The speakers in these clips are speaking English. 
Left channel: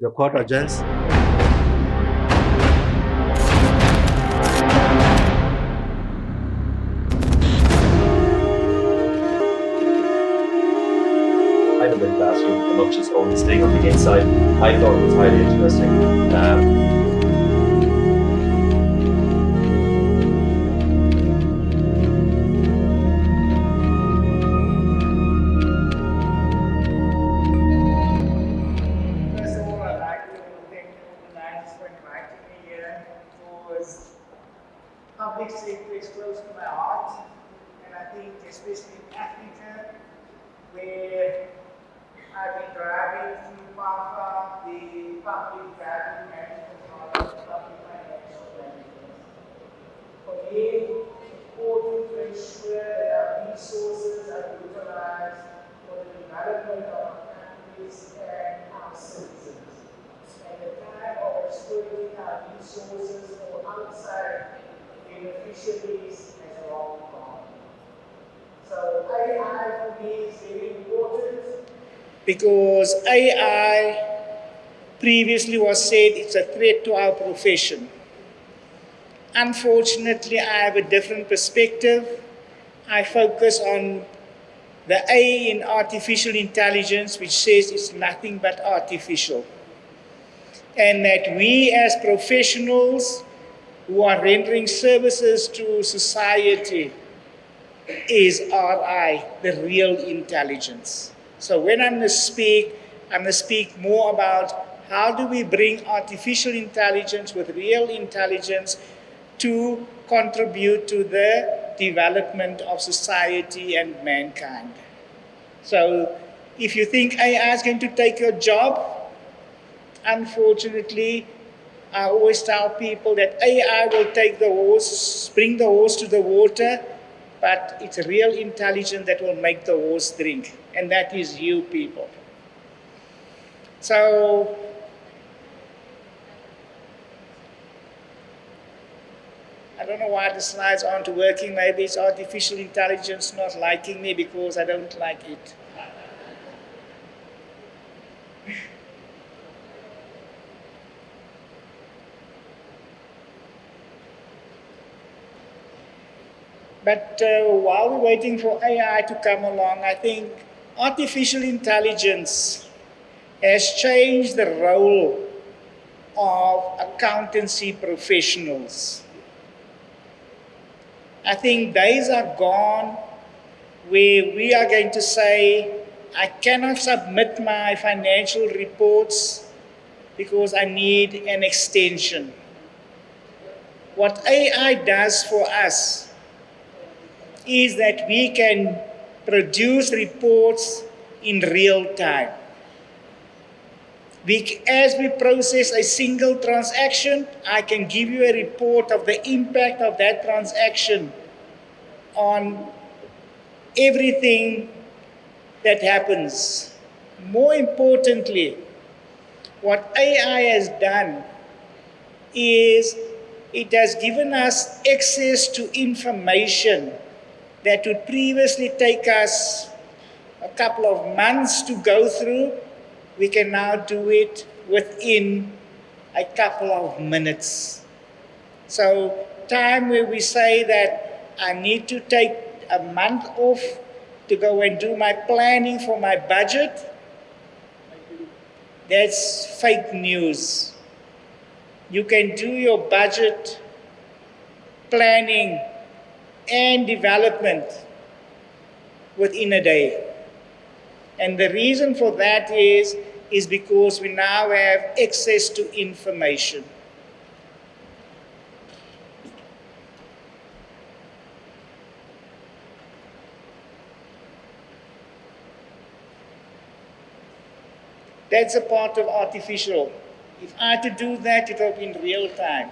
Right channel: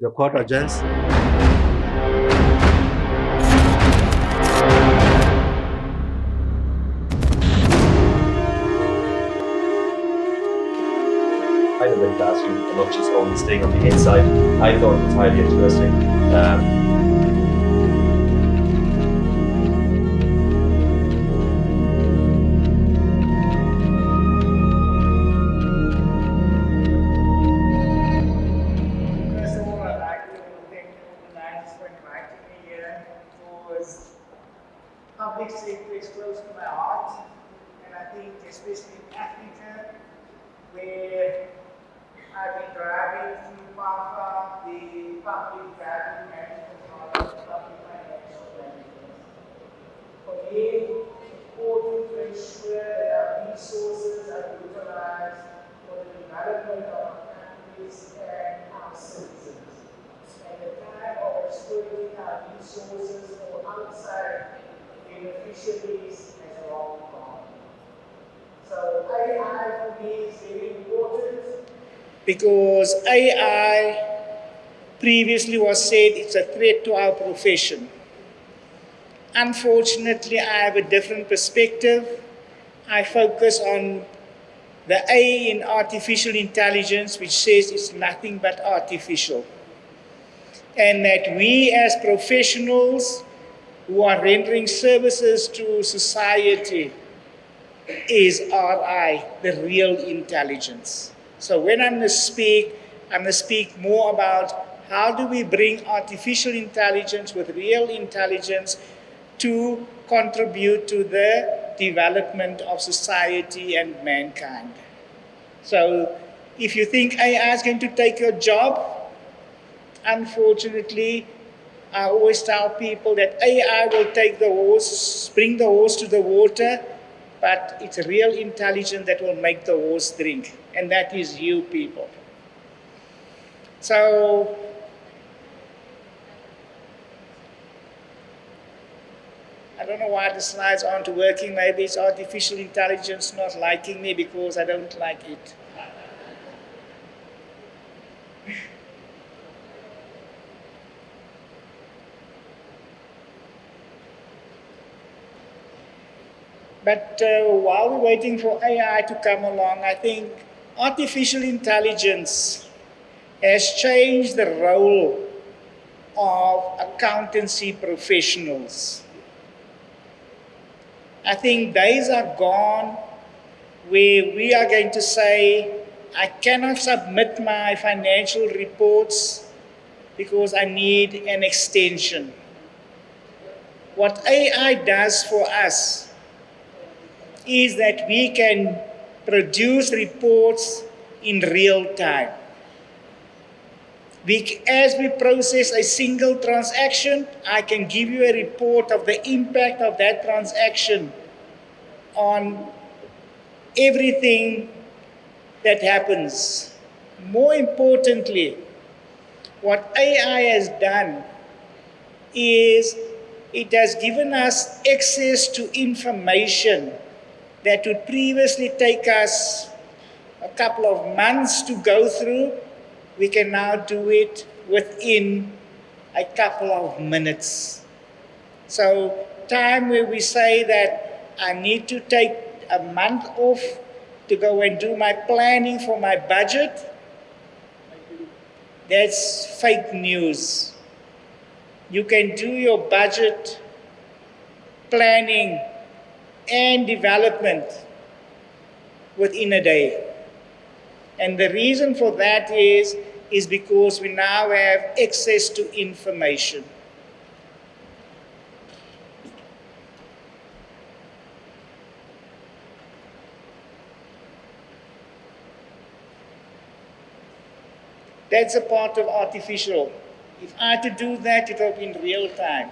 The court adjourns. Kind of the classroom and not just only staying on the inside. I thought it was highly interesting. First of all, I'd like to thank the organizers for inviting me here. Because public sector is close to my heart, and I think especially in Africa, where I've been driving through PAFA, the public value management model, public financial management. For me, it's important to ensure that our resources are utilized for the development of our countries and our citizens. And the time of exploiting our resources for outside beneficiaries has long gone. So AI for me is very important because AI previously was said it's a threat to our profession. Unfortunately, I have a different perspective. I focus on the A in artificial intelligence, which says it's nothing but artificial. And that we as professionals who are rendering services to society is RI, the real intelligence. So when I'm going to speak more about how do we bring artificial intelligence with real intelligence to contribute to the development of society and mankind. So if you think AI is going to take your job, unfortunately, I always tell people that AI will take the horse, bring the horse to the water, but it's real intelligence that will make the horse drink, and that is you people. So I don't know why the slides aren't working. Maybe it's artificial intelligence not liking me because I don't like it. But while we're waiting for AI to come along, I think artificial intelligence has changed the role of accountancy professionals. I think days are gone where we are going to say, I cannot submit my financial reports because I need an extension. What AI does for us is that we can produce reports in real time. As we process a single transaction, I can give you a report of the impact of that transaction on everything that happens. More importantly, what AI has done is it has given us access to information that would previously take us a couple of months to go through. We can now do it within a couple of minutes. So time where we say that I need to take a month off to go and do my planning for my budget, that's fake news. You can do your budget planning and development within a day. And the reason for that is because we now have access to information. That's a part of artificial. If I had to do that, it will be in real time.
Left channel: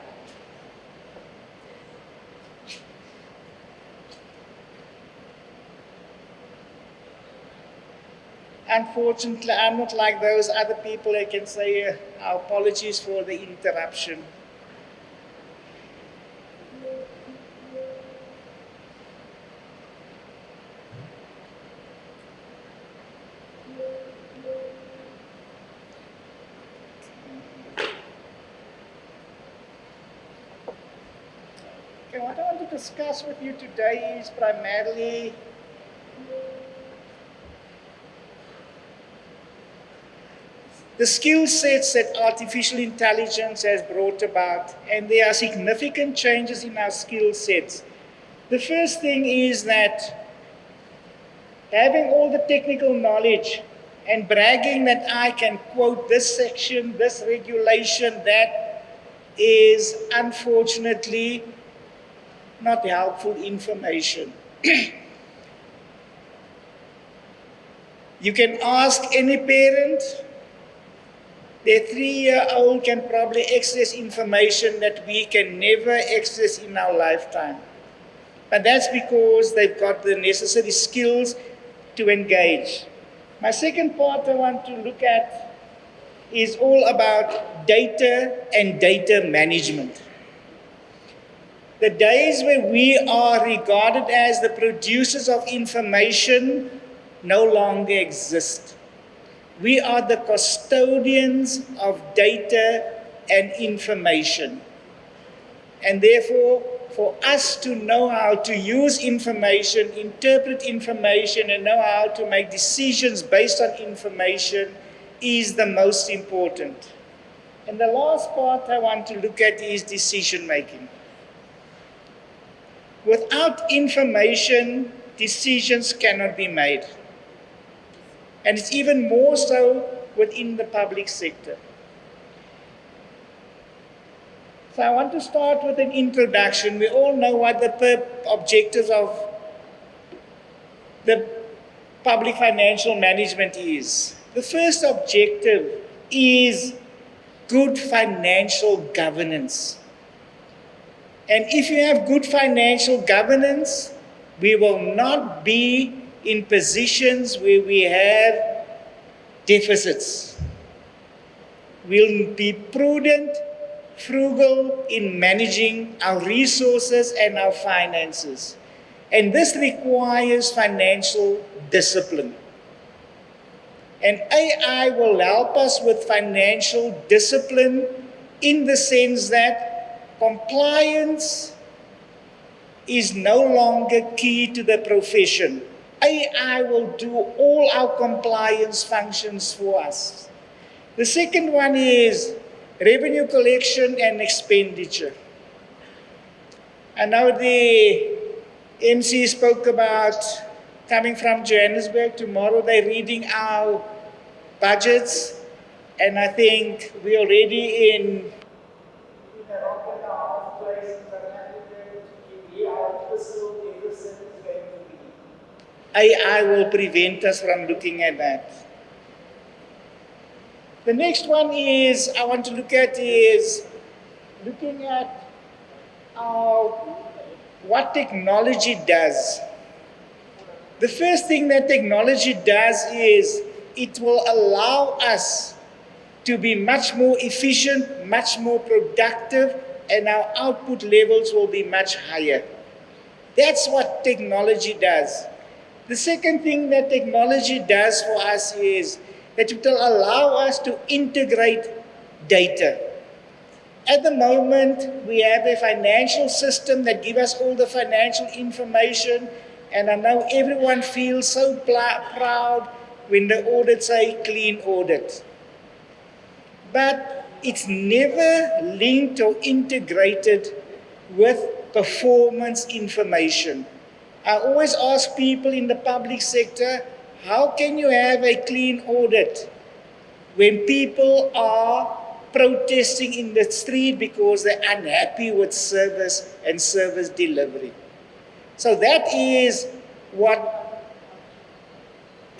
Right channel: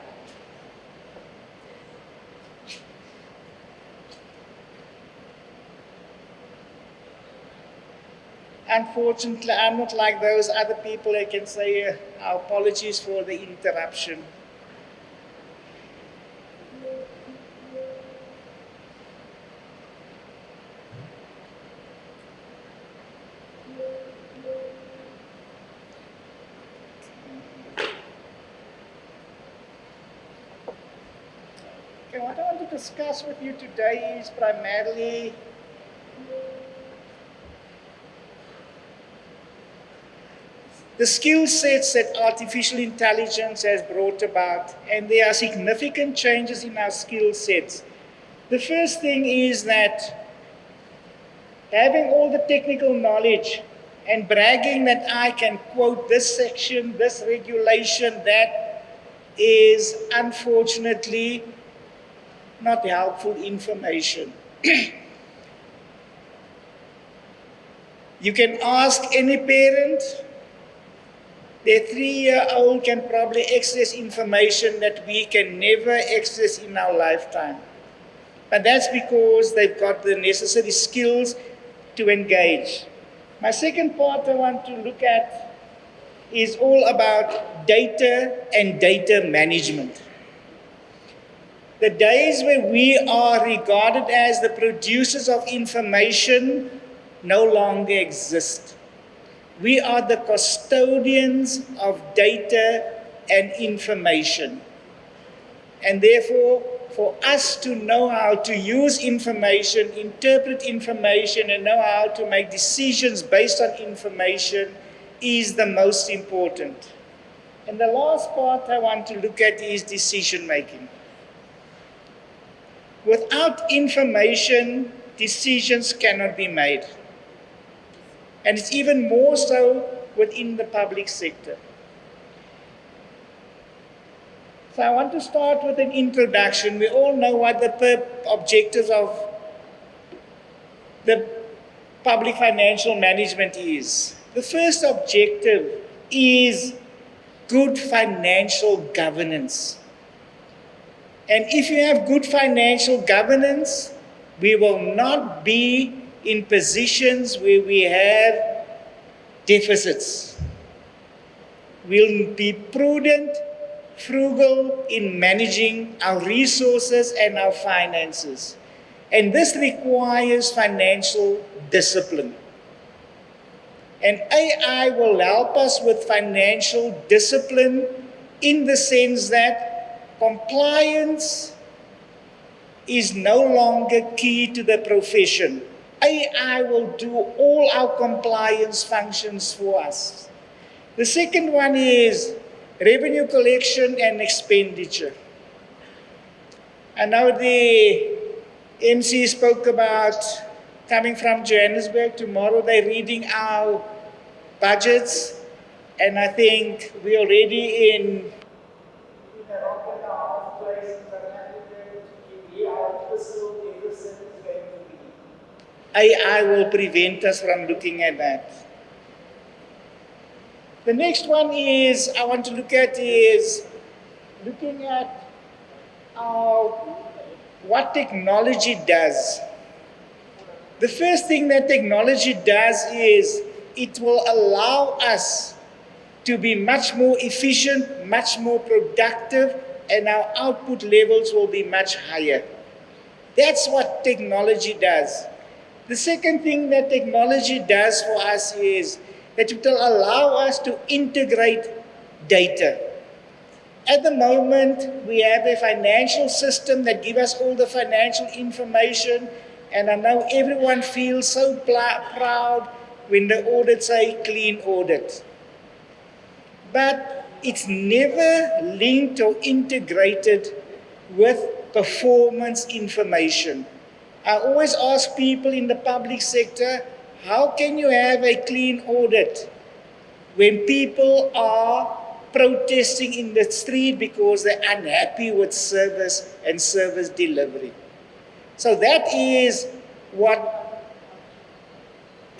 Unfortunately, I'm not like those other people that can say, our apologies for the interruption. Okay, what I want to discuss with you today is primarily the skill sets that artificial intelligence has brought about, and there are significant changes in our skill sets. The first thing is that having all the technical knowledge and bragging that I can quote this section, this regulation, that is unfortunately not helpful information. You can ask any parent, their 3-year-old can probably access information that we can never access in our lifetime. But that's because they've got the necessary skills to engage. My second part I want to look at is all about data and data management. The days where we are regarded as the producers of information no longer exist. We are the custodians of data and information. And therefore, for us to know how to use information, interpret information, and know how to make decisions based on information is the most important. And the last part I want to look at is decision making. Without information, decisions cannot be made. And it's even more so within the public sector. So I want to start with an introduction. We all know what the objectives of the public financial management is. The first objective is good financial governance. And if you have good financial governance, we will not be in positions where we have deficits. We'll be prudent, frugal in managing our resources and our finances. And this requires financial discipline. And AI will help us with financial discipline in the sense that compliance is no longer key to the profession. AI will do all our compliance functions for us. The second one is revenue collection and expenditure. I know the MC spoke about coming from Johannesburg. Tomorrow they're reading our budgets, and I think we're already in a rock and a hard place in South Africa to be our fiscal deficit is going to be. AI will prevent us from looking at that. The next one is I want to look at is looking at what technology does. The first thing that technology does is it will allow us to be much more efficient, much more productive, and our output levels will be much higher. That's what technology does. The second thing that technology does for us is that it will allow us to integrate data. At the moment, we have a financial system that gives us all the financial information, and I know everyone feels so proud when the audits say clean audit. But it's never linked or integrated with performance information. I always ask people in the public sector, how can you have a clean audit when people are protesting in the street because they're unhappy with service and service delivery? So that is what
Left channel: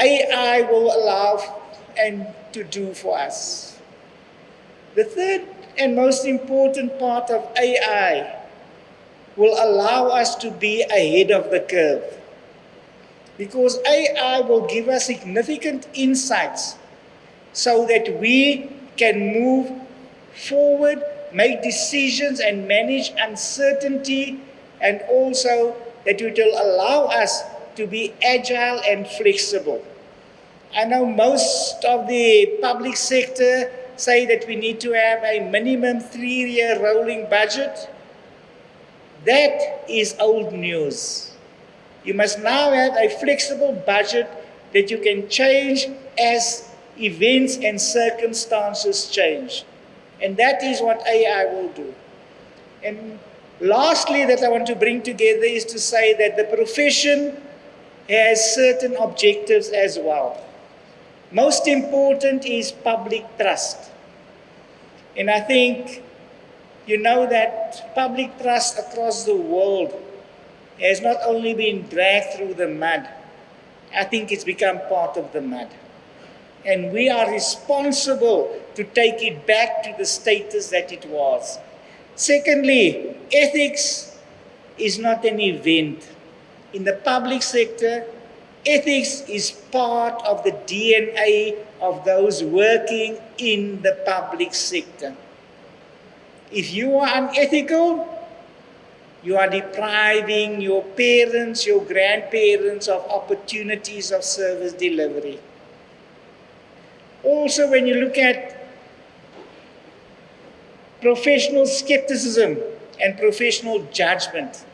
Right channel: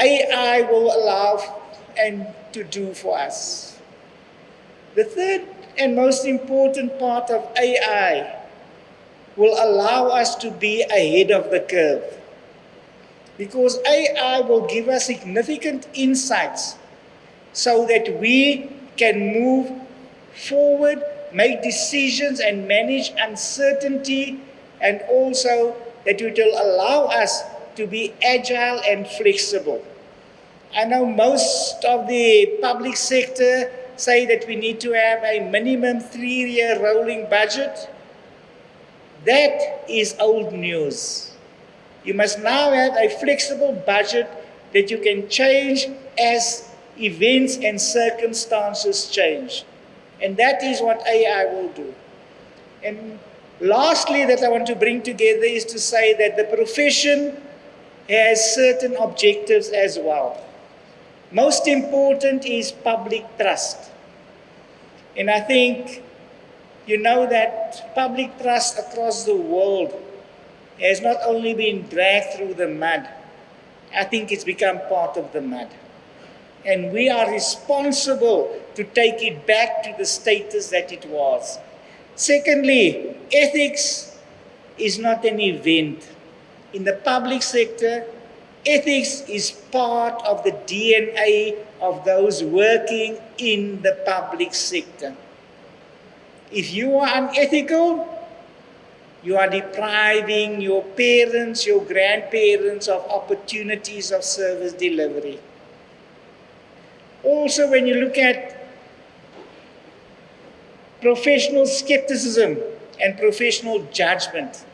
AI will allow and to do for us. The third and most important part of AI will allow us to be ahead of the curve, because AI will give us significant insights so that we can move forward, make decisions and manage uncertainty, and also that it will allow us to be agile and flexible. I know most of the public sector say that we need to have a minimum 3-year rolling budget. That is old news. You must now have a flexible budget that you can change as events and circumstances change. And that is what AI will do. And lastly, that I want to bring together is to say that the profession has certain objectives as well. Most important is public trust. And I think you know that public trust across the world has not only been dragged through the mud, I think it's become part of the mud. And we are responsible to take it back to the status that it was. Secondly, ethics is not an event. In the public sector, ethics is part of the DNA of those working in the public sector. If you are unethical, you are depriving your parents, your grandparents of opportunities of service delivery. Also, when you look at professional skepticism and professional judgment,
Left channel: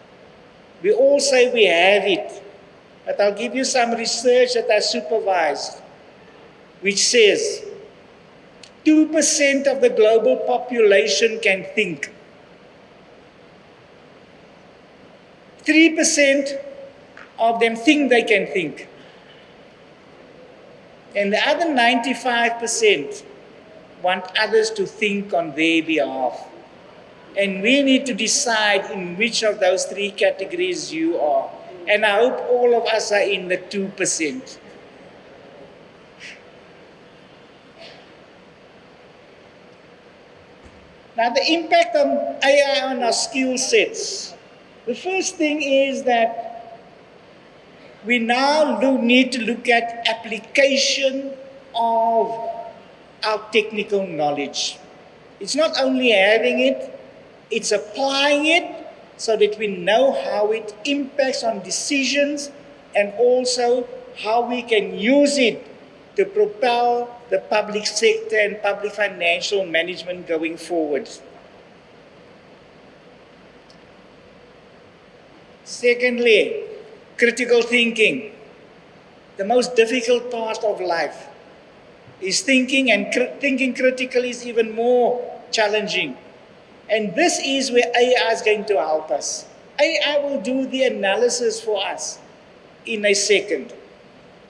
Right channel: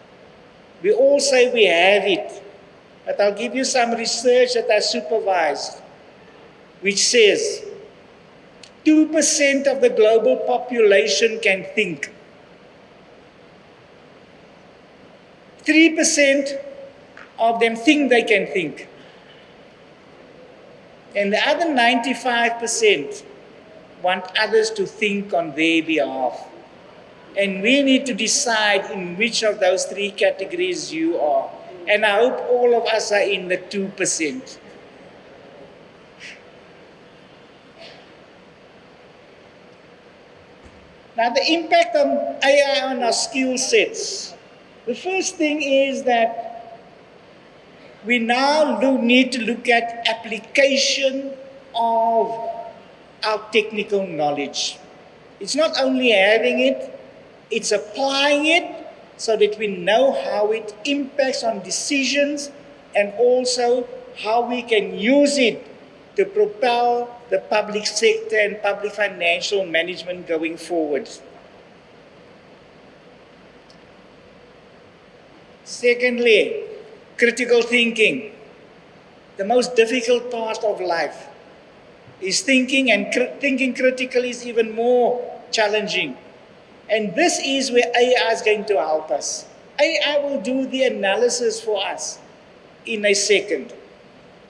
we all say we have it. But I'll give you some research that I supervised, which says 2% of the global population can think. 3% of them think they can think. And the other 95% want others to think on their behalf. And we need to decide in which of those three categories you are. And I hope all of us are in the 2%. Now, the impact of AI on our skill sets. The first thing is that we now need to look at application of our technical knowledge. It's not only having it, it's applying it so that we know how it impacts on decisions and also how we can use it to propel the public sector and public financial management going forward. Secondly, critical thinking. The most difficult part of life is thinking, and thinking critically is even more challenging. And this is where AI is going to help us. AI will do the analysis for us in a second.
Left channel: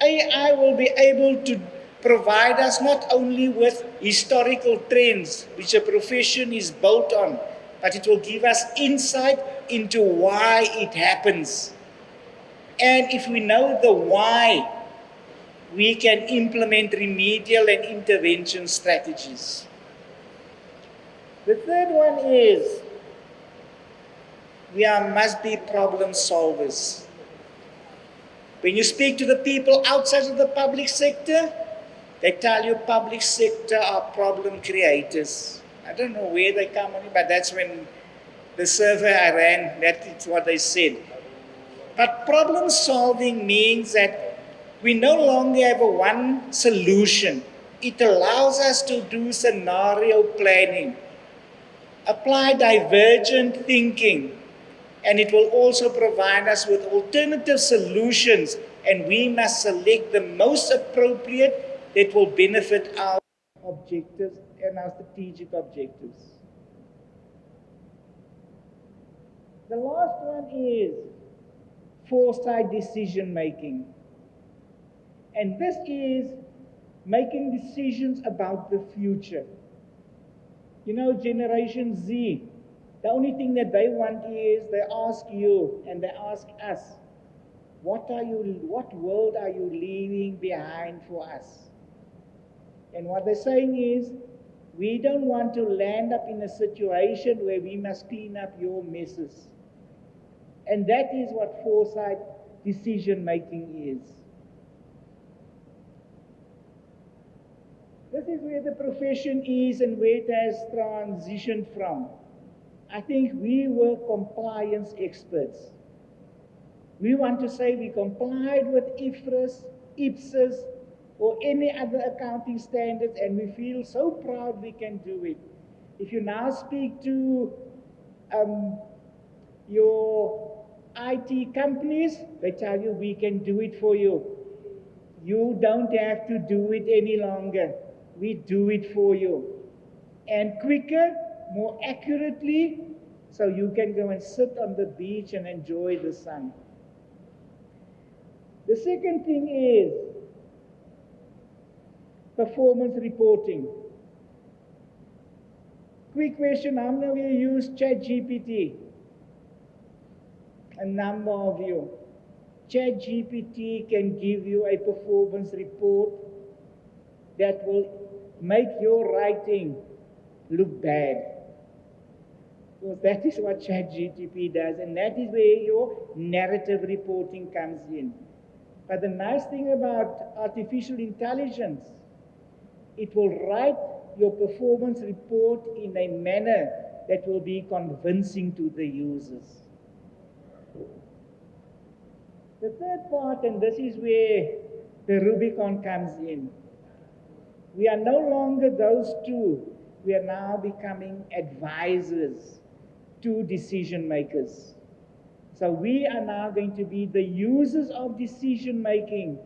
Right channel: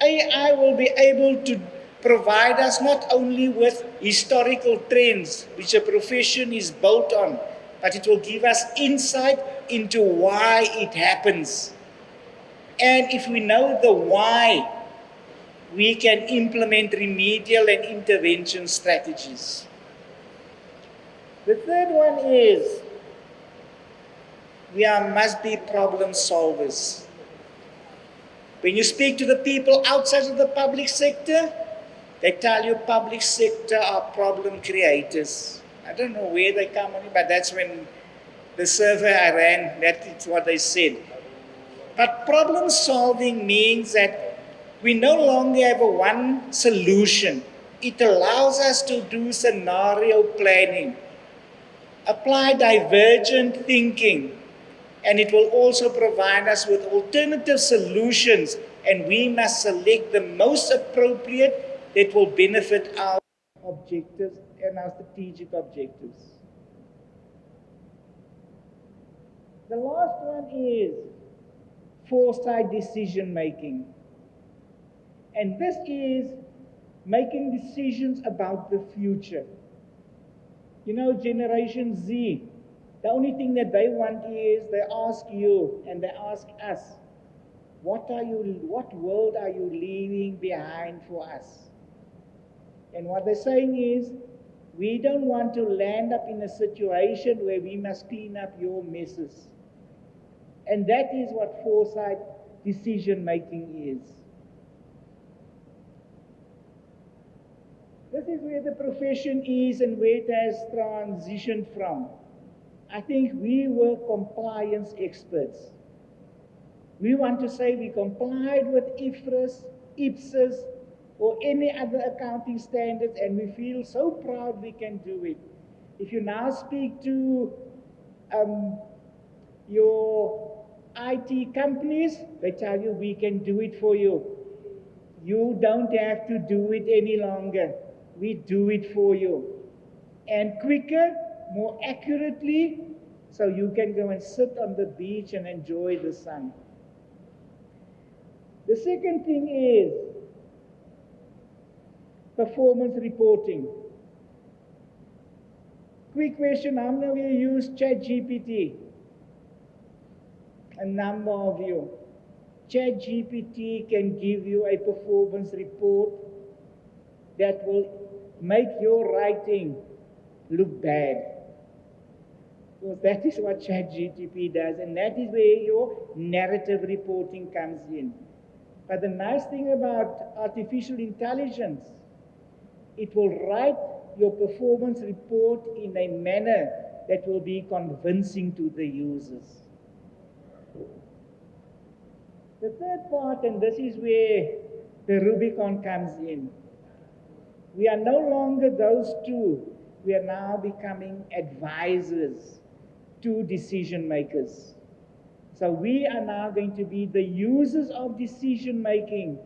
AI will be able to provide us not only with historical trends, which a profession is built on, but it will give us insight into why it happens. And if we know the why, we can implement remedial and intervention strategies. The third one is we must be problem solvers. When you speak to the people outside of the public sector, they tell you public sector are problem creators. I don't know where they come on it, but that's when the survey I ran, that's what they said. But problem solving means that we no longer have a one solution. It allows us to do scenario planning, apply divergent thinking, and it will also provide us with alternative solutions, and we must select the most appropriate that will benefit our objectives and our strategic objectives. The last one is foresight decision making. And this is making decisions about the future. You know, Generation Z, the only thing that they want is they ask you and they ask us, what world are you leaving behind for us? And what they're saying is, we don't want to land up in a situation where we must clean up your messes. And that is what foresight decision making is. This is where the profession is and where it has transitioned from. I think we were compliance experts. We want to say we complied with IFRS, IPSAS, or any other accounting standards, and we feel so proud we can do it. If you now speak to Your IT companies, they tell you we can do it for you. You don't have to do it any longer. We do it for you. And quicker, more accurately, so you can go and sit on the beach and enjoy the sun. The second thing is performance reporting. Quick question, how many of you use ChatGPT? A number of you. ChatGPT can give you a performance report that will make your writing look bad. Because that is what ChatGPT does, and that is where your narrative reporting comes in. But the nice thing about artificial intelligence, it will write your performance report in a manner that will be convincing to the users. The third part, and this is where the Rubicon comes in. We are no longer those two. We are now becoming advisors to decision makers. So we are now going to be the users of decision making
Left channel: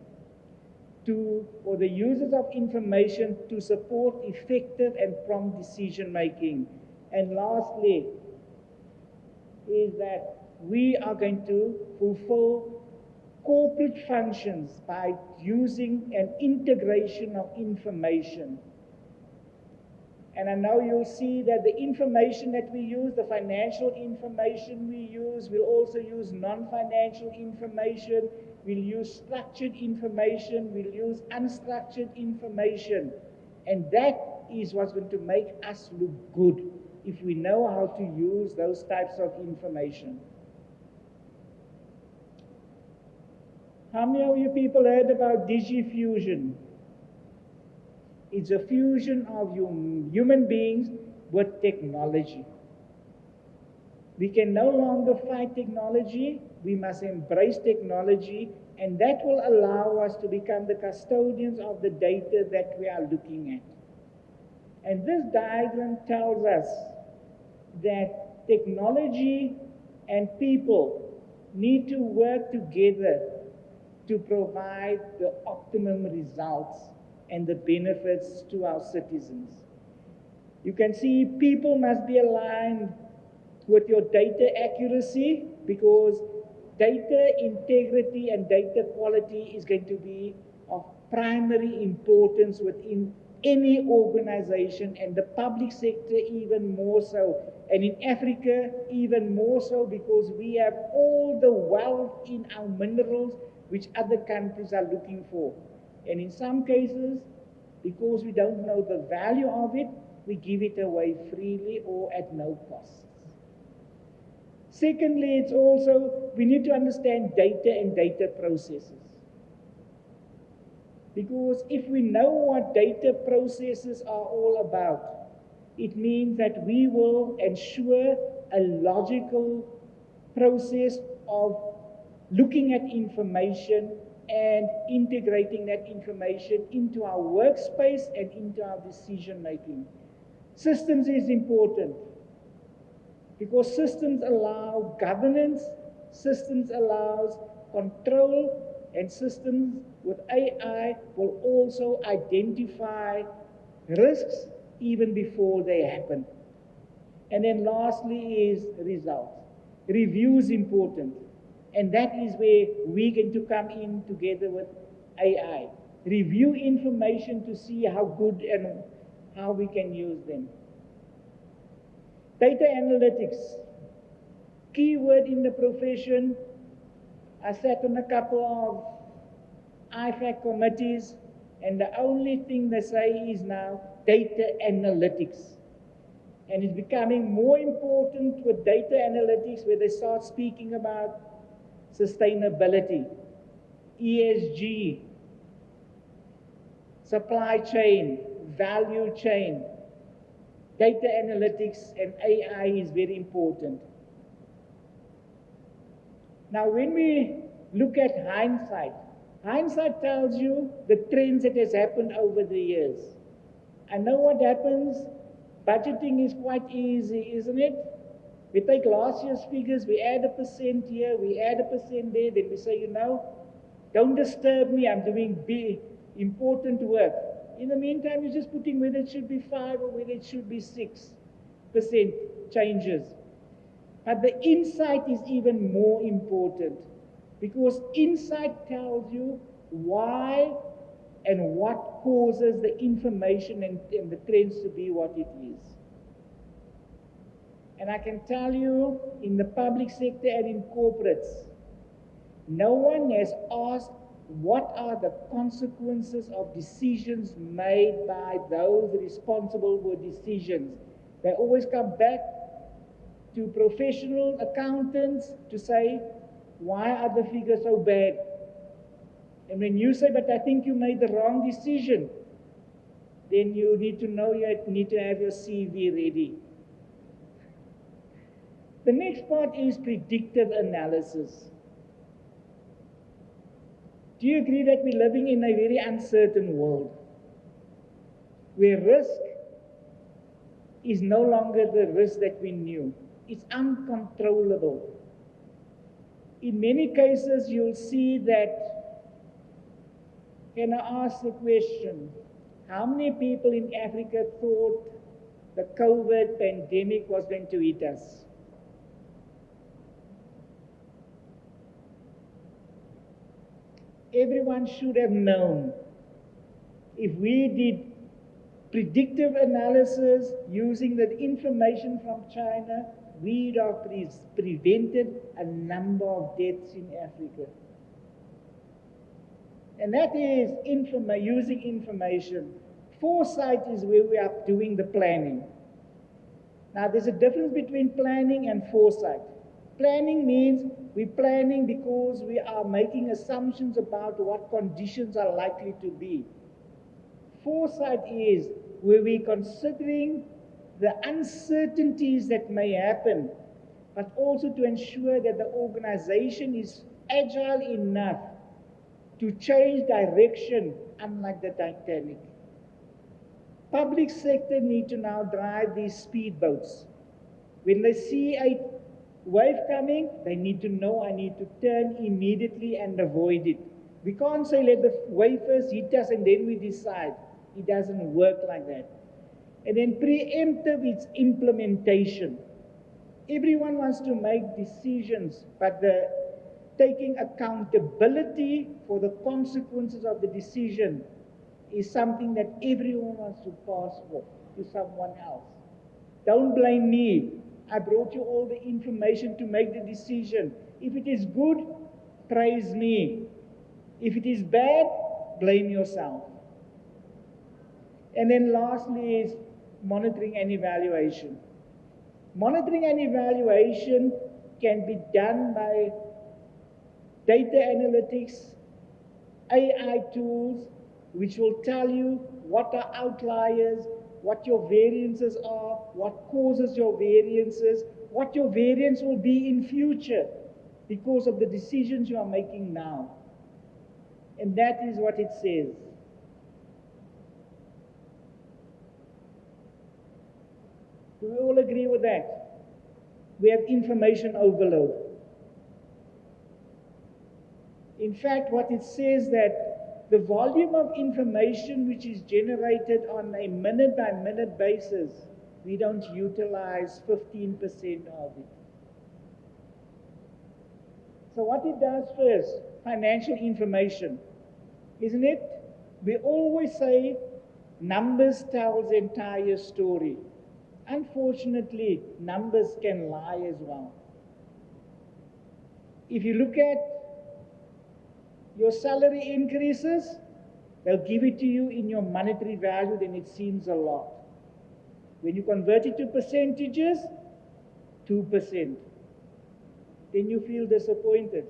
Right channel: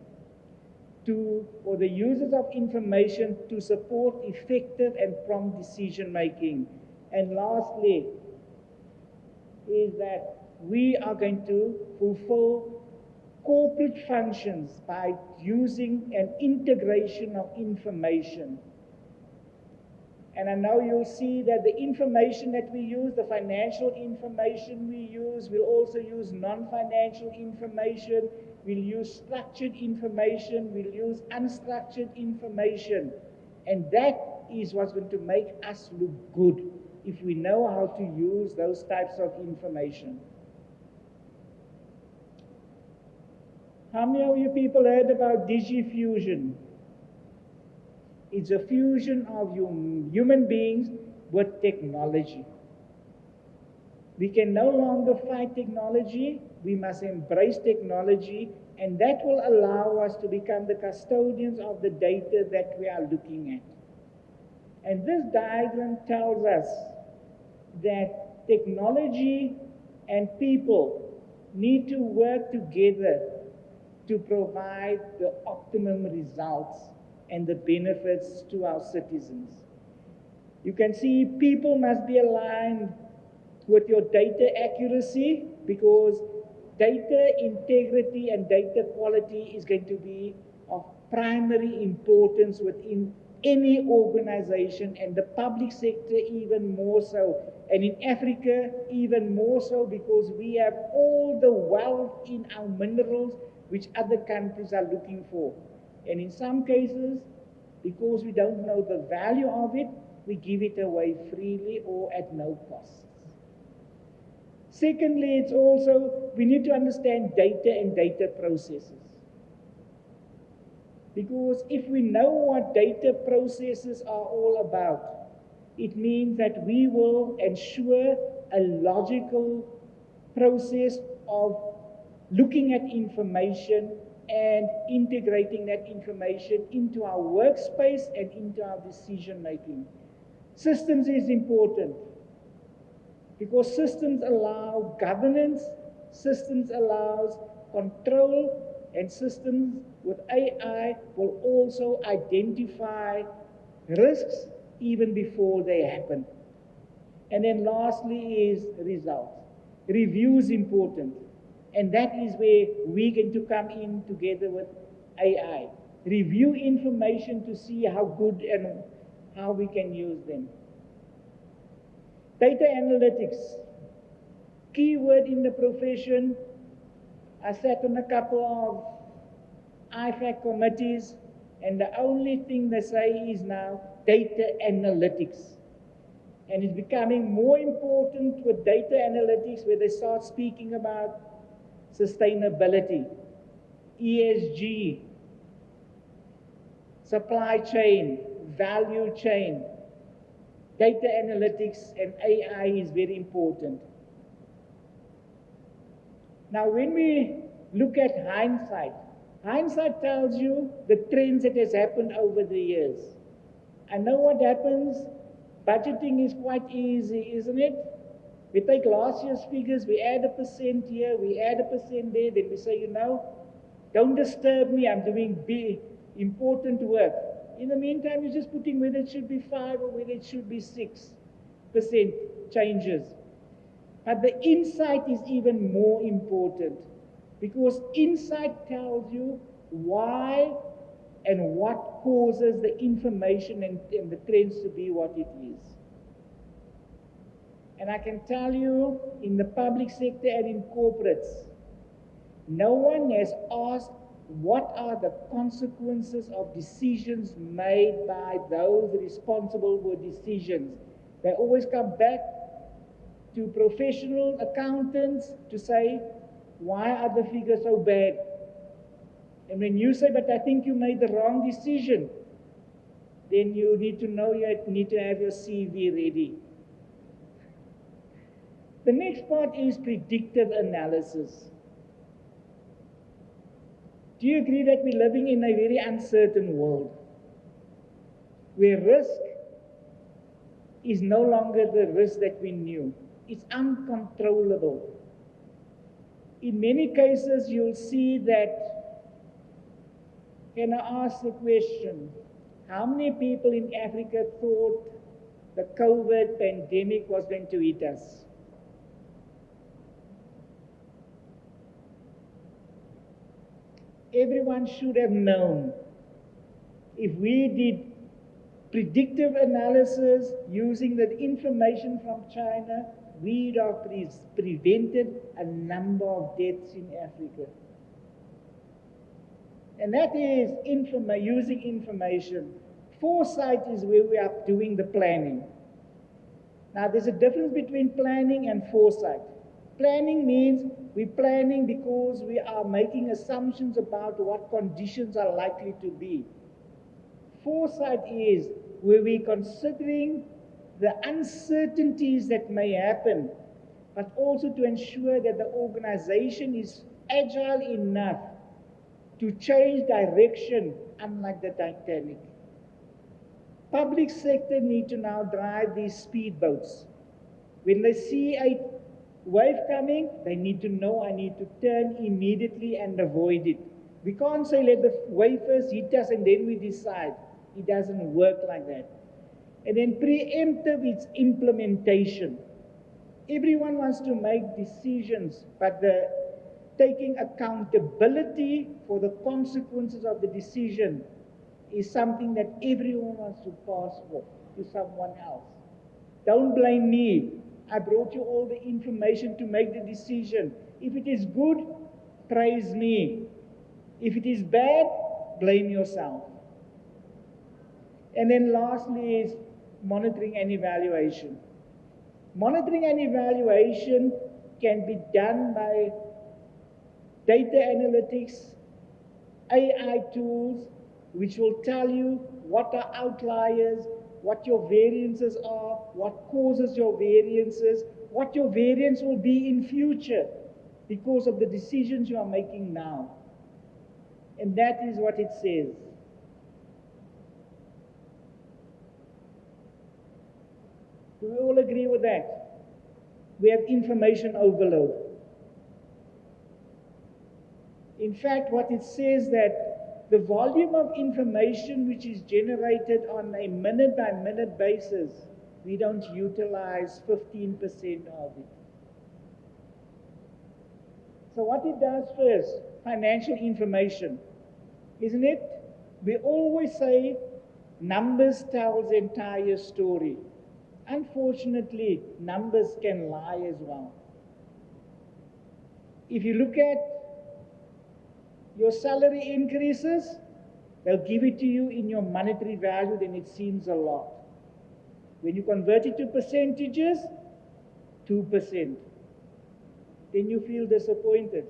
or the users of information to support effective and prompt decision making. And lastly, is that we are going to fulfill corporate functions by using an integration of information. And I know you'll see that the information that we use, the financial information we use, we'll also use non-financial information, we'll use structured information, we'll use unstructured information. And that is what's going to make us look good if we know how to use those types of information. How many of you people heard about DigiFusion? It's a fusion of human beings with technology. We can no longer fight technology. We must embrace technology, and that will allow us to become the custodians of the data that we are looking at. And this diagram tells us that technology and people need to work together to provide the optimum results and the benefits to our citizens. You can see people must be aligned with your data accuracy, because data integrity and data quality is going to be of primary importance within any organization, and the public sector even more so, and in Africa even more so, because we have all the wealth in our minerals which other countries are looking for. And in some cases, because we don't know the value of it, we give it away freely or at no cost. Secondly, it's also, we need to understand data and data processes. Because if we know what data processes are all about, it means that we will ensure a logical process of looking at information and integrating that information into our workspace and into our decision making. Systems is important because systems allow governance, systems allows control, and systems with AI will also identify risks even before they happen. And then lastly is results. Review is important. And that is where we're going to come in together with AI. Review information to see how good and how we can use them. Data analytics. Keyword in the profession. I sat on a couple of IFAC committees, and the only thing they say is now data analytics. And it's becoming more important with data analytics, where they start speaking about sustainability, ESG, supply chain, value chain. Data analytics and AI is very important. Now, when we look at hindsight, hindsight tells you the trends that has happened over the years. I know what happens. Budgeting is quite easy, isn't it? We take last year's figures, we add a percent here, we add a percent there, then we say, you know, don't disturb me, I'm doing big, important work. In the meantime, you're just putting whether it should be 5 or whether it should be 6% changes. But the insight is even more important, because insight tells you why and what causes the information and the trends to be what it is. And I can tell you, in the public sector and in corporates, no one has asked what are the consequences of decisions made by those responsible for decisions. They always come back to professional accountants to say, why are the figures so bad? And when you say, but I think you made the wrong decision, then you need to know, you need to have your CV ready. The next part is predictive analysis. Do you agree that we're living in a very uncertain world, where risk is no longer the risk that we knew? It's uncontrollable. In many cases, you'll see that, can I ask the question, how many people in Africa thought the COVID pandemic was going to hit us? Everyone should have known. If we did predictive analysis using the information from China, we'd have prevented a number of deaths in Africa. And that is using information. Foresight is where we are doing the planning. Now, there's a difference between planning and foresight. Planning means we're planning because we are making assumptions about what conditions are likely to be. Foresight is where we're considering the uncertainties that may happen, but also to ensure that the organization is agile enough to change direction, unlike the Titanic. Public sector need to now drive these speedboats. When they see a wave coming, they need to know I need to turn immediately and avoid it. We can't say let the wave first hit us and then we decide. It doesn't work like that. And then preemptive, it's implementation. Everyone wants to make decisions, but the taking accountability for the consequences of the decision is something that everyone wants to pass off to someone else. Don't blame me. I brought you all the information to make the decision. If it is good, praise me. If it is bad, blame yourself. And then lastly is monitoring and evaluation. Monitoring and evaluation can be done by data analytics, AI tools, which will tell you what are outliers, what your variances are, what causes your variances, what your variance will be in future because of the decisions you are making now. And that is what it says. Do we all agree with that? We have information overload. In fact, what it says that the volume of information which is generated on a minute-by-minute basis, we don't utilize 15% of it. So what it does first, financial information, isn't it? We always say numbers tell the entire story. Unfortunately, numbers can lie as well. If you look at your salary increases, they'll give it to you in your monetary value, then it seems a lot. When you convert it to percentages, 2%. Then you feel disappointed.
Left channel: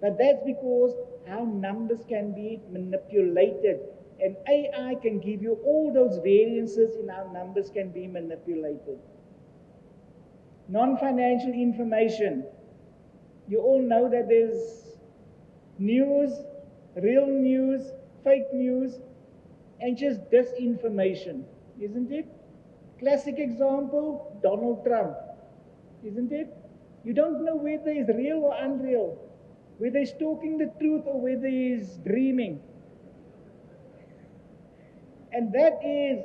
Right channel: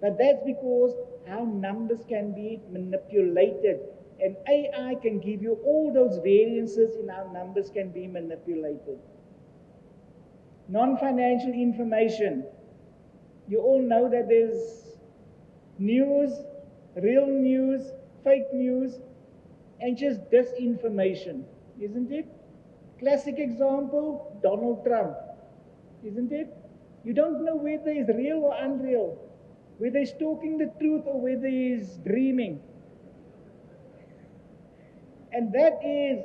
But that's because how numbers can be manipulated. And AI can give you all those variances in how numbers can be manipulated. Non-financial information. You all know that there's news, real news, fake news, and just disinformation, isn't it? Classic example, Donald Trump. isn't it? You don't know whether he's real or unreal, whether he's talking the truth or whether he's dreaming. And that is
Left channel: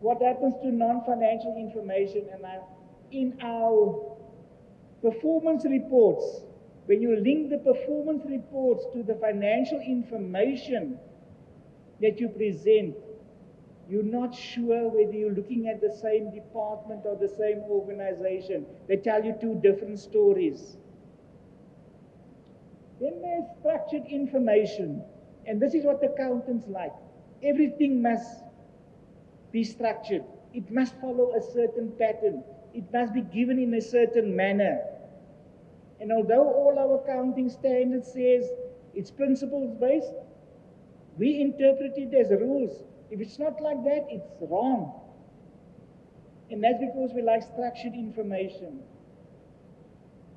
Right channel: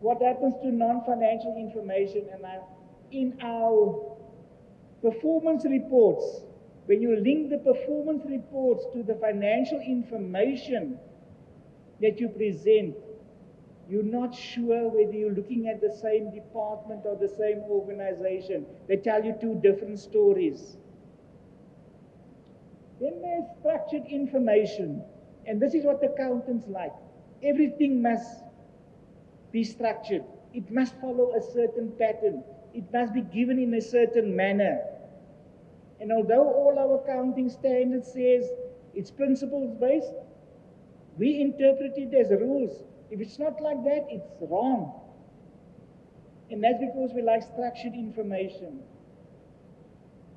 what happens to non-financial information. And in our performance reports, when you link the performance reports to the financial information that you present, you're not sure whether you're looking at the same department or the same organization. They tell you two different stories. Then there's structured information. And this is what accountants like. Everything must be structured. It must follow a certain pattern. It must be given in a certain manner. And although all our accounting standards says it's principles-based, we interpret it as rules. If it's not like that, it's wrong. And that's because we like structured information.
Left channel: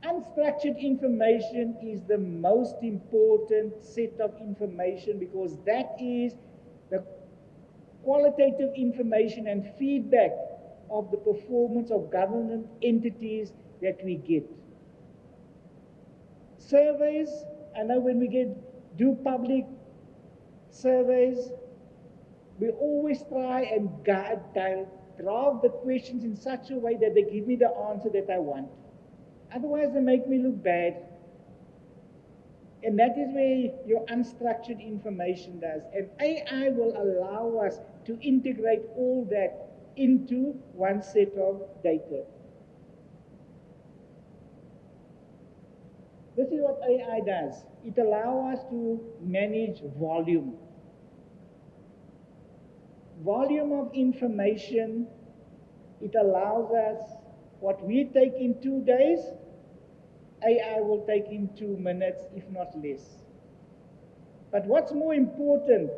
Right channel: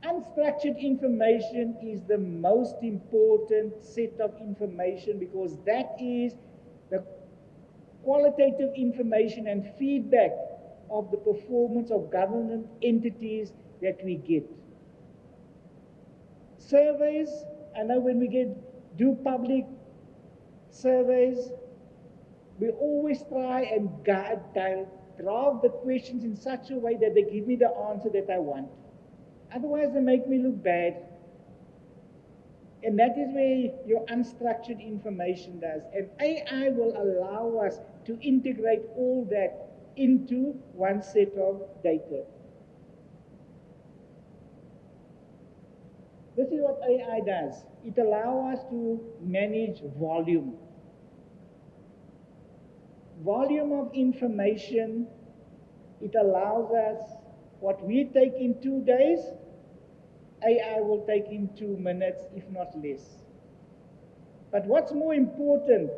Unstructured information is the most important set of information because that is the qualitative information and feedback of the performance of government entities that we get. Surveys, I know when we do public surveys, we always try and draft the questions in such a way that they give me the answer that I want. Otherwise, they make me look bad. And that is where your unstructured information does. And AI will allow us to integrate all that into one set of data. This is what AI does. It allows us to manage volume. Volume of information, it allows us what we take in 2 days, AI will take in 2 minutes, if not less. But what's more important,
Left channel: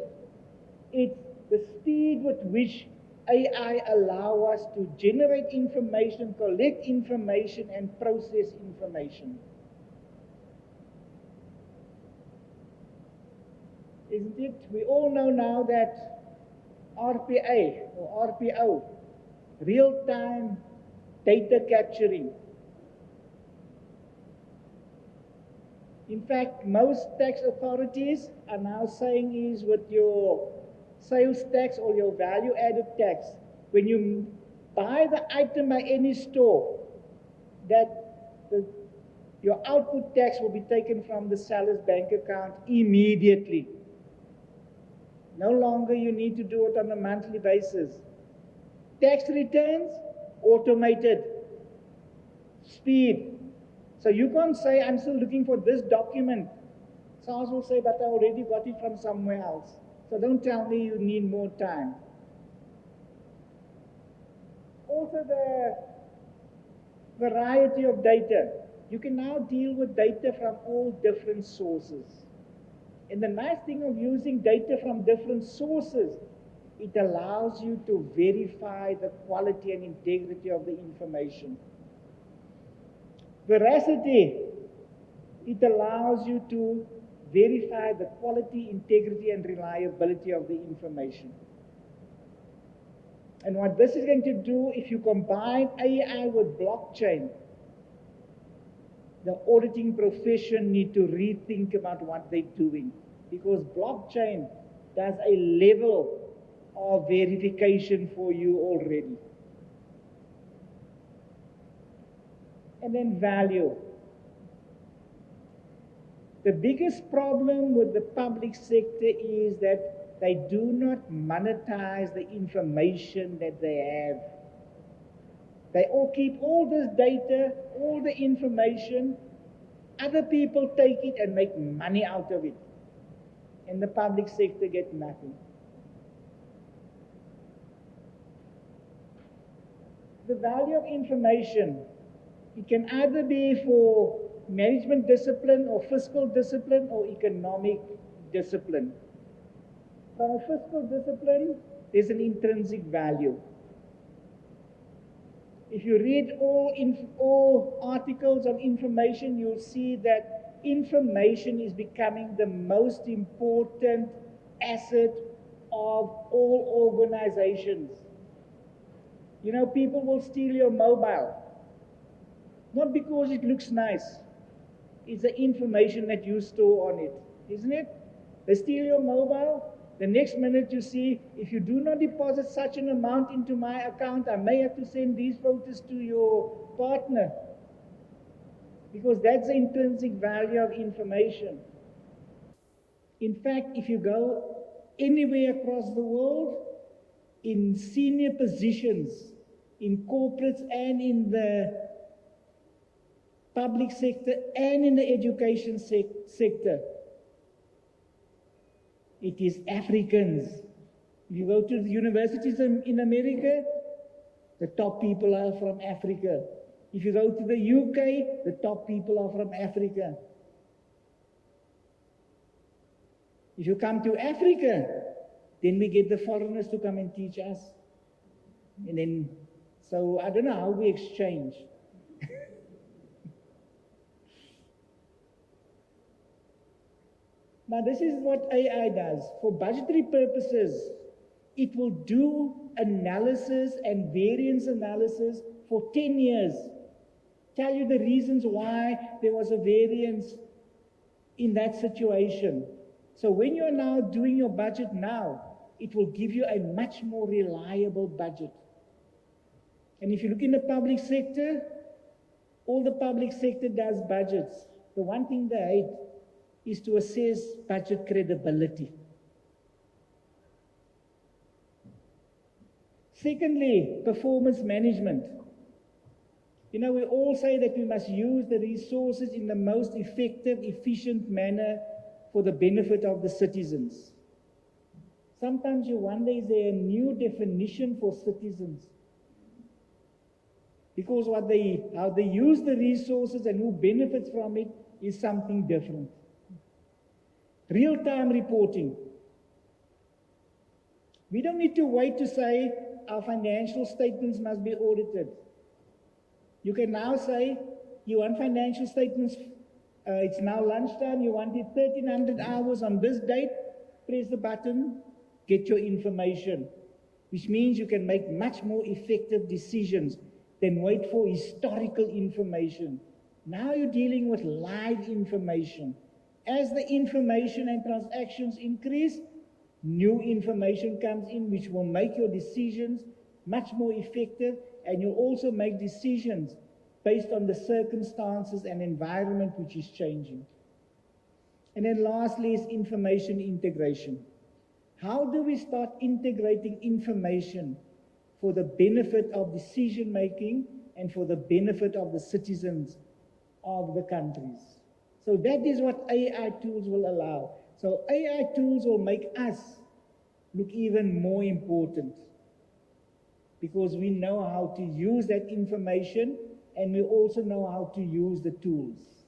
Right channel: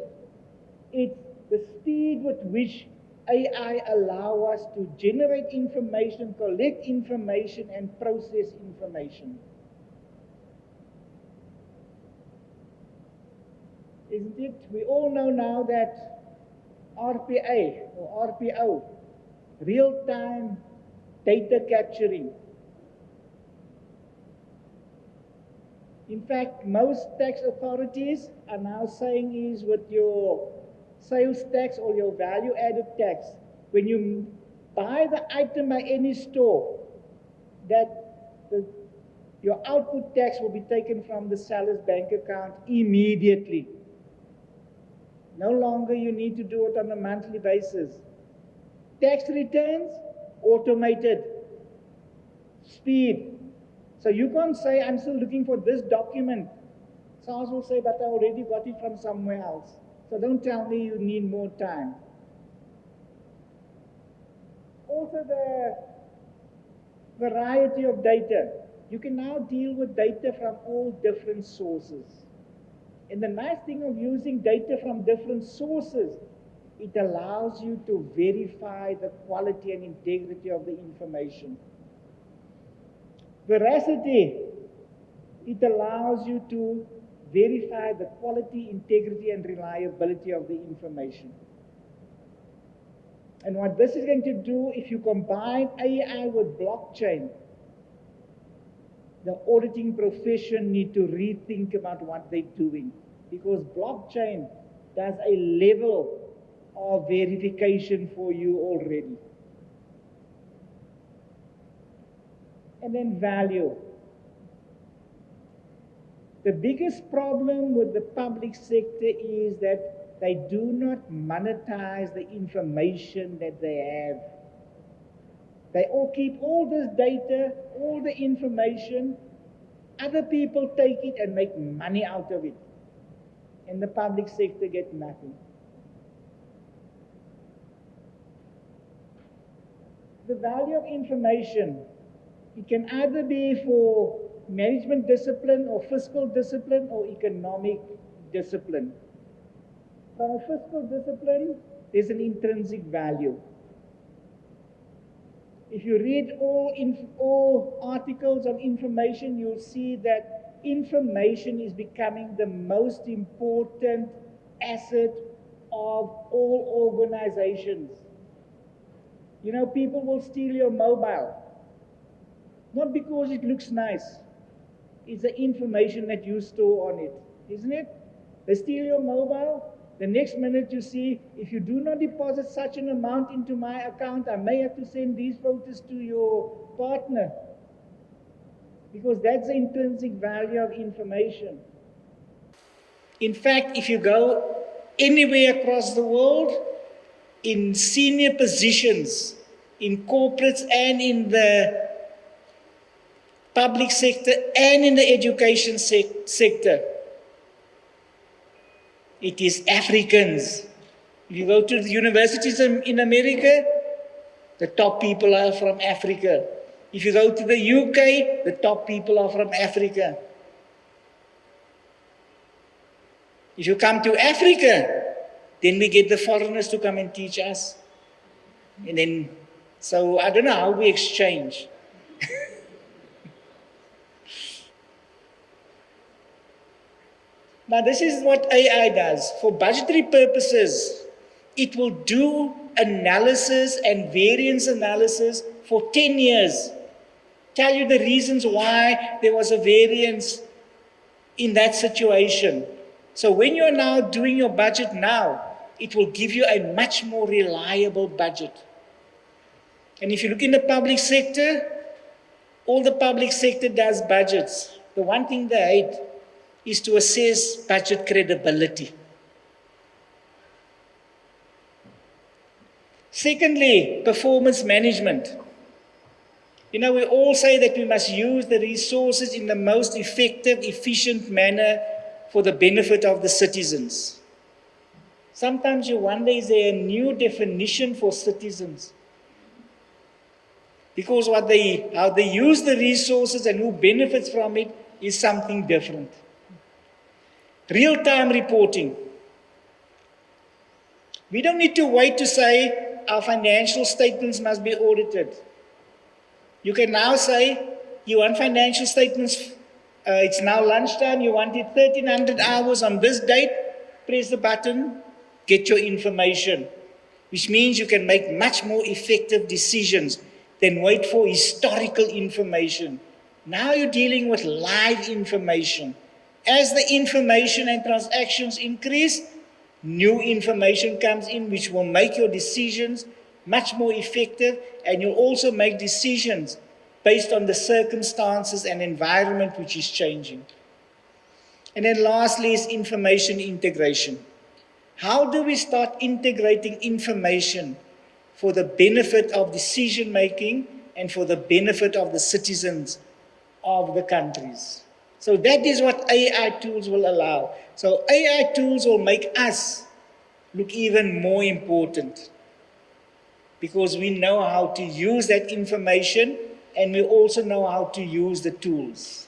it's the speed with which AI allows us to generate information, collect information, and process information. Isn't it? We all know now that RPA or RPO, real-time data capturing. In fact, most tax authorities are now saying is with your sales tax or your value-added tax, when you buy the item by any store, that your output tax will be taken from the seller's bank account immediately. No longer you need to do it on a monthly basis. Tax returns, automated. Speed. So you can't say, I'm still looking for this document. SARS will say, but I already got it from somewhere else. So don't tell me you need more time. Also the variety of data. You can now deal with data from all different sources. And the nice thing of using data from different sources, it allows you to verify the quality and integrity of the information. Veracity, it allows you to verify the quality, integrity, and reliability of the information. And what this is going to do, if you combine AI with blockchain, the auditing profession need to rethink about what they're doing, because blockchain does a level of verification for you already. And then value. The biggest problem with the public sector is that they do not monetize the information that they have. They all keep all this data, all the information. Other people take it and make money out of it. And the public sector gets nothing. The value of information, it can either be for management discipline or fiscal discipline or economic discipline. From a fiscal discipline, there's an intrinsic value. If you read all articles on information, you'll see that information is becoming the most important asset of all organizations. You know, people will steal your mobile. Not because it looks nice. It's the information that you store on it, isn't it? They steal your mobile. The next minute you see, if you do not deposit such an amount into my account, I may have to send these photos to your partner. Because that's the intrinsic value of information. In fact, if you go anywhere across the world, in senior positions, in corporates and in the public sector and in the education sector, it is Africans. If you go to the universities in America, the top people are from Africa. If you go to the UK, the top people are from Africa. If you come to Africa, then we get the foreigners to come and teach us. And then, so I don't know how we exchange. Now, this is what AI does. For budgetary purposes, it will do analysis and variance analysis for 10 years. Tell you the reasons why there was a variance in that situation. So when you're now doing your budget now, it will give you a much more reliable budget. And if you look in the public sector, all the public sector does budgets. The one thing they hate is to assess budget credibility. Secondly, performance management. You know, we all say that we must use the resources in the most effective, efficient manner for the benefit of the citizens. Sometimes you wonder, is there a new definition for citizens? Because how they use the resources and who benefits from it is something different. Real-time reporting. We don't need to wait to say our financial statements must be audited. You can now say, you want financial statements, it's now lunchtime, you want it 1300 hours on this date, press the button, get your information. Which means you can make much more effective decisions than wait for historical information. Now you're dealing with live information. As the information and transactions increase, new information comes in which will make your decisions much more effective, and you'll also make decisions based on the circumstances and environment which is changing. And then lastly is information integration. How do we start integrating information for the benefit of decision making and for the benefit of the citizens of the countries? So that is what AI tools will allow. So AI tools will make us look even more important because we know how to use that information and we also know how to use the tools.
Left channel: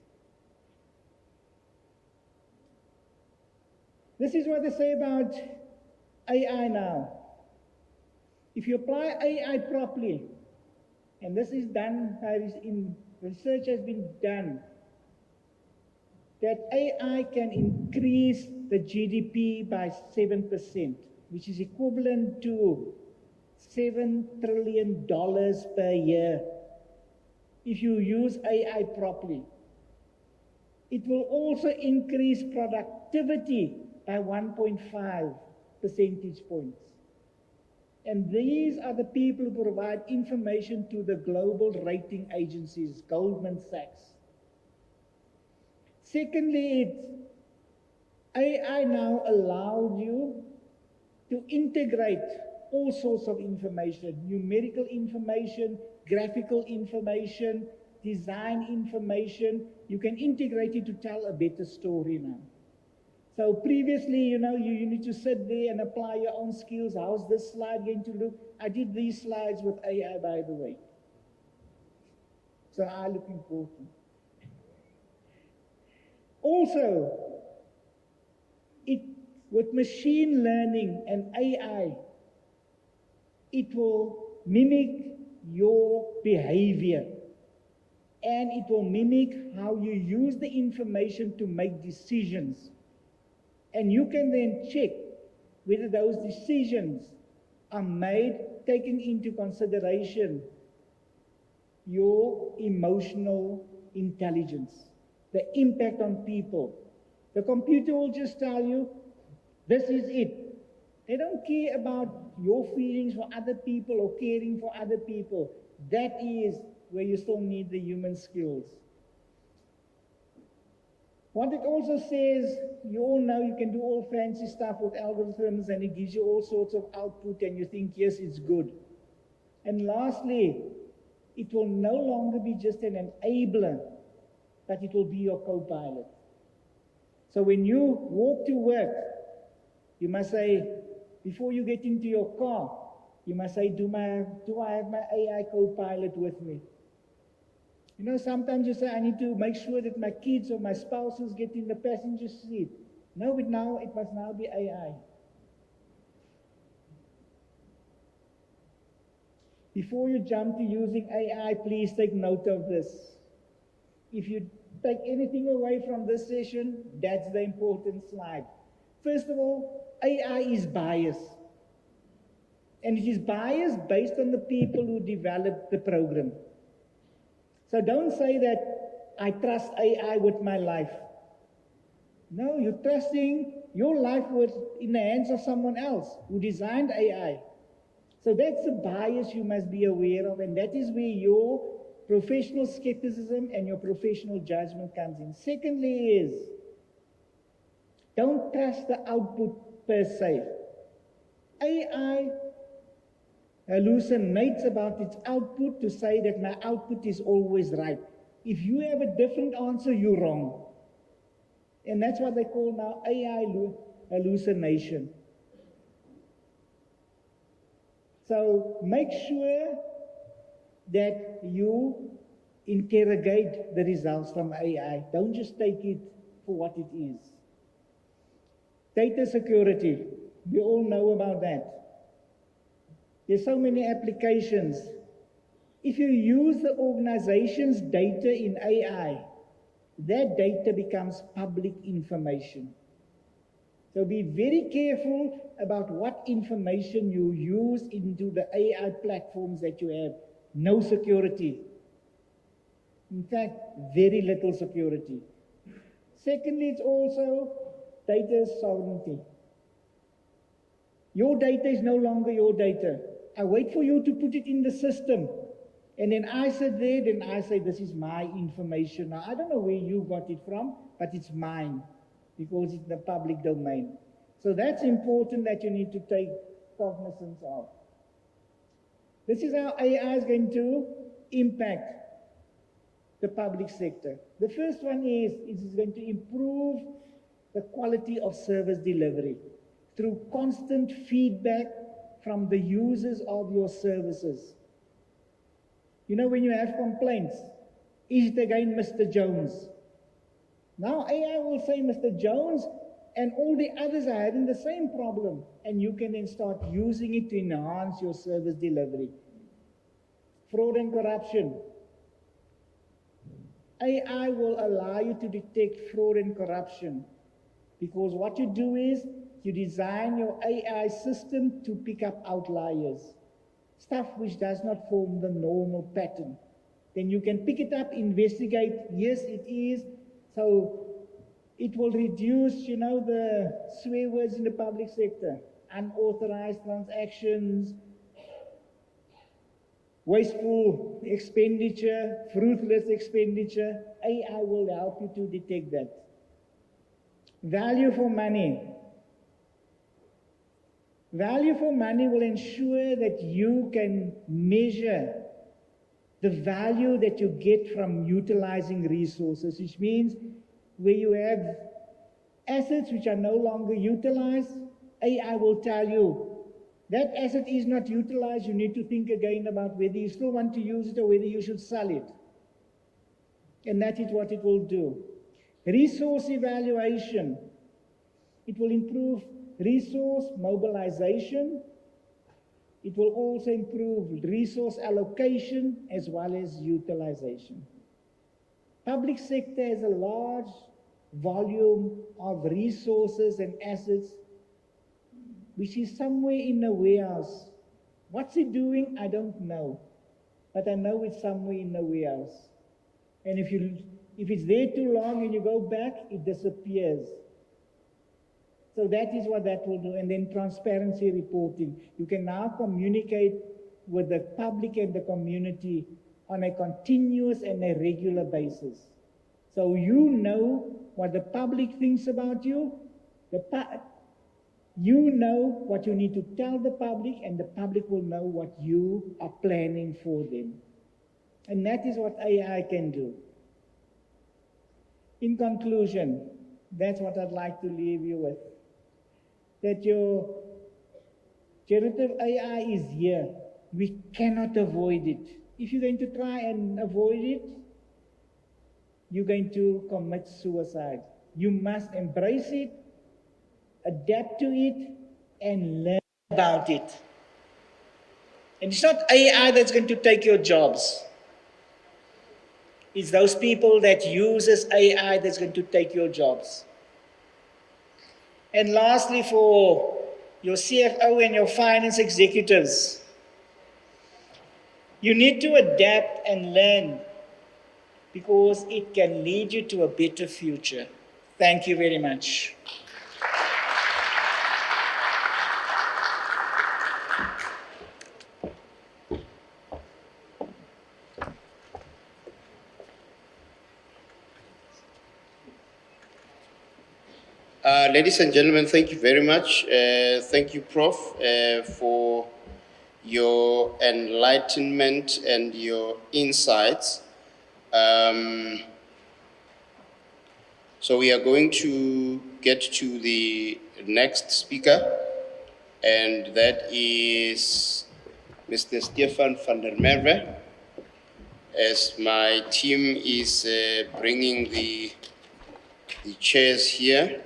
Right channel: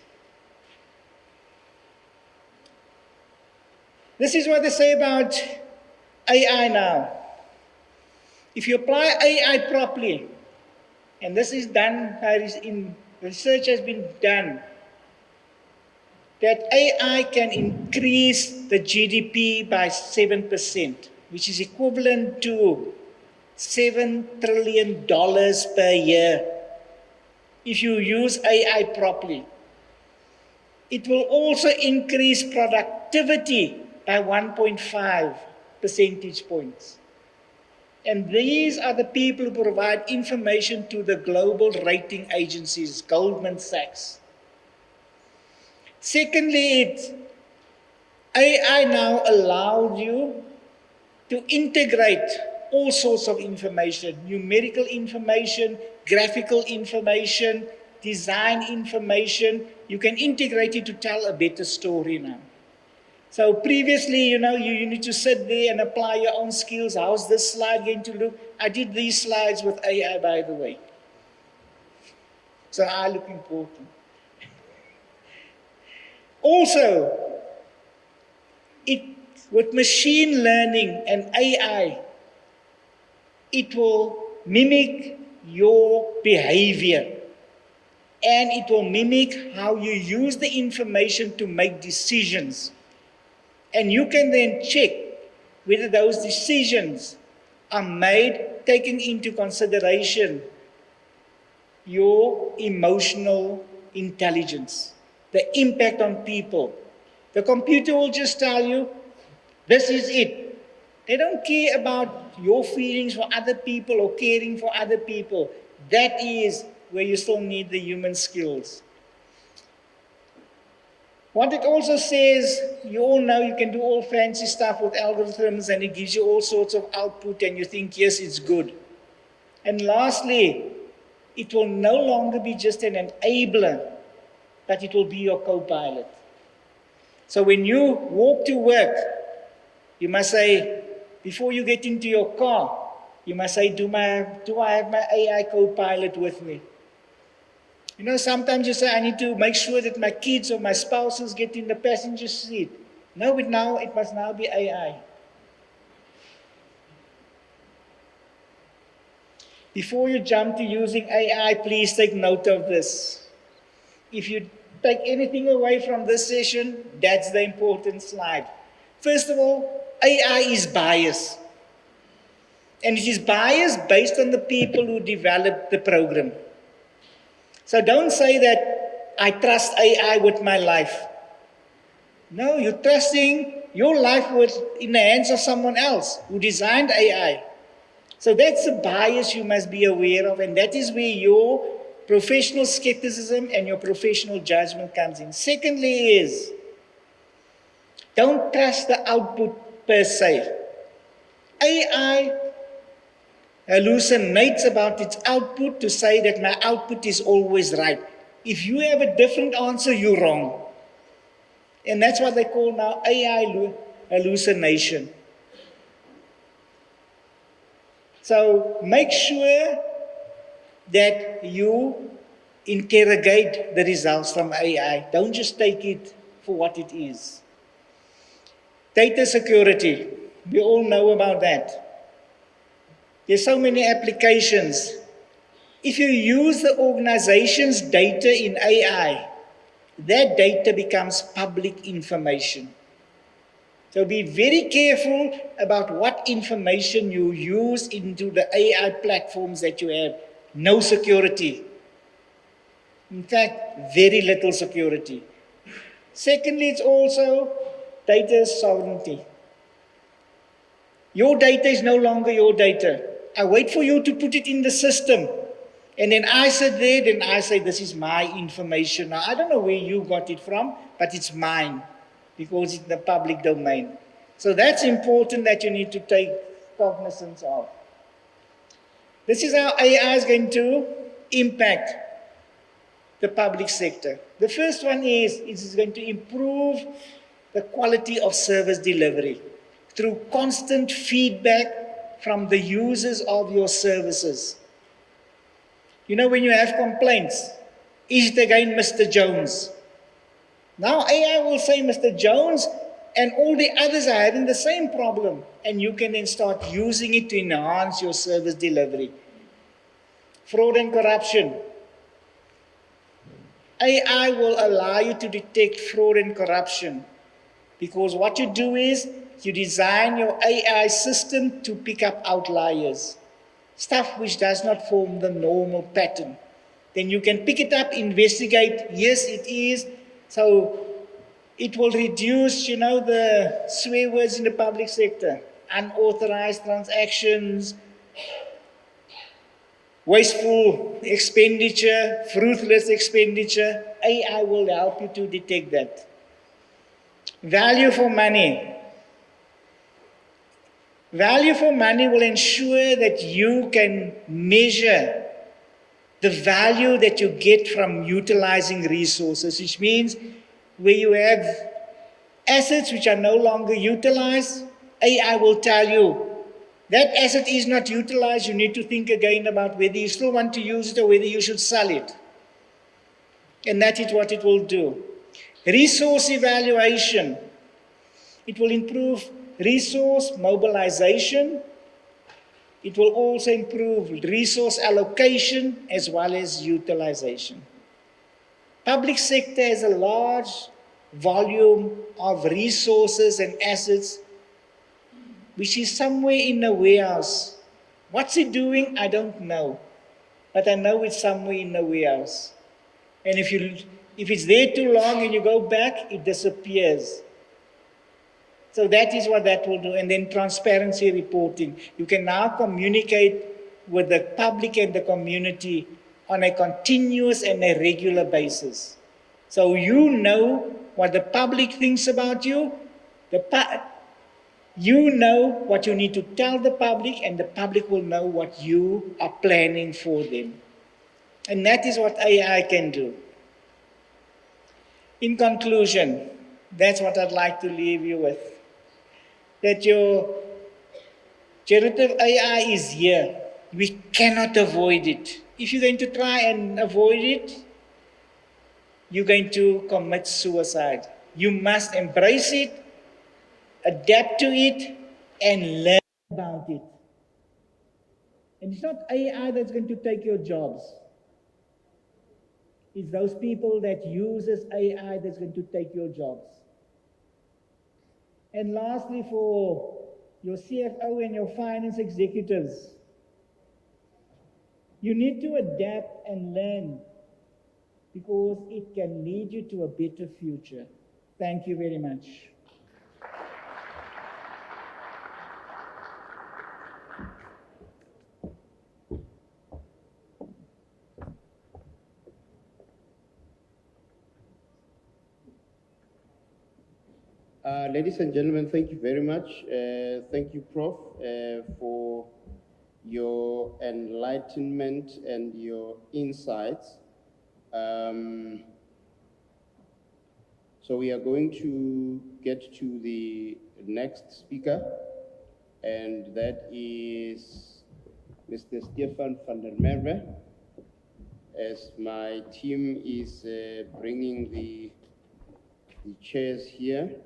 This is what they say about AI now. If you apply AI properly, and this is done, research has been done, that AI can increase the GDP by 7%, which is equivalent to $7 trillion per year if you use AI properly. It will also increase productivity by 1.5 percentage points. And these are the people who provide information to the global rating agencies, Goldman Sachs. Secondly, AI now allows you to integrate all sorts of information, numerical information, graphical information, design information. You can integrate it to tell a better story now. So previously, you need to sit there and apply your own skills. How's this slide going to look? I did these slides with AI, by the way. So I look important. Also, with machine learning and AI, it will mimic your behavior. And it will mimic how you use the information to make decisions. And you can then check whether those decisions are made taking into consideration your emotional intelligence, the impact on people. The computer will just tell you, this is it. They don't care about your feelings for other people or caring for other people. That is where you still need the human skills. What it also says, you all know you can do all fancy stuff with algorithms and it gives you all sorts of output and you think, yes, it's good. And lastly, it will no longer be just an enabler, but it will be your co-pilot. So when you walk to work, you must say, before you get into your car, you must say, do I have my AI co-pilot with me? You know, sometimes you say, I need to make sure that my kids or my spouses get in the passenger seat. No, but now it must now be AI. Before you jump to using AI, please take note of this. If you take anything away from this session, that's the important slide. First of all, AI is biased. And it is biased based on the people who developed the program. So don't say that I trust AI with my life. No, you're trusting your life in the hands of someone else who designed AI. So that's a bias you must be aware of, and that is where your professional skepticism and your professional judgment comes in. Secondly is, don't trust the output per se. AI hallucinates about its output to say that my output is always right. If you have a different answer, you're wrong. And that's what they call now AI hallucination. So make sure that you interrogate the results from AI. Don't just take it for what it is. Data security, we all know about that. There's so many applications. If you use the organization's data in AI, that data becomes public information. So be very careful about what information you use into the AI platforms that you have. No security. In fact, very little security. Secondly, it's also data sovereignty. Your data is no longer your data. I wait for you to put it in the system. And then I sit there, then I say, this is my information. Now, I don't know where you got it from, but it's mine because it's in the public domain. So that's important that you need to take cognizance of. This is how AI is going to impact the public sector. The first one is, it is going to improve the quality of service delivery through constant feedback from the users of your services. You know, when you have complaints, is it again Mr. Jones? Now AI will say Mr. Jones and all the others are having the same problem, and you can then start using it to enhance your service delivery. Fraud and corruption. AI will allow you to detect fraud and corruption because what you do is you design your AI system to pick up outliers, stuff which does not form the normal pattern. Then you can pick it up, investigate, yes, it is. So it will reduce, you know, the swear words in the public sector, unauthorized transactions, wasteful expenditure, ruthless expenditure. AI will help you to detect that. Value for money. Value for money will ensure that you can measure the value that you get from utilizing resources, which means where you have assets which are no longer utilized, AI will tell you that asset is not utilized. You need to think again about whether you still want to use it or whether you should sell it. And that is what it will do. Resource evaluation. It will improve resource mobilization. It will also improve resource allocation as well as utilization. Public sector has a large volume of resources and assets which is somewhere in a warehouse. What's it doing? I don't know. but I know it's somewhere in the warehouse. And if it's there too long and you go back, it disappears. So that is what that will do. And then transparency reporting. You can now communicate with the public and the community on a continuous and a regular basis. So you know what the public thinks about you, you know what you need to tell the public, and the public will know what you are planning for them. And that is what AI can do. In conclusion, that's what I'd like to leave you with. That your generative AI is here. We cannot avoid it. If you're going to try and avoid it, you're going to commit suicide. You must embrace it, adapt to it, and learn about it. And it's not AI that's going to take your jobs. It's those people that uses AI that's going to take your jobs. And lastly, for your CFO and your finance executives, you need to adapt and learn because it can lead you to a better future. Thank you very much. Ladies and gentlemen, thank you very much. Thank you, Prof, for your enlightenment and your insights. So we are going to get to the next speaker, and that is Mr. Stefan van der Merwe. As my team is bringing the chairs here.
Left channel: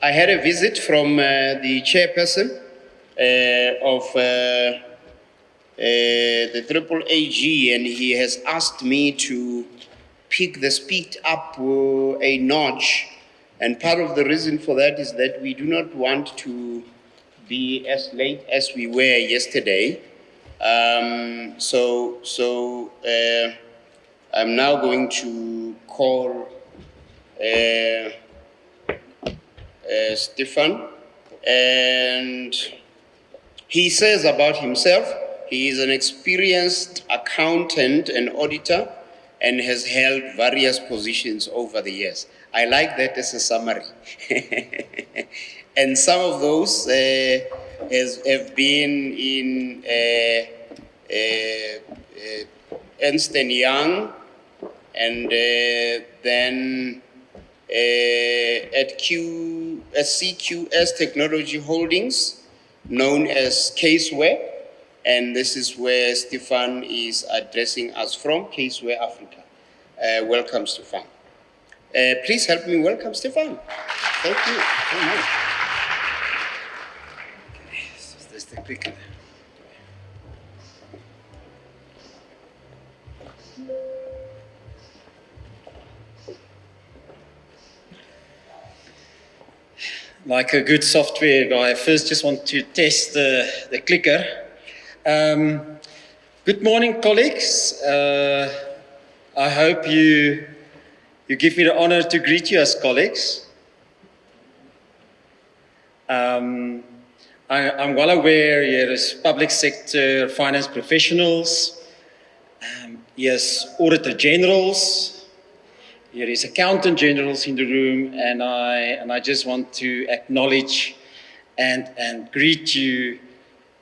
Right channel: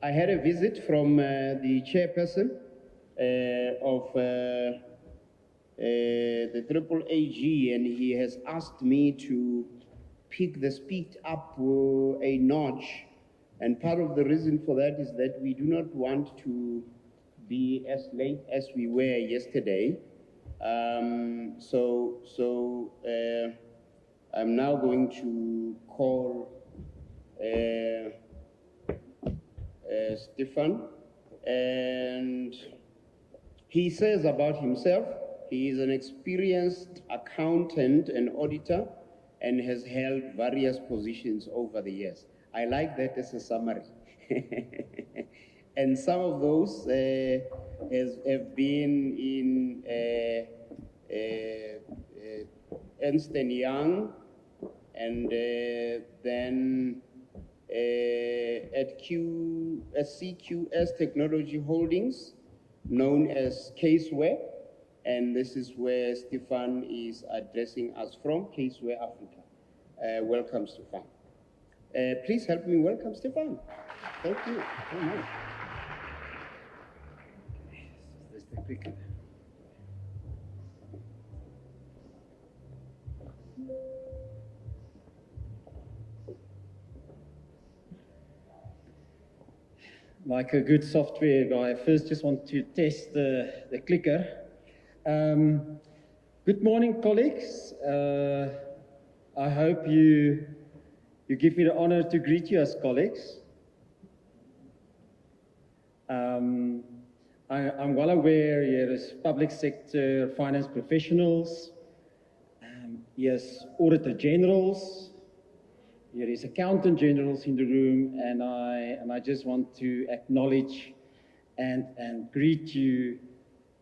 I had a visit from the chairperson of the AAAG, and he has asked me to pick the speed up a notch. And part of the reason for that is that we do not want to be as late as we were yesterday. So I'm now going to call Stefan, and he says about himself, he is an experienced accountant and auditor and has held various positions over the years. I like that as a summary. And some of those have been in Ernst & Young, and then at CQS Technology Holdings, known as Caseware, and this is where Stefan is addressing us from, Caseware Africa. Welcome, Stefan. Please help me welcome Stefan. Thank you very much. This is the quick. Like a good software guy, I first just want to test the clicker. Good morning, colleagues. I hope you give me the honor to greet you as colleagues. I'm well aware here is public sector finance professionals, yes, auditor generals. There is accountant generals in the room, and I just want to acknowledge and greet you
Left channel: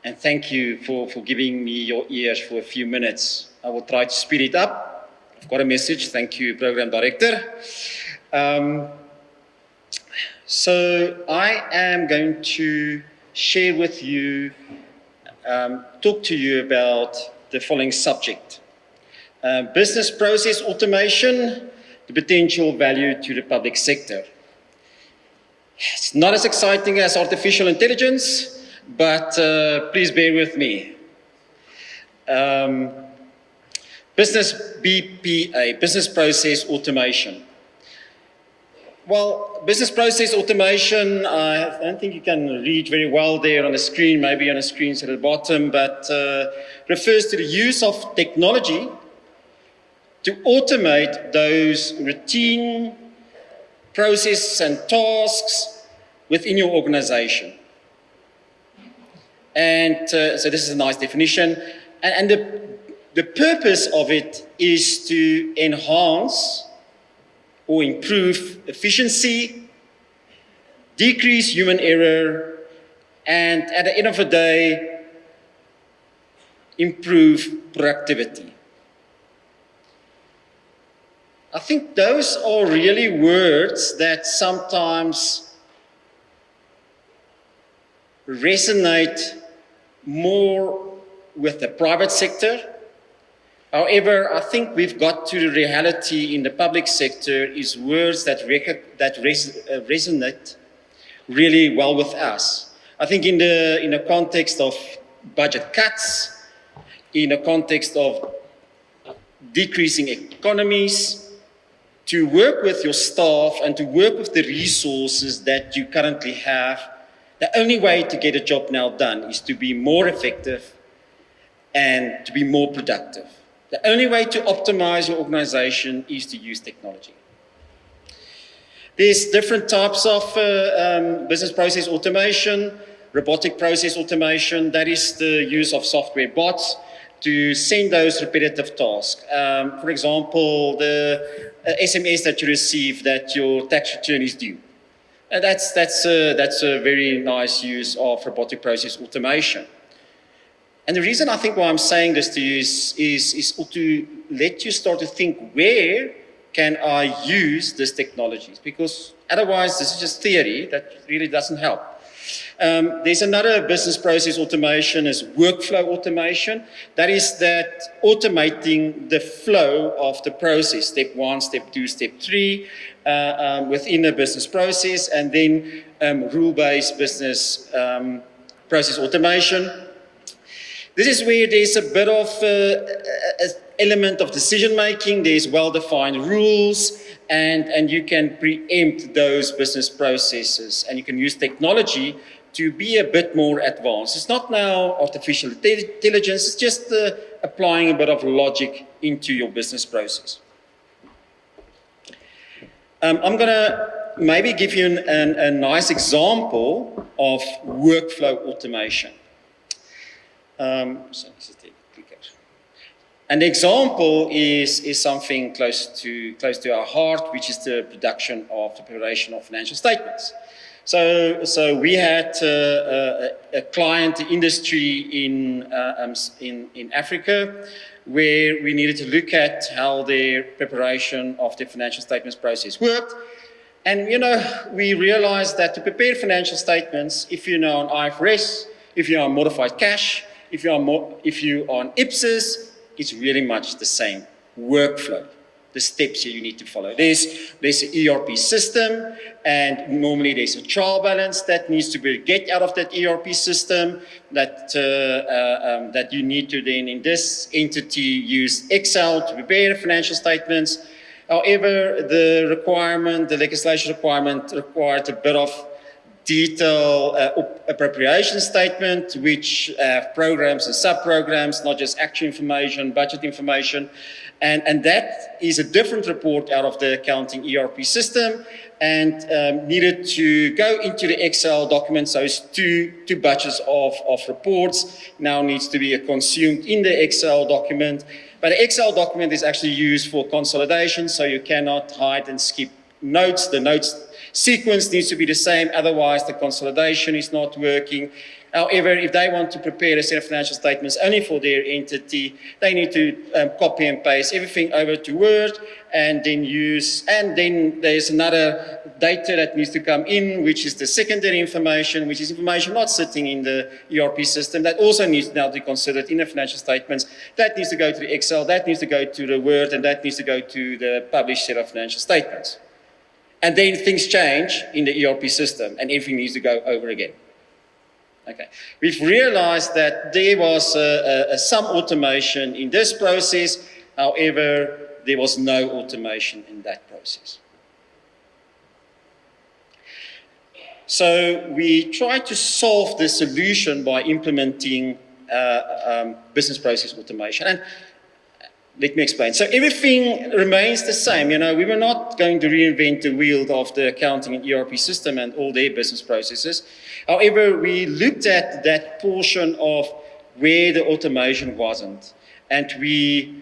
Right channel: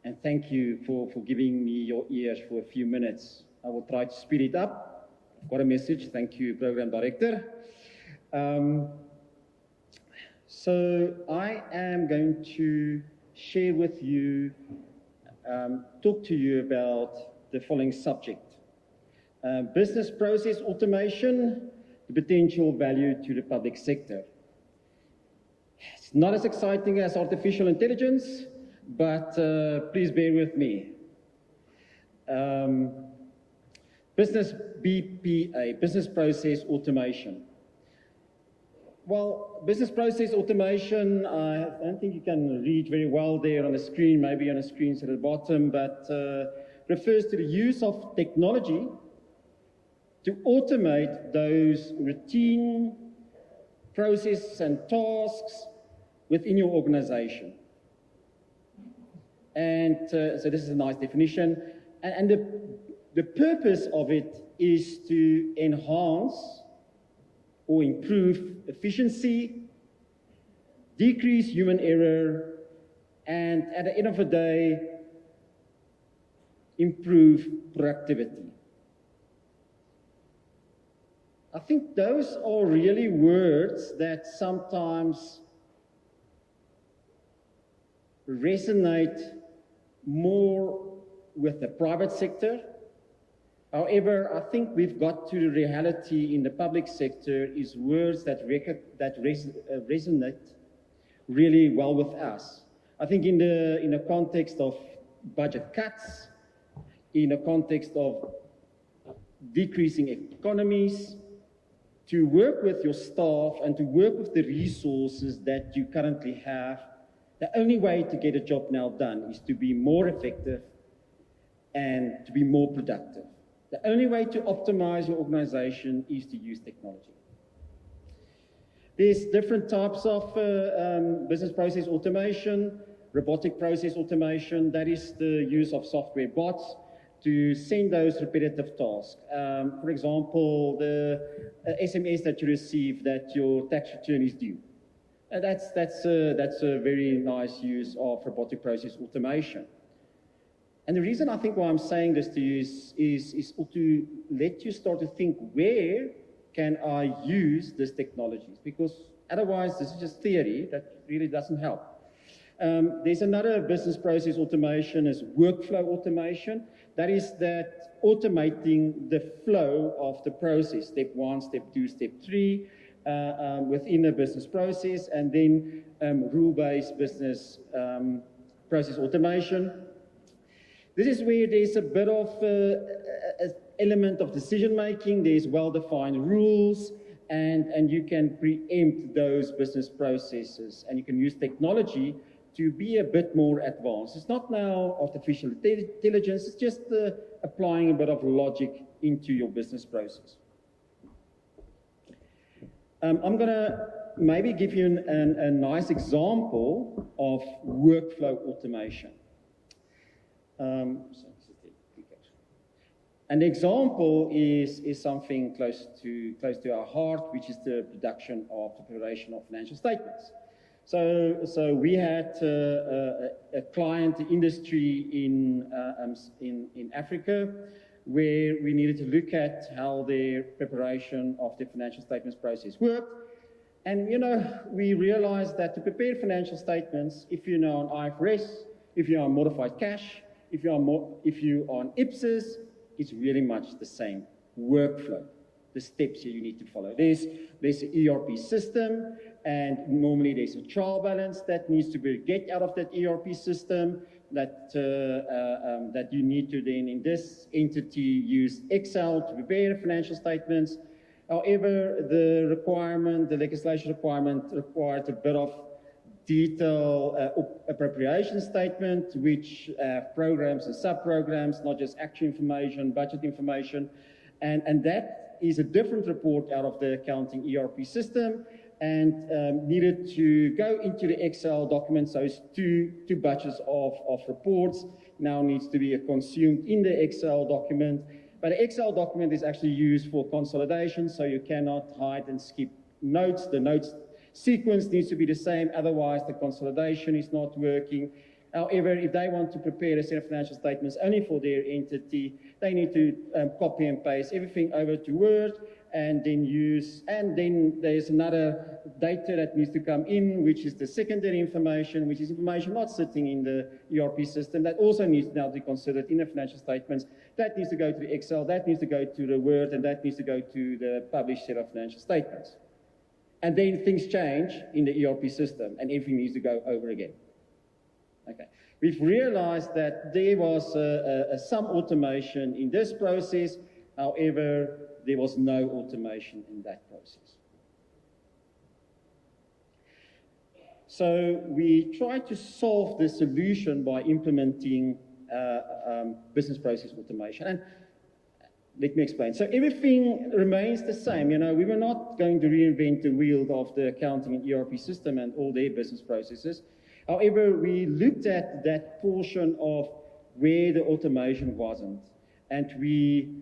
and thank you for giving me your ears for a few minutes. I will try to speed it up. I've got a message. Thank you, Program Director. So I am going to share with you, talk to you about the following subject. Business process automation, the potential value to the public sector. It's not as exciting as artificial intelligence, but please bear with me. Business BPA, business process automation. Well, business process automation, I don't think you can read very well there on the screen, maybe on the screens at the bottom, but refers to the use of technology to automate those routine processes and tasks within your organization. And so this is a nice definition. And the purpose of it is to enhance or improve efficiency, decrease human error, and at the end of the day, improve productivity. I think those are really words that sometimes resonate more with the private sector. However, I think we've got to the reality in the public sector is words that resonate really well with us. I think in the context of budget cuts, in the context of decreasing economies, to work with your staff and to work with the resources that you currently have, the only way to get a job now done is to be more effective and to be more productive. The only way to optimize your organization is to use technology. There's different types of business process automation, robotic process automation, that is the use of software bots to send those repetitive tasks. For example, the SMS that you receive that your tax return is due. That's a very nice use of robotic process automation. And the reason I think why I'm saying this to you is to let you start to think, where can I use these technologies? Because otherwise, this is just theory that really doesn't help. There's another business process automation is workflow automation. That is that automating the flow of the process, step 1, step 2, step 3, within a business process, and then rule-based business process automation. This is where there's a bit of an element of decision-making. There's well-defined rules, and you can preempt those business processes, and you can use technology to be a bit more advanced. It's not now artificial intelligence, it's just applying a bit of logic into your business process. I'm going to maybe give you a nice example of workflow automation. An example is something close to our heart, which is the preparation of financial statements. So we had a client industry in Africa where we needed to look at how their preparation of the financial statements process worked. And, we realized that to prepare financial statements, if you know on IFRS, if you are on modified cash, if you are on IPSAS, it's really much the same workflow, the steps you need to follow. There's an ERP system, and normally there's a trial balance that needs to be get out of that ERP system that you need to then, in this entity, use Excel to prepare financial statements. However, the legislation requirement required a bit of detailed appropriation statement, which have programs and sub-programs, not just actual information, budget information. And that is a different report out of the accounting ERP system and needed to go into the Excel documents. So it's two batches of reports now needs to be consumed in the Excel document. But the Excel document is actually used for consolidation, so you cannot hide and skip notes. The notes sequence needs to be the same, otherwise the consolidation is not working. However, if they want to prepare a set of financial statements only for their entity, they need to copy and paste everything over to Word and then use, and then there's another data that needs to come in, which is the secondary information, which is information not sitting in the ERP system that also needs now to be considered in the financial statements. That needs to go to the Excel, that needs to go to the Word, and that needs to go to the published set of financial statements. And then things change in the ERP system and everything needs to go over again. Okay. We've realized that there was some automation in this process, however, there was no automation in that process. So we tried to solve the solution by implementing business process automation. And let me explain. So everything remains the same. You know, we were not going to reinvent the wheel of the accounting and ERP system and all their business processes. However, we looked at that portion of where the automation wasn't, and we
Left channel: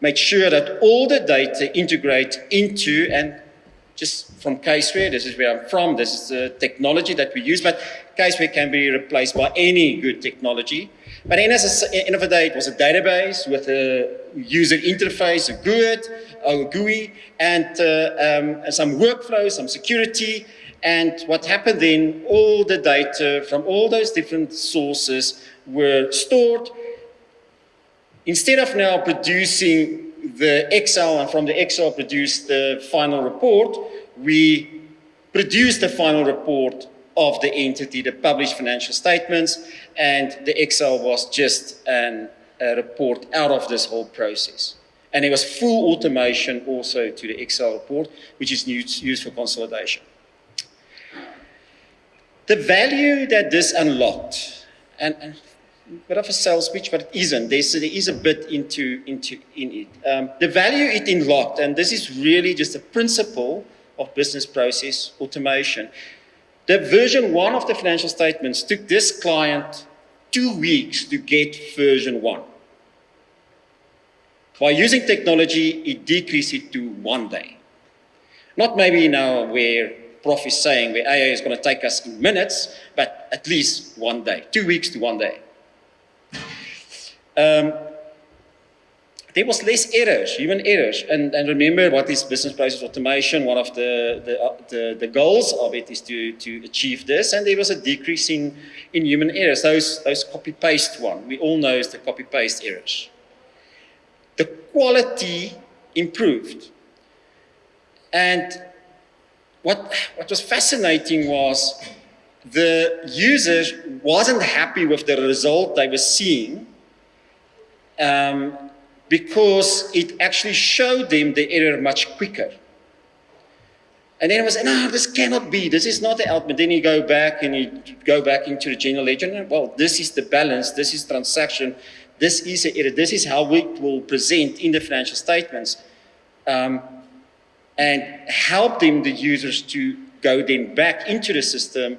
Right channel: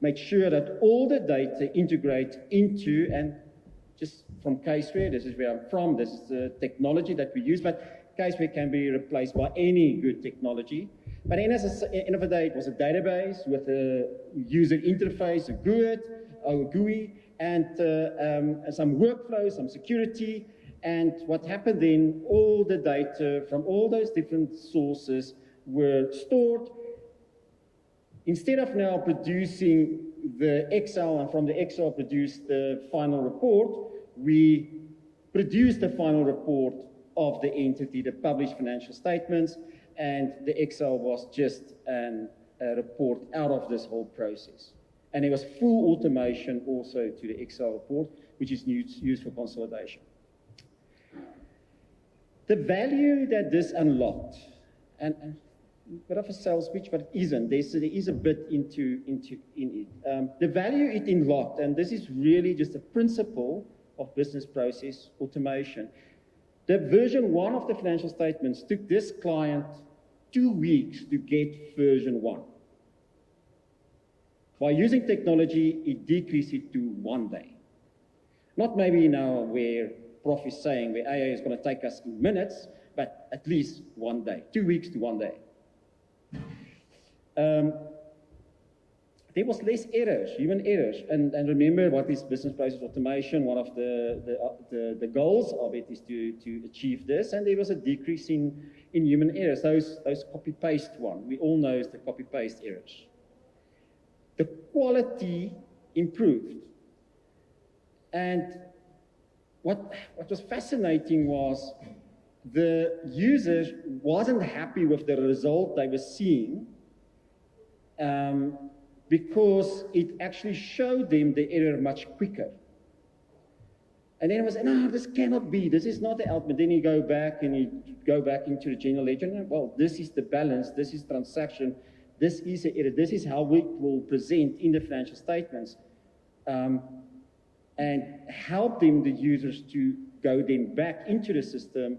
made sure that all the data integrate into, and just from Caseware, this is where I'm from, this is the technology that we use, but Caseware can be replaced by any good technology. But at the end of the day, it was a database with a user interface, a GUI, and some workflows, some security. And what happened then, all the data from all those different sources were stored. Instead of now producing the Excel and from the Excel produce the final report, we produced the final report of the entity, the published financial statements, and the Excel was just a report out of this whole process. And there was full automation also to the Excel report, which is used for consolidation. The value that this unlocked, and a bit of a sales pitch, but it isn't. There is a bit in it. The value it unlocked, and this is really just a principle of business process automation. The version 1 of the financial statements took this client 2 weeks to get version 1. By using technology, it decreased it to 1 day. Not maybe now where Prof is saying where AI is going to take us in minutes, but at least 1 day, 2 weeks to 1 day. There was less errors, human errors. And remember what is business process automation, one of the goals of it is to achieve this. And there was a decrease in human errors, those copy-paste one. We all know is the copy-paste errors. The quality improved. And what was fascinating was the user wasn't happy with the result they were seeing because it actually showed them the error much quicker. And then it was, no, this cannot be, this is not the output. Then you go back and you go back into the general ledger, and well, this is the balance, this is transaction, this is an error, this is how it will present in the financial statements. And help them, the users, to go then back into the system,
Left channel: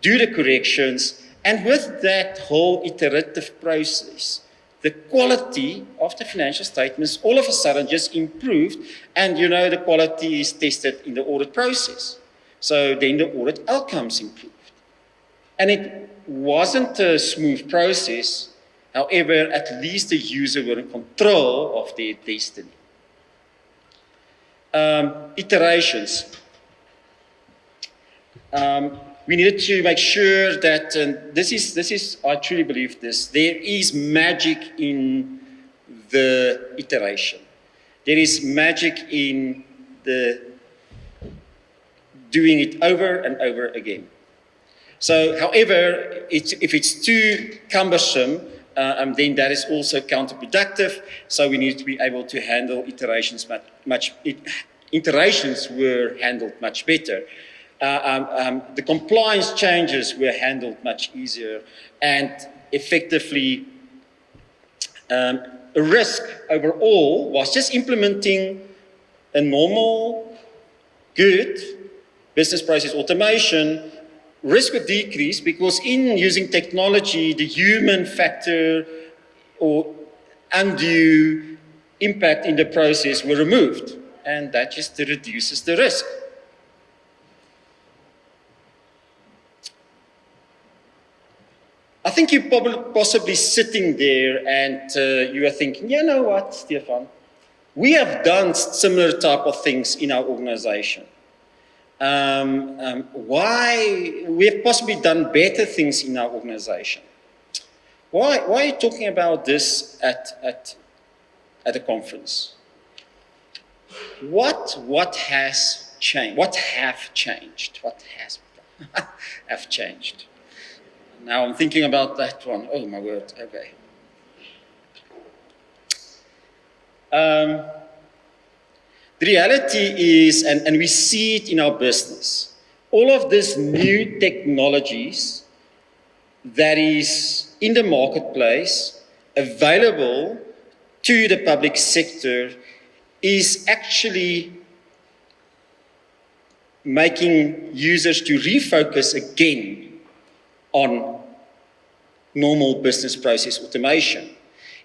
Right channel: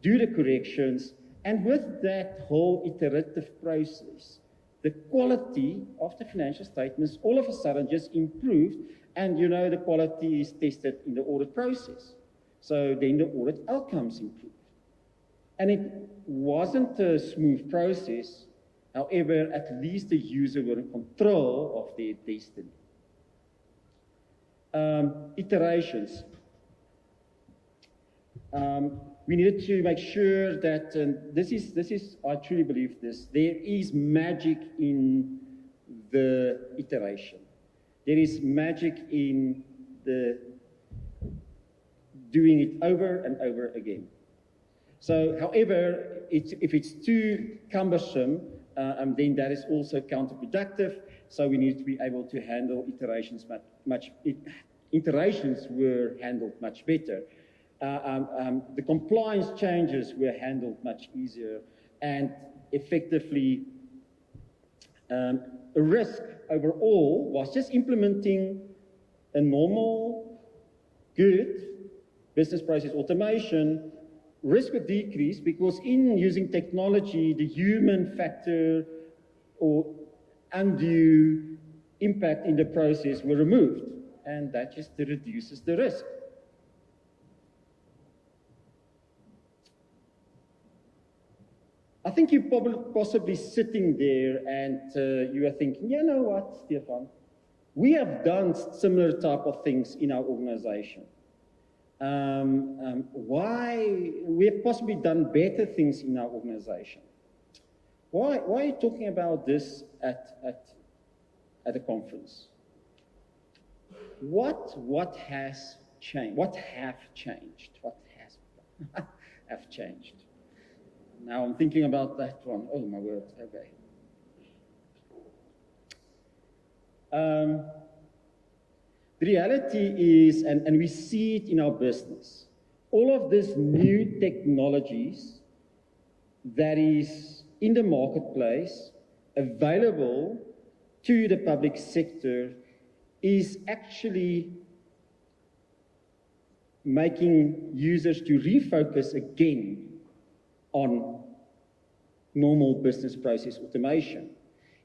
do the corrections, and with that whole iterative process, the quality of the financial statements all of a sudden just improved, and you know the quality is tested in the audit process. So then the audit outcomes improved. And it wasn't a smooth process, however, at least the user were in control of their destiny. Iterations. We needed to make sure that this is, I truly believe this, there is magic in the iteration. There is magic in the doing it over and over again. So, however, if it's too cumbersome, then that is also counterproductive. So we need to be able to handle iterations iterations were handled much better. The compliance changes were handled much easier, and effectively, a risk overall was just implementing a normal, good business process automation. Risk would decrease because in using technology, the human factor or undue impact in the process were removed, and that just reduces the risk. I think you're probably possibly sitting there and you are thinking, you know what, Stefan, we have done similar type of things in our organization. Why we have possibly done better things in our organization? Why are you talking about this at a conference? What has changed? What have changed? What has have changed? Now I'm thinking about that one. Oh my word. Okay. The reality is, and we see it in our business, all of these new technologies that is in the marketplace, available to the public sector, is actually making users to refocus again on normal business process automation.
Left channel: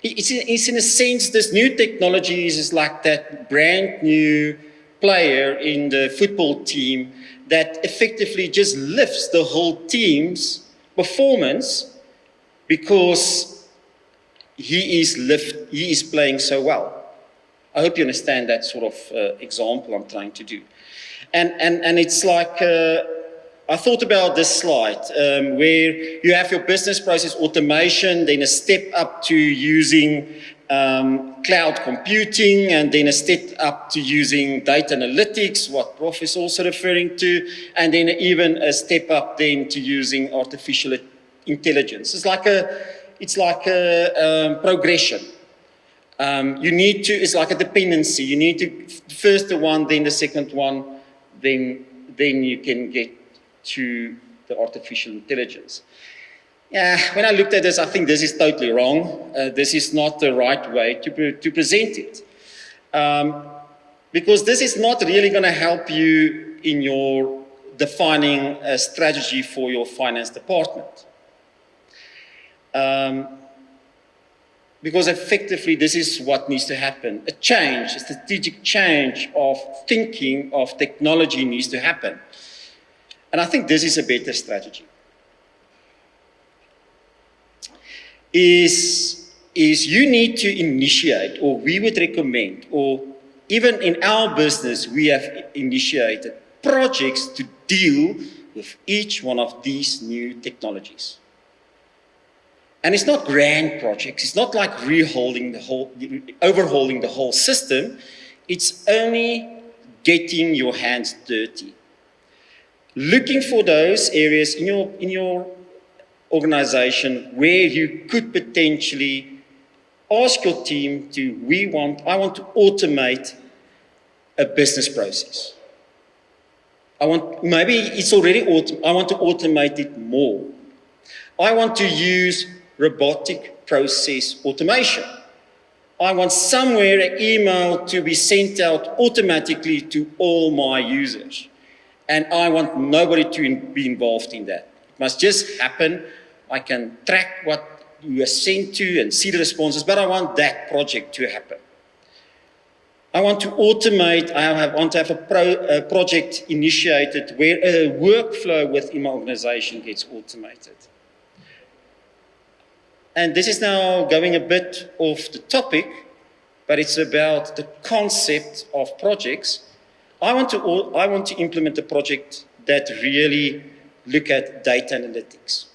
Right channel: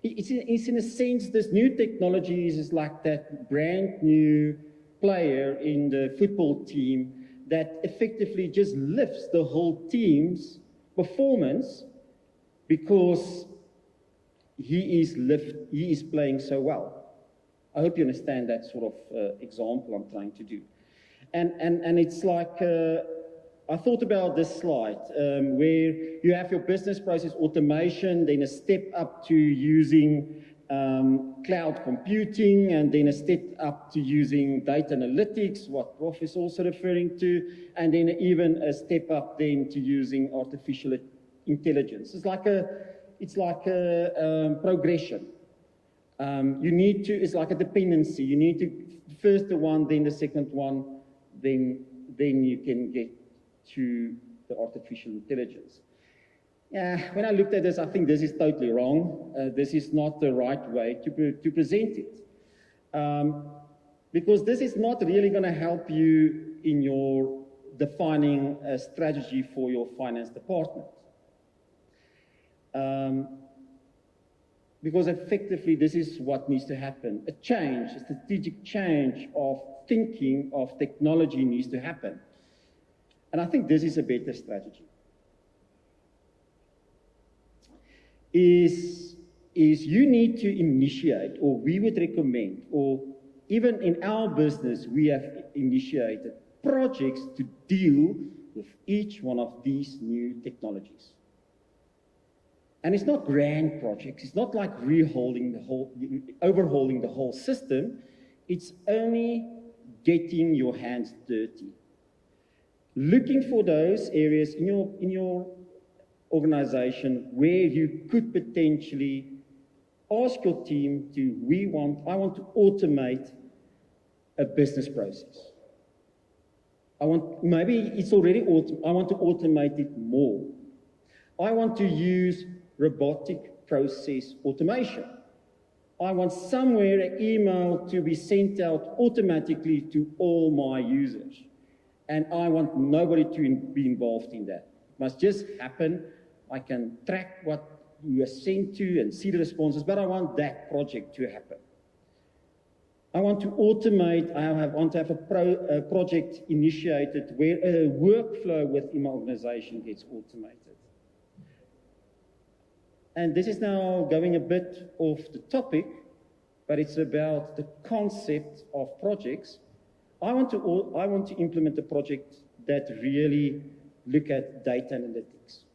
It's in a sense, this new technologies is like that brand new player in the football team that effectively just lifts the whole team's performance because he is playing so well. I hope you understand that sort of example I'm trying to do. And it's like, I thought about this slide where you have your business process automation, then a step up to using cloud computing, and then a step up to using data analytics, what Prof is also referring to, and then even a step up then to using artificial intelligence. It's like a progression. It's like a dependency. You need to first the one, then the second one, then you can get to the artificial intelligence. Yeah, when I looked at this, I think this is totally wrong. This is not the right way to present it. Because this is not really going to help you in your defining a strategy for your finance department. Because effectively, this is what needs to happen. A change, a strategic change of thinking of technology needs to happen. And I think this is a better strategy. Is you need to initiate, or we would recommend, or even in our business, we have initiated projects to deal with each one of these new technologies. And it's not grand projects. It's not like overhauling the whole system. It's only getting your hands dirty. Looking for those areas in your organization where you could potentially ask your team I want to automate a business process. Maybe it's already I want to automate it more. I want to use robotic process automation. I want somewhere an email to be sent out automatically to all my users. And I want nobody to be involved in that. It must just happen. I can track what you are sent to and see the responses, but I want that project to happen. I want to automate, I want to have a project initiated where a workflow within my organization gets automated. And this is now going a bit off the topic, but it's about the concept of projects. I want to implement a project that really look at data analytics.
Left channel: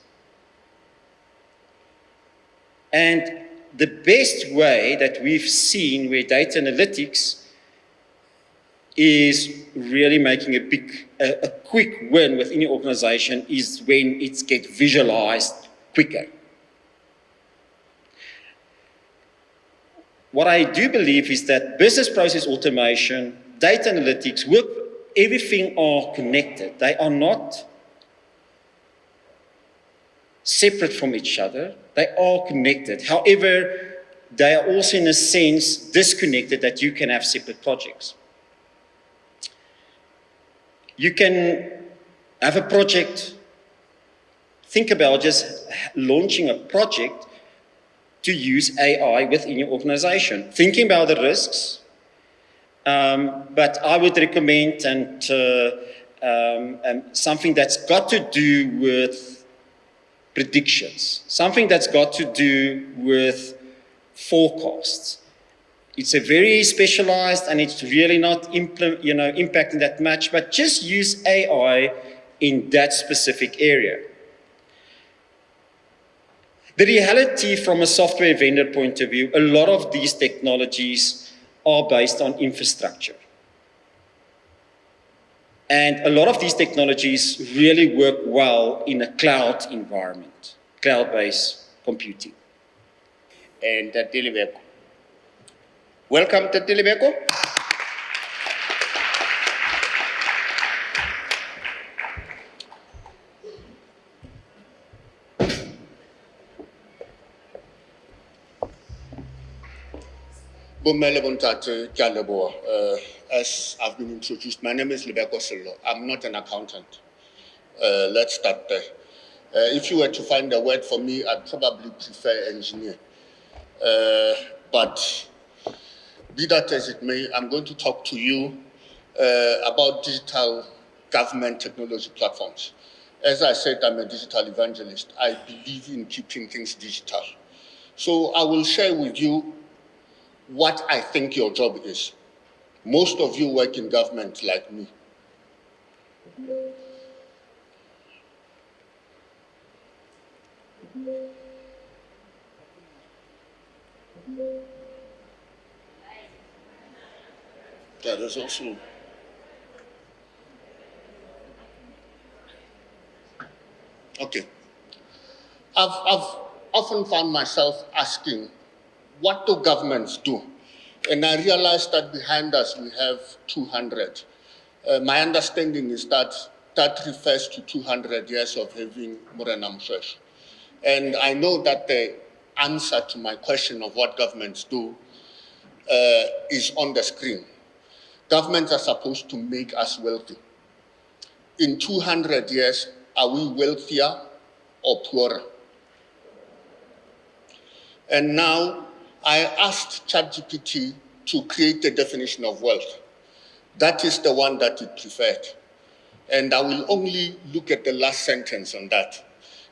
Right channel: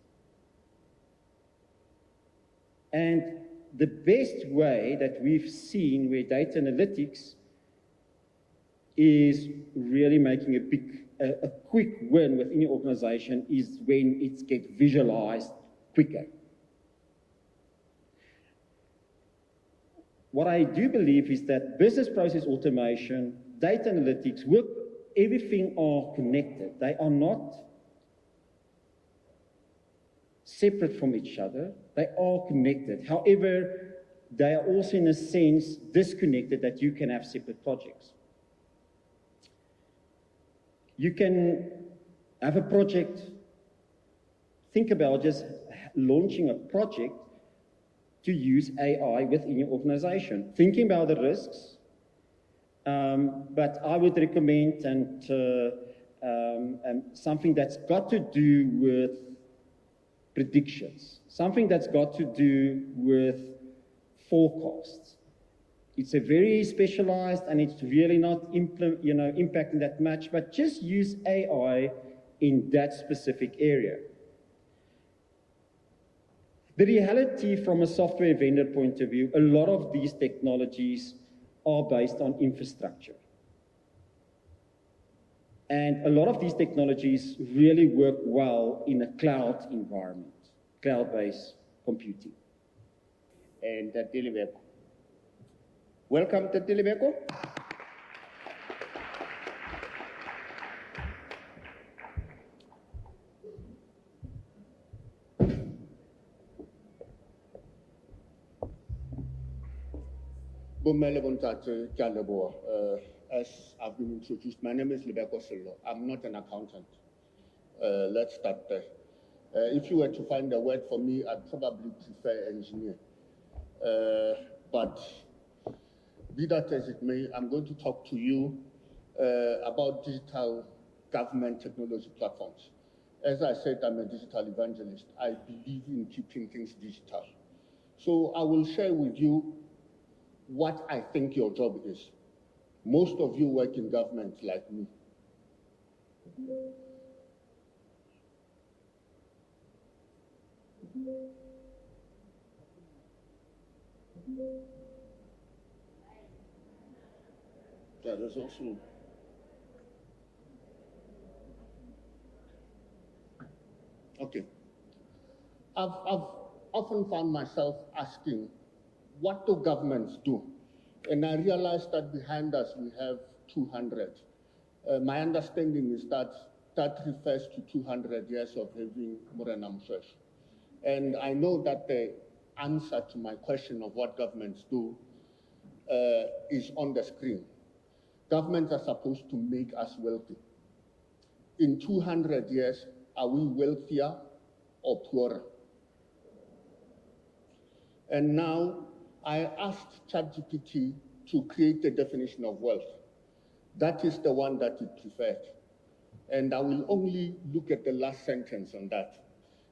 And the best way that we've seen where data analytics is really making a quick win within your organization is when it gets visualized quicker. What I do believe is that business process automation, data analytics, everything are connected. They are not separate from each other. They are connected. However, they are also in a sense disconnected that you can have separate projects. You can have a project, think about just launching a project to use AI within your organization. Thinking about the risks, but I would recommend something that's got to do with predictions, something that's got to do with forecasts. It's a very specialized and it's really not impacting that much, but just use AI in that specific area. The reality from a software vendor point of view, a lot of these technologies are based on infrastructure. And a lot of these technologies really work well in a cloud environment, cloud-based computing. And Tatilibeko. Welcome, Tatilibeko. Bomele Bontate Kalebo. As I've been introduced, my name is Lebeko Solo. I'm not an accountant. Let's start there. If you were to find a word for me, I'd probably prefer engineer. But be that as it may, I'm going to talk to you about digital government technology platforms. As I said, I'm a digital evangelist. I believe in keeping things digital. So I will share with you what I think your job is. Most of you work in government like me. Yeah, there's also. Okay. I've often found myself asking, what do governments do? And I realized that behind us we have 200. My understanding is that that refers to 200 years of having Morena Mshweshwe. And I know that the answer to my question of what governments do is on the screen. Governments are supposed to make us wealthy. In 200 years, are we wealthier or poorer? And now I asked ChatGPT to create a definition of wealth. That is the one that it preferred. And I will only look at the last sentence on that.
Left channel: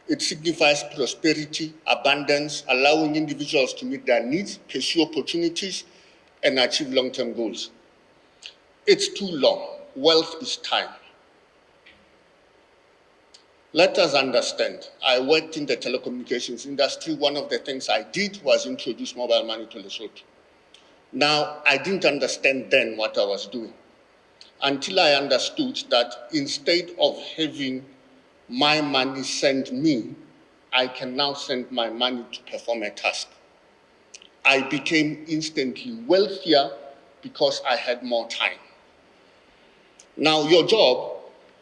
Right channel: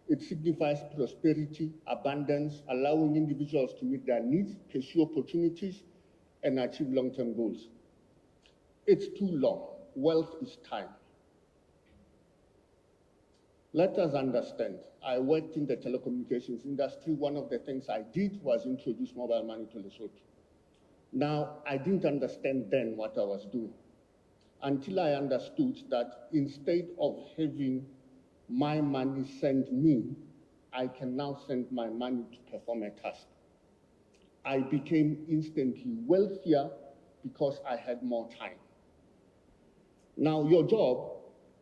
It signifies prosperity, abundance, allowing individuals to meet their needs, pursue opportunities, and achieve long-term goals. It's too long. Wealth is time. Let us understand, I worked in the telecommunications industry. One of the things I did was introduce mobile money to Lesotho. Now, I didn't understand then what I was doing until I understood that instead of having my money sent me, I can now send my money to perform a task. I became instantly wealthier because I had more time. Now, your job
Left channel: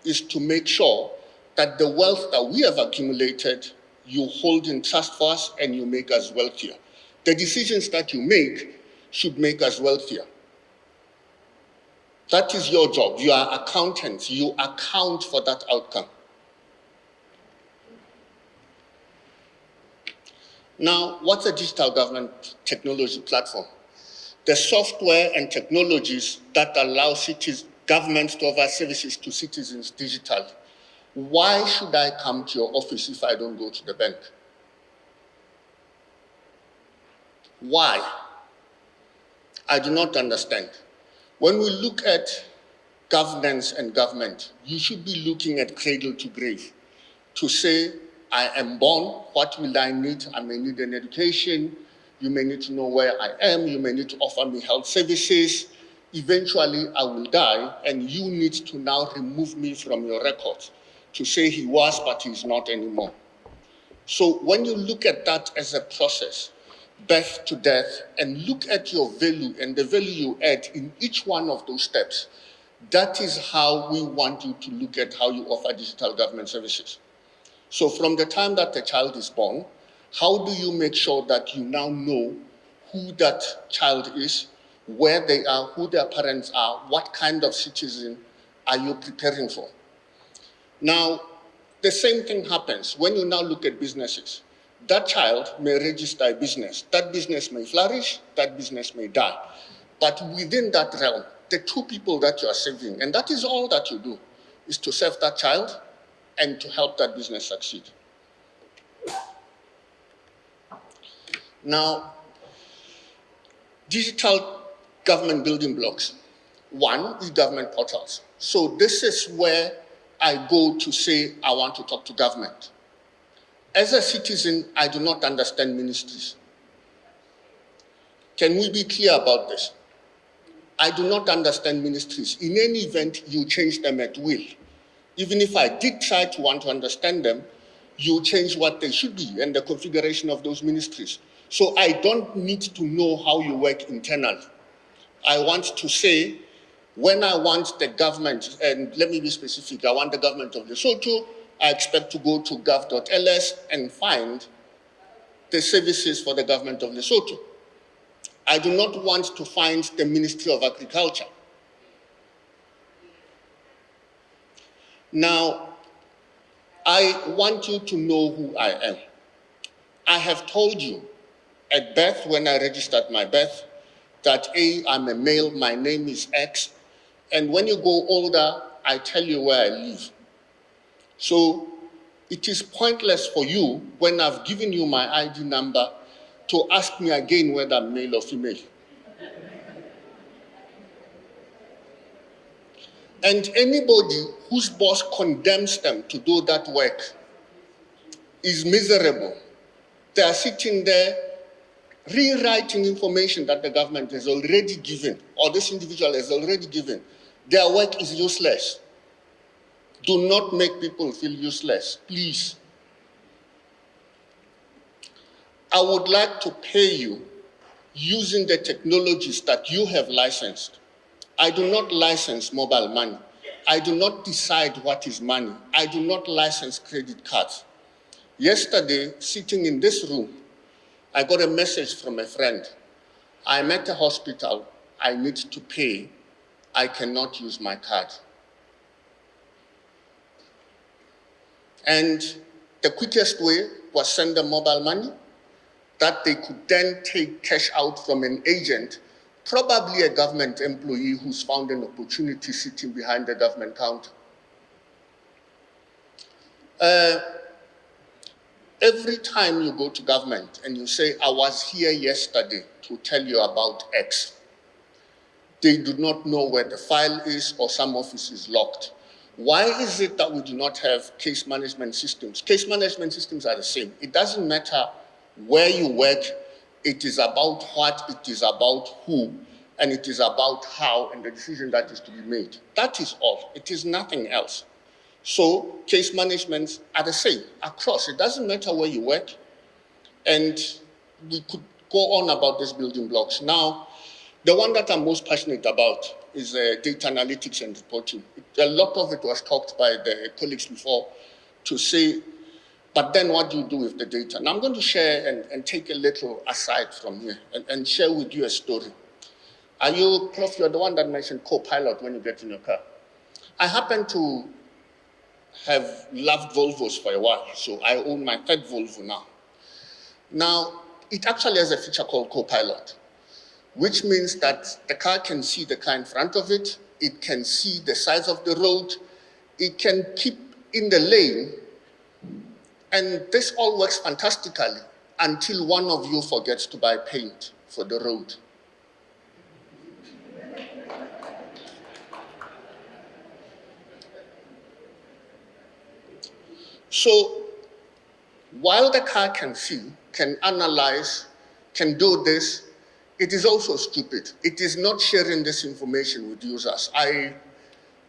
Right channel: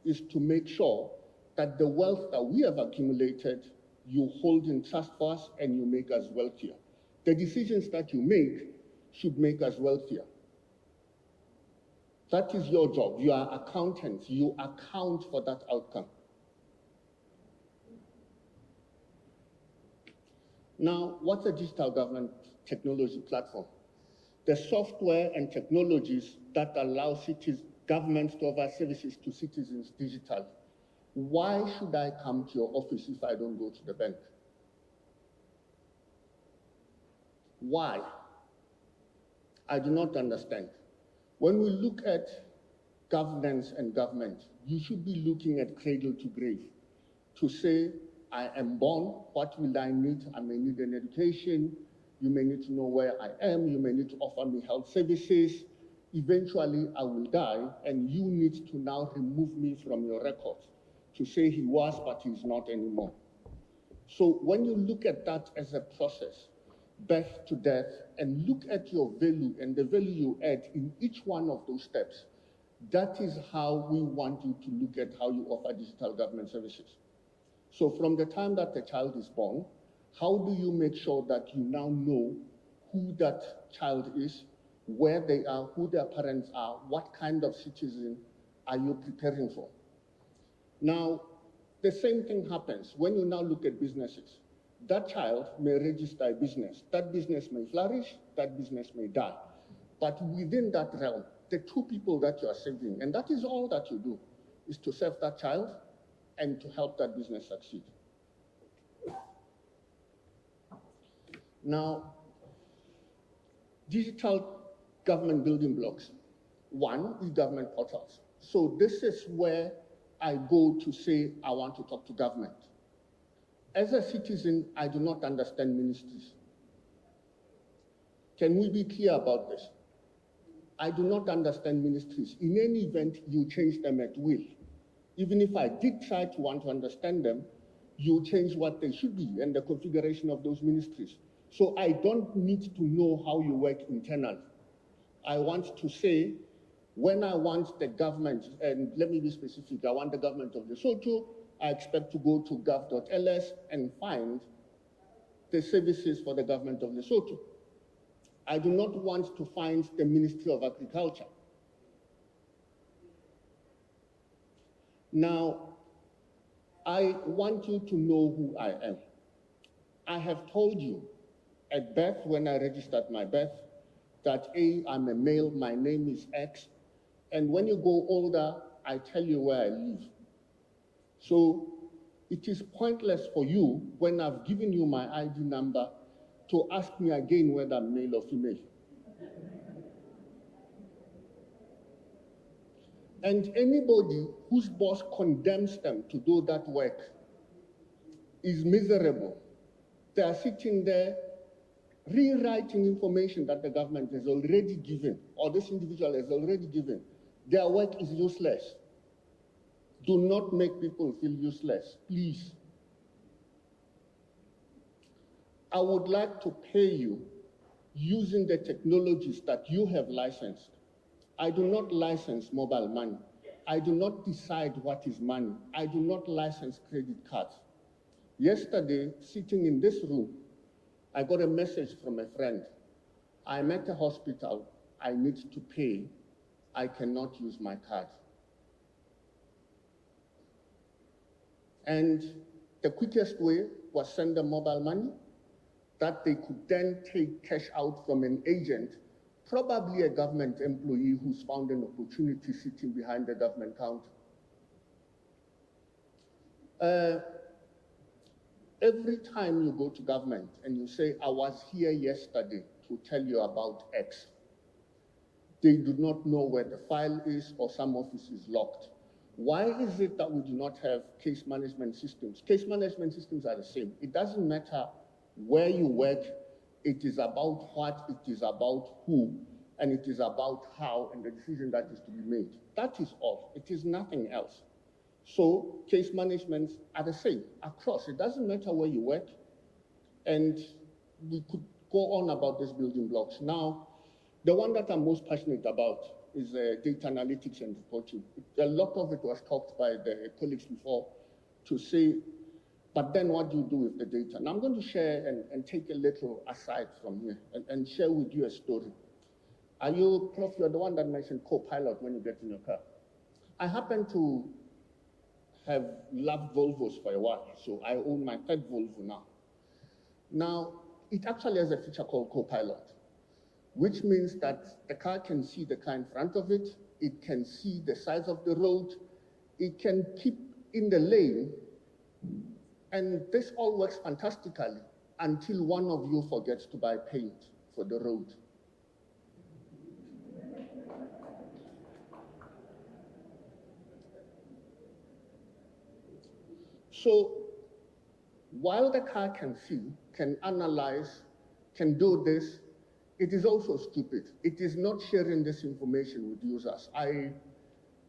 is to make sure that the wealth that we have accumulated, you hold in trust for us and you make us wealthier. The decisions that you make should make us wealthier. That is your job. You are accountants. You account for that outcome. Now, what's a digital government technology platform? The software and technologies that allow governments to offer services to citizens digitally. Why should I come to your office if I don't go to the bank? Why? I do not understand. When we look at governance and government, you should be looking at cradle to grave to say, I am born, what will I need? I may need an education, you may need to know where I am, you may need to offer me health services. Eventually, I will die, and you need to now remove me from your records to say he was, but he's not anymore. So when you look at that as a process, birth to death, and look at your value and the value you add in each one of those steps, that is how we want you to look at how you offer digital government services. So from the time that the child is born, how do you make sure that you now know who that child is, where they are, who their parents are, what kind of citizen are you preparing for? Now, the same thing happens when you now look at businesses. That child may register a business. That business may flourish, that business may die. But within that realm, the two people that you are saving, and that is all that you do, is to save that child and to help that business succeed. Now, digital government building blocks. One is government portals. So this is where I go to say I want to talk to government. As a citizen, I do not understand ministries. Can we be clear about this? I do not understand ministries. In any event, you change them at will. Even if I did try to want to understand them, you change what they should be and the configuration of those ministries. So I don't need to know how you work internally. I want to say, when I want the government, and let me be specific, I want the government of Lesotho, I expect to go to gov.ls and find the services for the government of Lesotho. I do not want to find the Ministry of Agriculture. Now, I want you to know who I am. I have told you at birth, when I registered my birth, that I'm a male, my name is X, and when you go older, I tell you where I live. So it is pointless for you, when I've given you my ID number, to ask me again whether I'm male or female. And anybody whose boss condemns them to do that work is miserable. They are sitting there rewriting information that the government has already given, or this individual has already given. Their work is useless. Do not make people feel useless, please. I would like to pay you using the technologies that you have licensed. I do not license mobile money. I do not decide what is money. I do not license credit cards. Yesterday, sitting in this room, I got a message from a friend. I'm at a hospital. I need to pay. I cannot use my card. And the quickest way was send them mobile money that they could then take cash out from an agent, probably a government employee who's found an opportunity sitting behind the government counter. Every time you go to government and you say, I was here yesterday to tell you about X, they do not know where the file is, or some office is locked. Why is it that we do not have case management systems? Case management systems are the same. It doesn't matter where you work, it is about what, it is about who, and it is about how, and the decision that is to be made. That is all. It is nothing else. So case managements are the same across. It doesn't matter where you work. And we could go on about these building blocks. Now, the one that I'm most passionate about is data analytics and reporting. A lot of it was talked by the colleagues before to say, but then what do you do with the data? Now I'm going to share and take a little aside from here and share with you a story. Are you, Prof, you're the one that mentioned co-pilot when you get in your car. I happen to have loved Volvos for a while, so I own my third Volvo now. Now, it actually has a feature called co-pilot, which means that the car can see the car in front of it, it can see the size of the road, it can keep in the lane, and this all works fantastically until one of you forgets to buy paint for the road. So, while the car can see, can analyze, can do this, it is also stupid. It is not sharing this information with users. I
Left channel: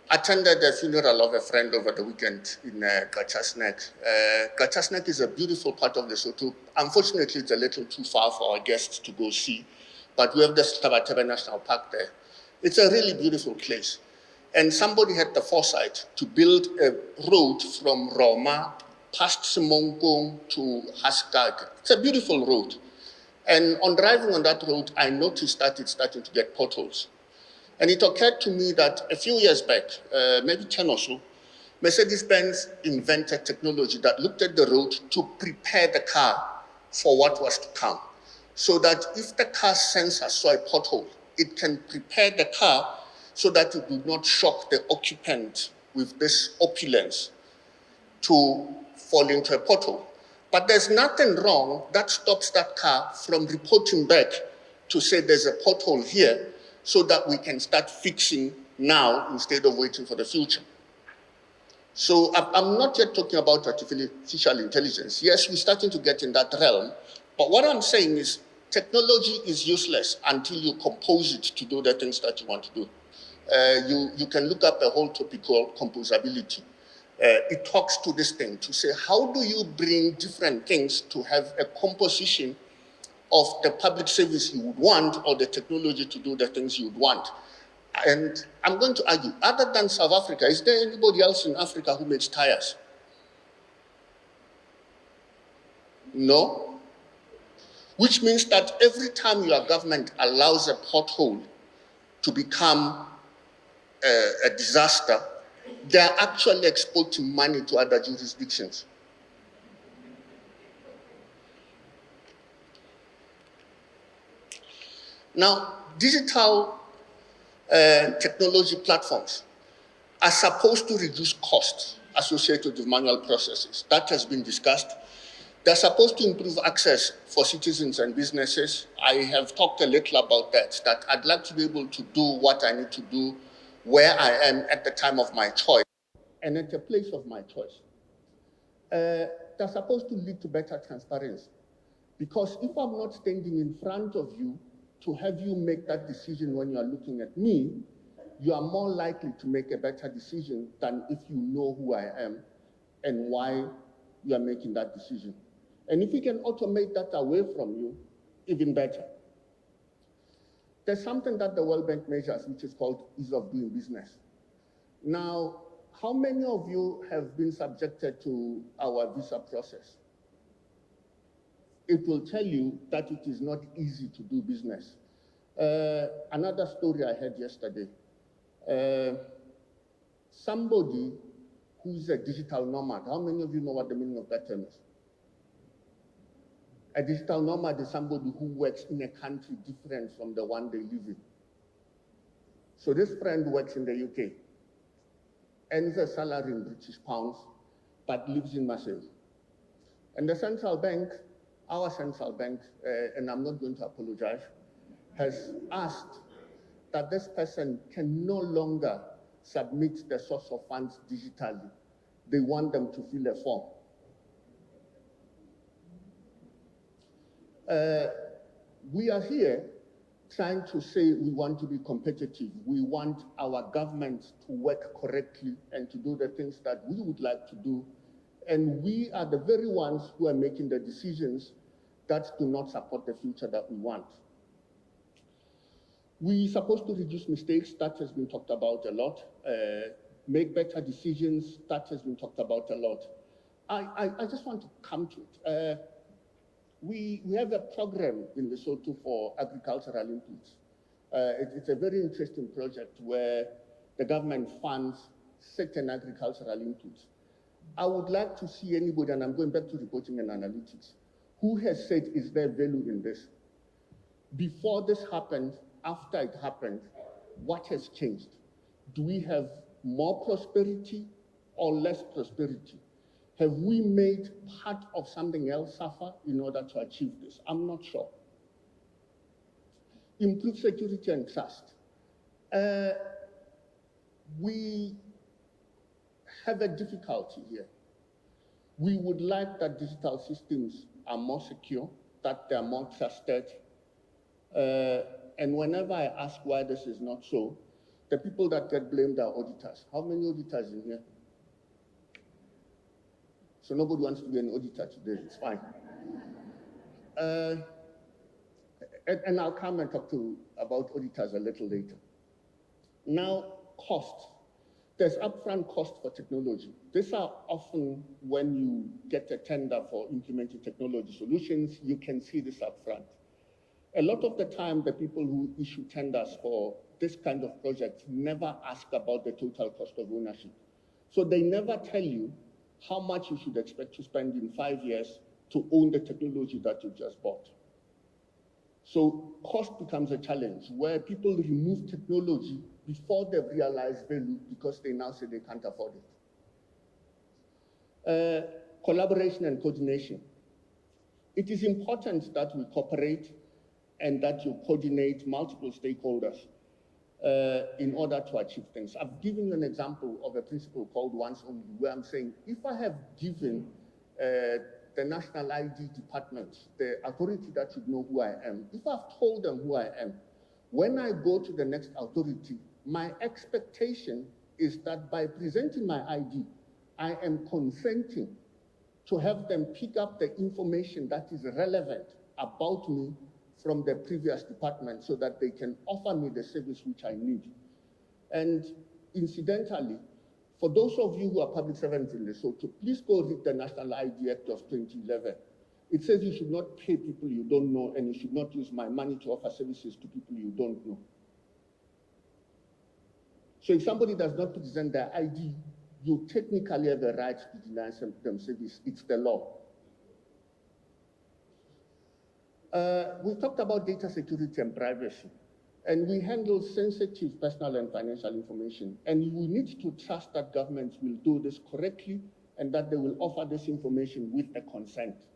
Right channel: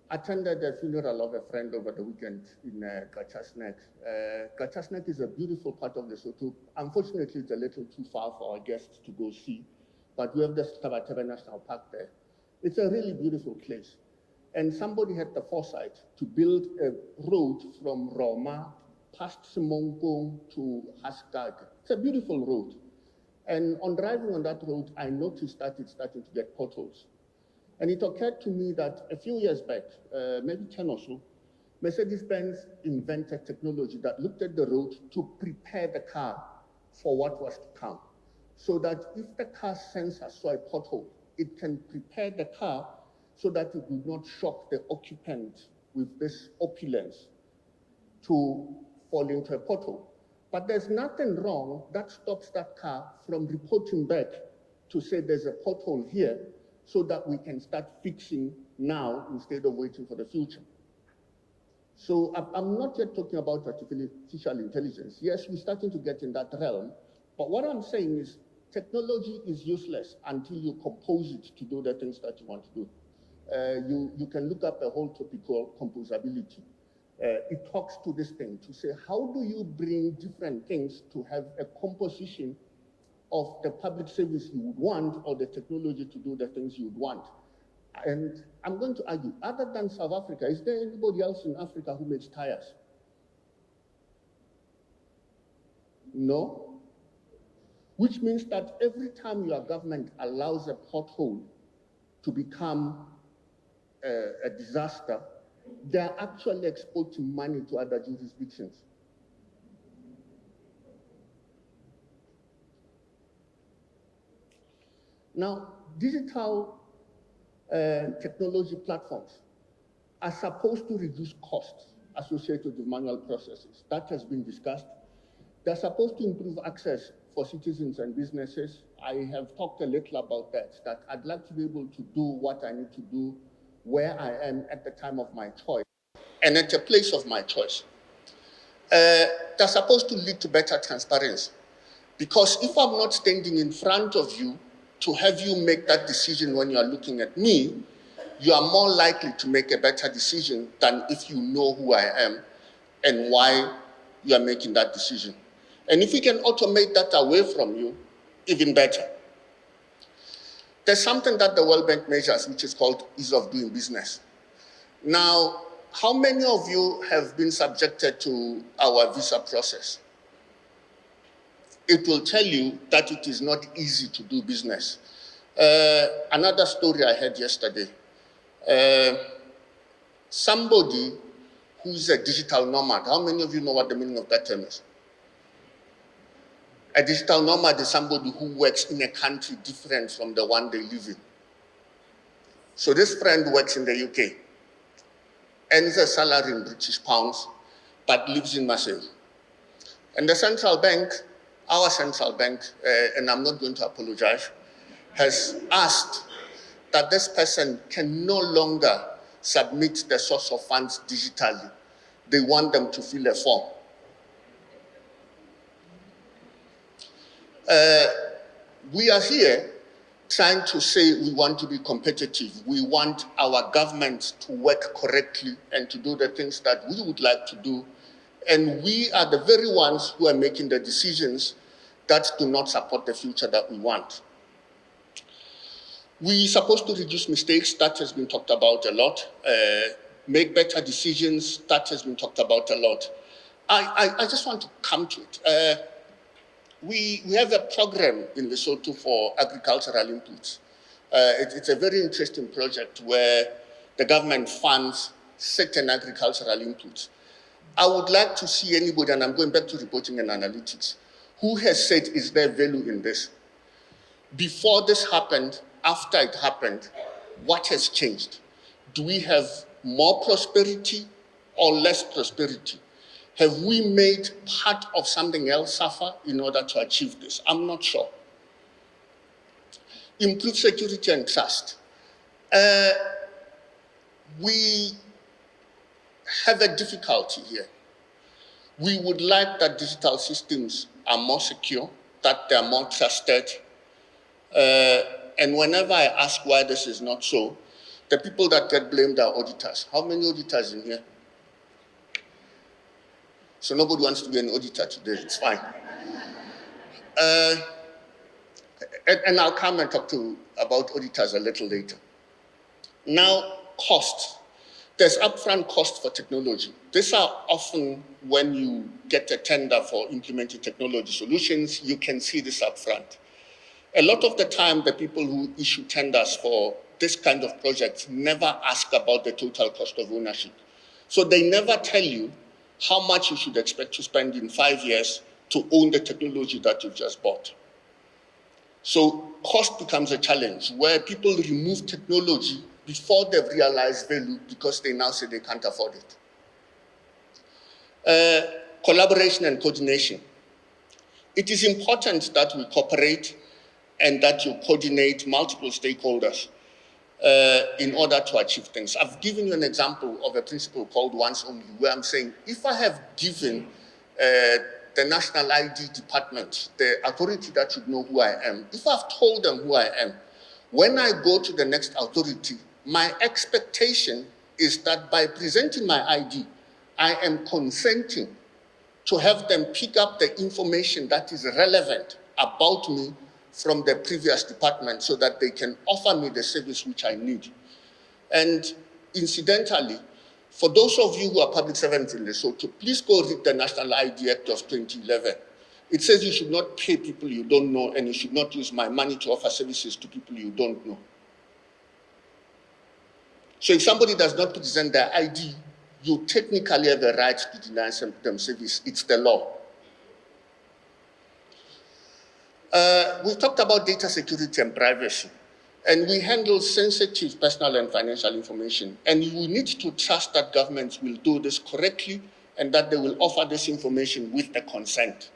attended the funeral of a friend over the weekend in Gachasnek. Gachasnek is a beautiful part of Lesotho. Unfortunately, it's a little too far for our guests to go see, but we have the Tabataba National Park there. It's a really beautiful place. And somebody had the foresight to build a road from Roma past Simonkong to Haskag. It's a beautiful road. And on driving on that road, I noticed that it's starting to get potholes. And it occurred to me that a few years back, maybe 10 or so, Mercedes-Benz invented technology that looked at the road to prepare the car for what was to come. So that if the car sensor saw a pothole, it can prepare the car so that it would not shock the occupant with this opulence to fall into a pothole. But there's nothing wrong that stops that car from reporting back to say there's a pothole here so that we can start fixing now instead of waiting for the future. So I'm not yet talking about artificial intelligence. Yes, we're starting to get in that realm. But what I'm saying is technology is useless until you compose it to do the things that you want to do. You can look up a whole topic called composability. It talks to this thing to say, how do you bring different things to have a composition of the public service you would want or the technology to do the things you would want? And I'm going to argue, other than South Africa, is there anybody else in Africa who makes tires? No? Which means that every time your government allows a pothole to become a disaster, they are actually exporting money to other jurisdictions. Now, digital technology platforms are supposed to reduce costs associated with manual processes. That has been discussed. They're supposed to improve access for citizens and businesses. I have talked a little about that I'd like to be able to do what I need to do where I am at the time of my choice and at a place of my choice. They're supposed to lead to better transparency. Because if I'm not standing in front of you to have you make that decision when you are looking at me, you are more likely to make a better decision than if you know who I am and why you are making that decision. And if we can automate that away from you, even better. There's something that the World Bank measures, which is called ease of doing business. Now, how many of you have been subjected to our visa process? It will tell you that it is not easy to do business. Another story I heard yesterday, somebody who's a digital nomad, how many of you know what the meaning of that term is? A digital nomad is somebody who works in a country different from the one they live in. So this friend works in the UK, earns a salary in British pounds, but lives in Marseille. And the central bank, our central bank, and I'm not going to apologize, has asked that this person can no longer submit the source of funds digitally. They want them to fill a form. We are here trying to say we want to be competitive. We want our government to work correctly and to do the things that we would like to do. And we are the very ones who are making the decisions that do not support the future that we want. We're supposed to reduce mistakes. That has been talked about a lot. Make better decisions. That has been talked about a lot. I just want to come to it. We have a program in Lesotho for agricultural inputs. It's a very interesting project where the government funds certain agricultural inputs. I would like to see anybody, and I'm going back to reporting and analytics, who has said, is there value in this? Before this happened, after it happened, what has changed? Do we have more prosperity or less prosperity? Have we made part of something else suffer in order to achieve this? I'm not sure. Improve security and trust. We have a difficulty here. We would like that digital systems are more secure, that they're more trusted. And whenever I ask why this is not so, the people that get blamed are auditors. How many auditors in here? So nobody wants to be an auditor today, it's fine. And I'll come and talk about auditors a little later. Now, costs. There's upfront costs for technology. These are often when you get a tender for implementing technology solutions, you can see this upfront. A lot of the time, the people who issue tenders for this kind of projects never ask about the total cost of ownership. So they never tell you how much you should expect to spend in 5 years to own the technology that you've just bought. So cost becomes a challenge where people remove technology before they've realized value because they now say they can't afford it. Collaboration and coordination. It is important that we cooperate and that you coordinate multiple stakeholders in order to achieve things. I've given you an example of a principle called once only, where I'm saying, if I have given the National ID Department the authority that should know who I am, if I've told them who I am, when I go to the next authority, my expectation is that by presenting my ID, I am consenting to have them pick up the information that is relevant about me from the previous department so that they can offer me the service which I need. And incidentally, for those of you who are public servants in Lesotho, please go read the National ID Act of 2011. It says you should not pay people you don't know, and you should not use my money to offer services to people you don't know. So if somebody does not present their ID, you technically have the right to deny them service. It's the law. We've talked about data security and privacy, and we handle sensitive personal and financial information. And we need to trust that governments will do this correctly and that they will offer this information with the consent.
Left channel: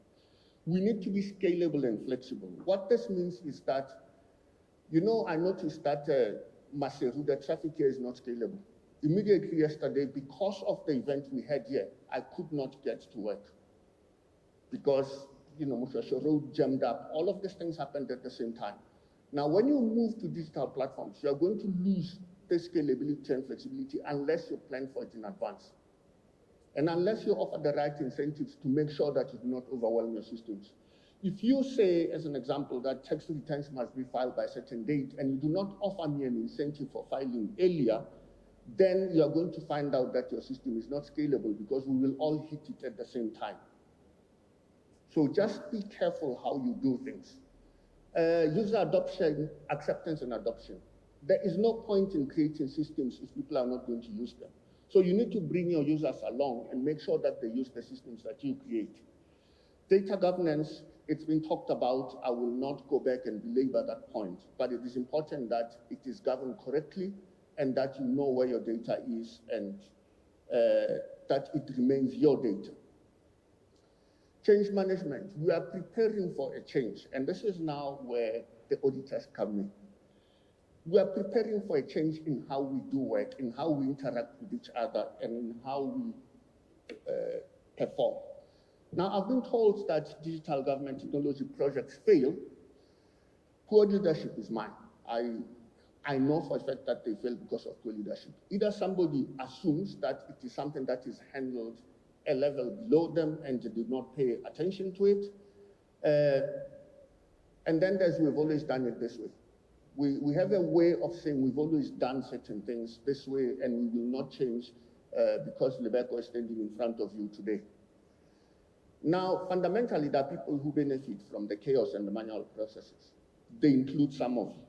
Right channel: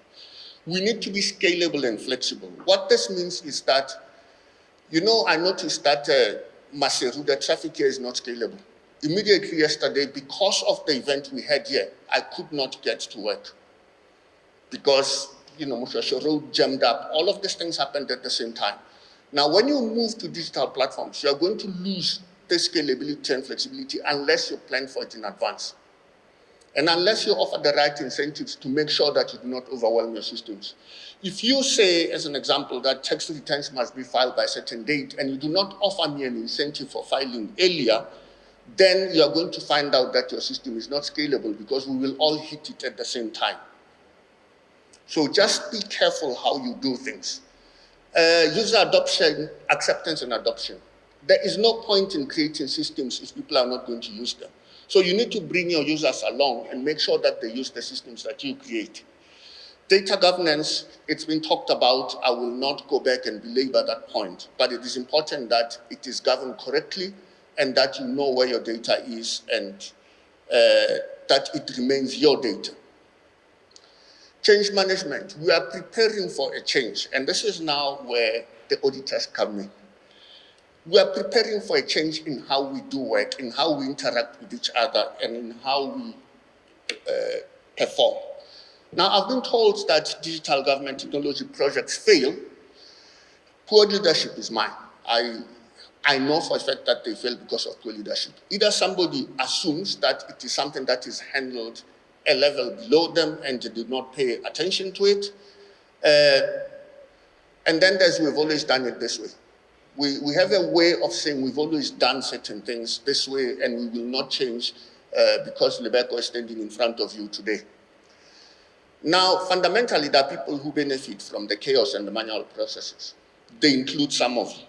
We need to be scalable and flexible. What this means is that, I noticed that Maseru, the traffic here is not scalable. Immediately yesterday, because of the event we had here, I could not get to work because, Mushasho Road jammed up. All of these things happened at the same time. Now, when you move to digital platforms, you are going to lose the scalability and flexibility unless you plan for it in advance. And unless you offer the right incentives to make sure that you do not overwhelm your systems. If you say, as an example, that tax returns must be filed by a certain date, and you do not offer me an incentive for filing earlier, then you are going to find out that your system is not scalable because we will all hit it at the same time. So just be careful how you do things. User adoption, acceptance and adoption. There is no point in creating systems if people are not going to use them. So you need to bring your users along and make sure that they use the systems that you create. Data governance, it's been talked about. I will not go back and belabor that point, but it is important that it is governed correctly and that you know where your data is and that it remains your data. Change management, we are preparing for a change, and this is now where the auditors come in. We are preparing for a change in how we do work, in how we interact with each other, and in how we perform. Now, I've been told that digital government technology projects fail. Poor leadership is mine. I know for a fact that they fail because of poor leadership. Either somebody assumes that it is something that is handled a level below them and they do not pay attention to it. And then we've always done it this way. We have a way of saying we've always done certain things this way and we will not change because Lebeko is standing in front of you today. Now, fundamentally, there are people who benefit from the chaos and the manual processes. They include some of you.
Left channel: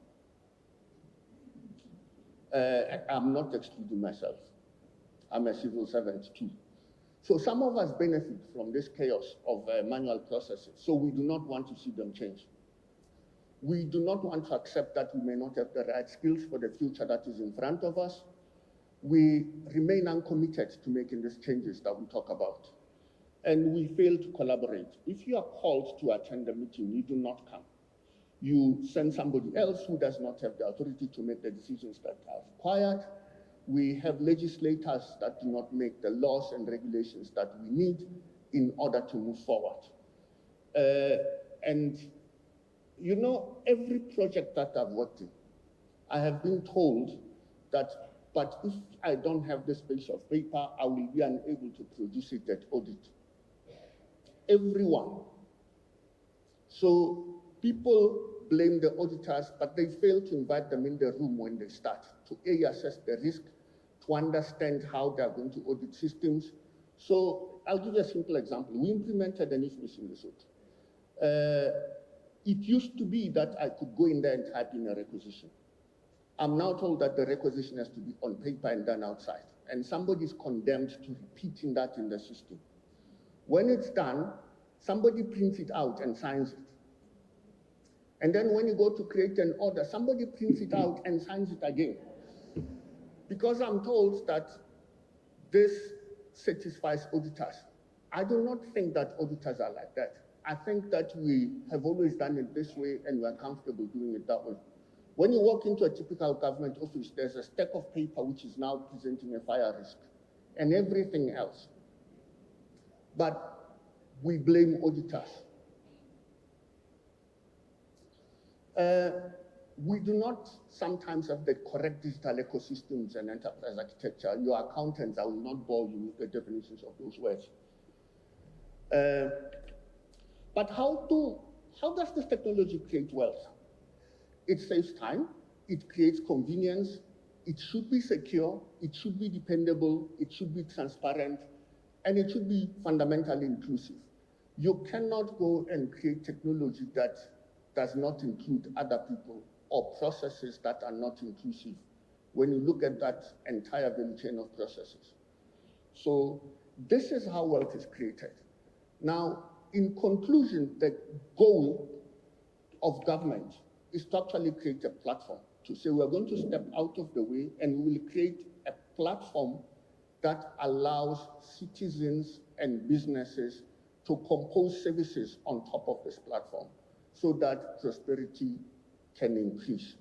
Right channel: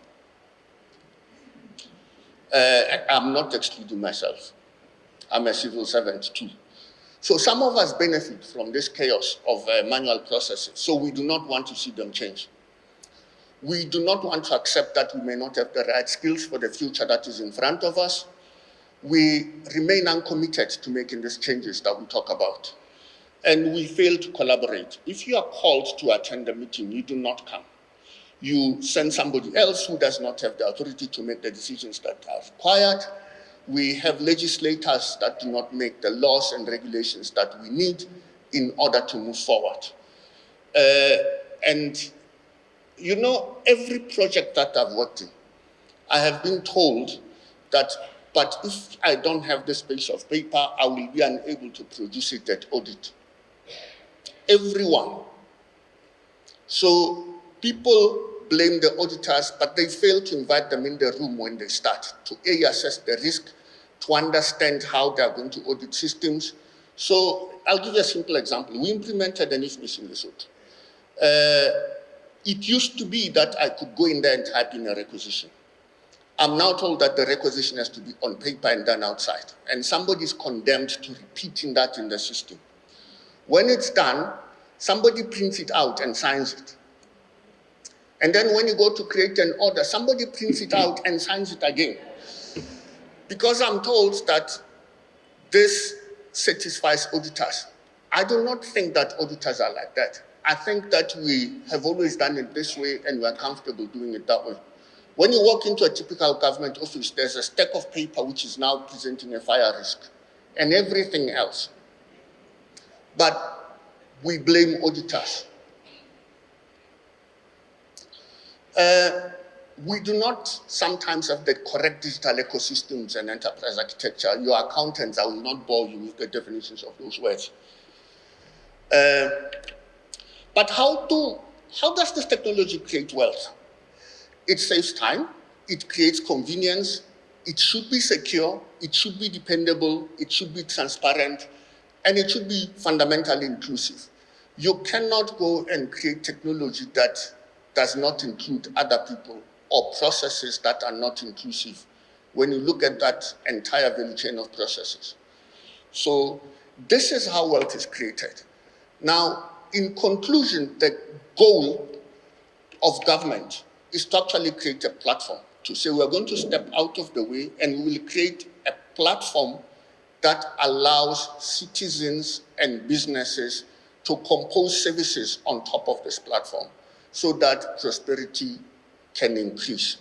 I'm not excluding myself. I'm a civil servant too. So some of us benefit from this chaos of manual processes, so we do not want to see them change. We do not want to accept that we may not have the right skills for the future that is in front of us. We remain uncommitted to making these changes that we talk about. And we fail to collaborate. If you are called to attend a meeting, you do not come. You send somebody else who does not have the authority to make the decisions that are required. We have legislators that do not make the laws and regulations that we need in order to move forward. And every project that I've worked in, I have been told that, but if I don't have this piece of paper, I will be unable to produce it at audit. Everyone. So people blame the auditors, but they fail to invite them in the room when they start to assess the risk, to understand how they are going to audit systems. So I'll give you a simple example. We implemented an IFMIS in Lesotho. It used to be that I could go in there and type in a requisition. I'm now told that the requisition has to be on paper and done outside. And somebody is condemned to repeating that in the system. When it's done, somebody prints it out and signs it. And then when you go to create an order, somebody prints it out and signs it again. Because I'm told that this satisfies auditors. I do not think that auditors are like that. I think that we have always done it this way and we're comfortable doing it that way. When you walk into a typical government office, there's a stack of paper which is now presenting a fire risk and everything else. But we blame auditors. We do not sometimes have the correct digital ecosystems and enterprise architecture. Your accountants, I will not bore you with the definitions of those words. But how does this technology create wealth? It saves time, it creates convenience, it should be secure, it should be dependable, it should be transparent, and it should be fundamentally inclusive. You cannot go and create technology that does not include other people or processes that are not inclusive when you look at that entire value chain of processes. So this is how wealth is created. Now, in conclusion, the goal of government is to actually create a platform to say we're going to step out of the way and we will create a platform that allows citizens and businesses to compose services on top of this platform so that prosperity can increase.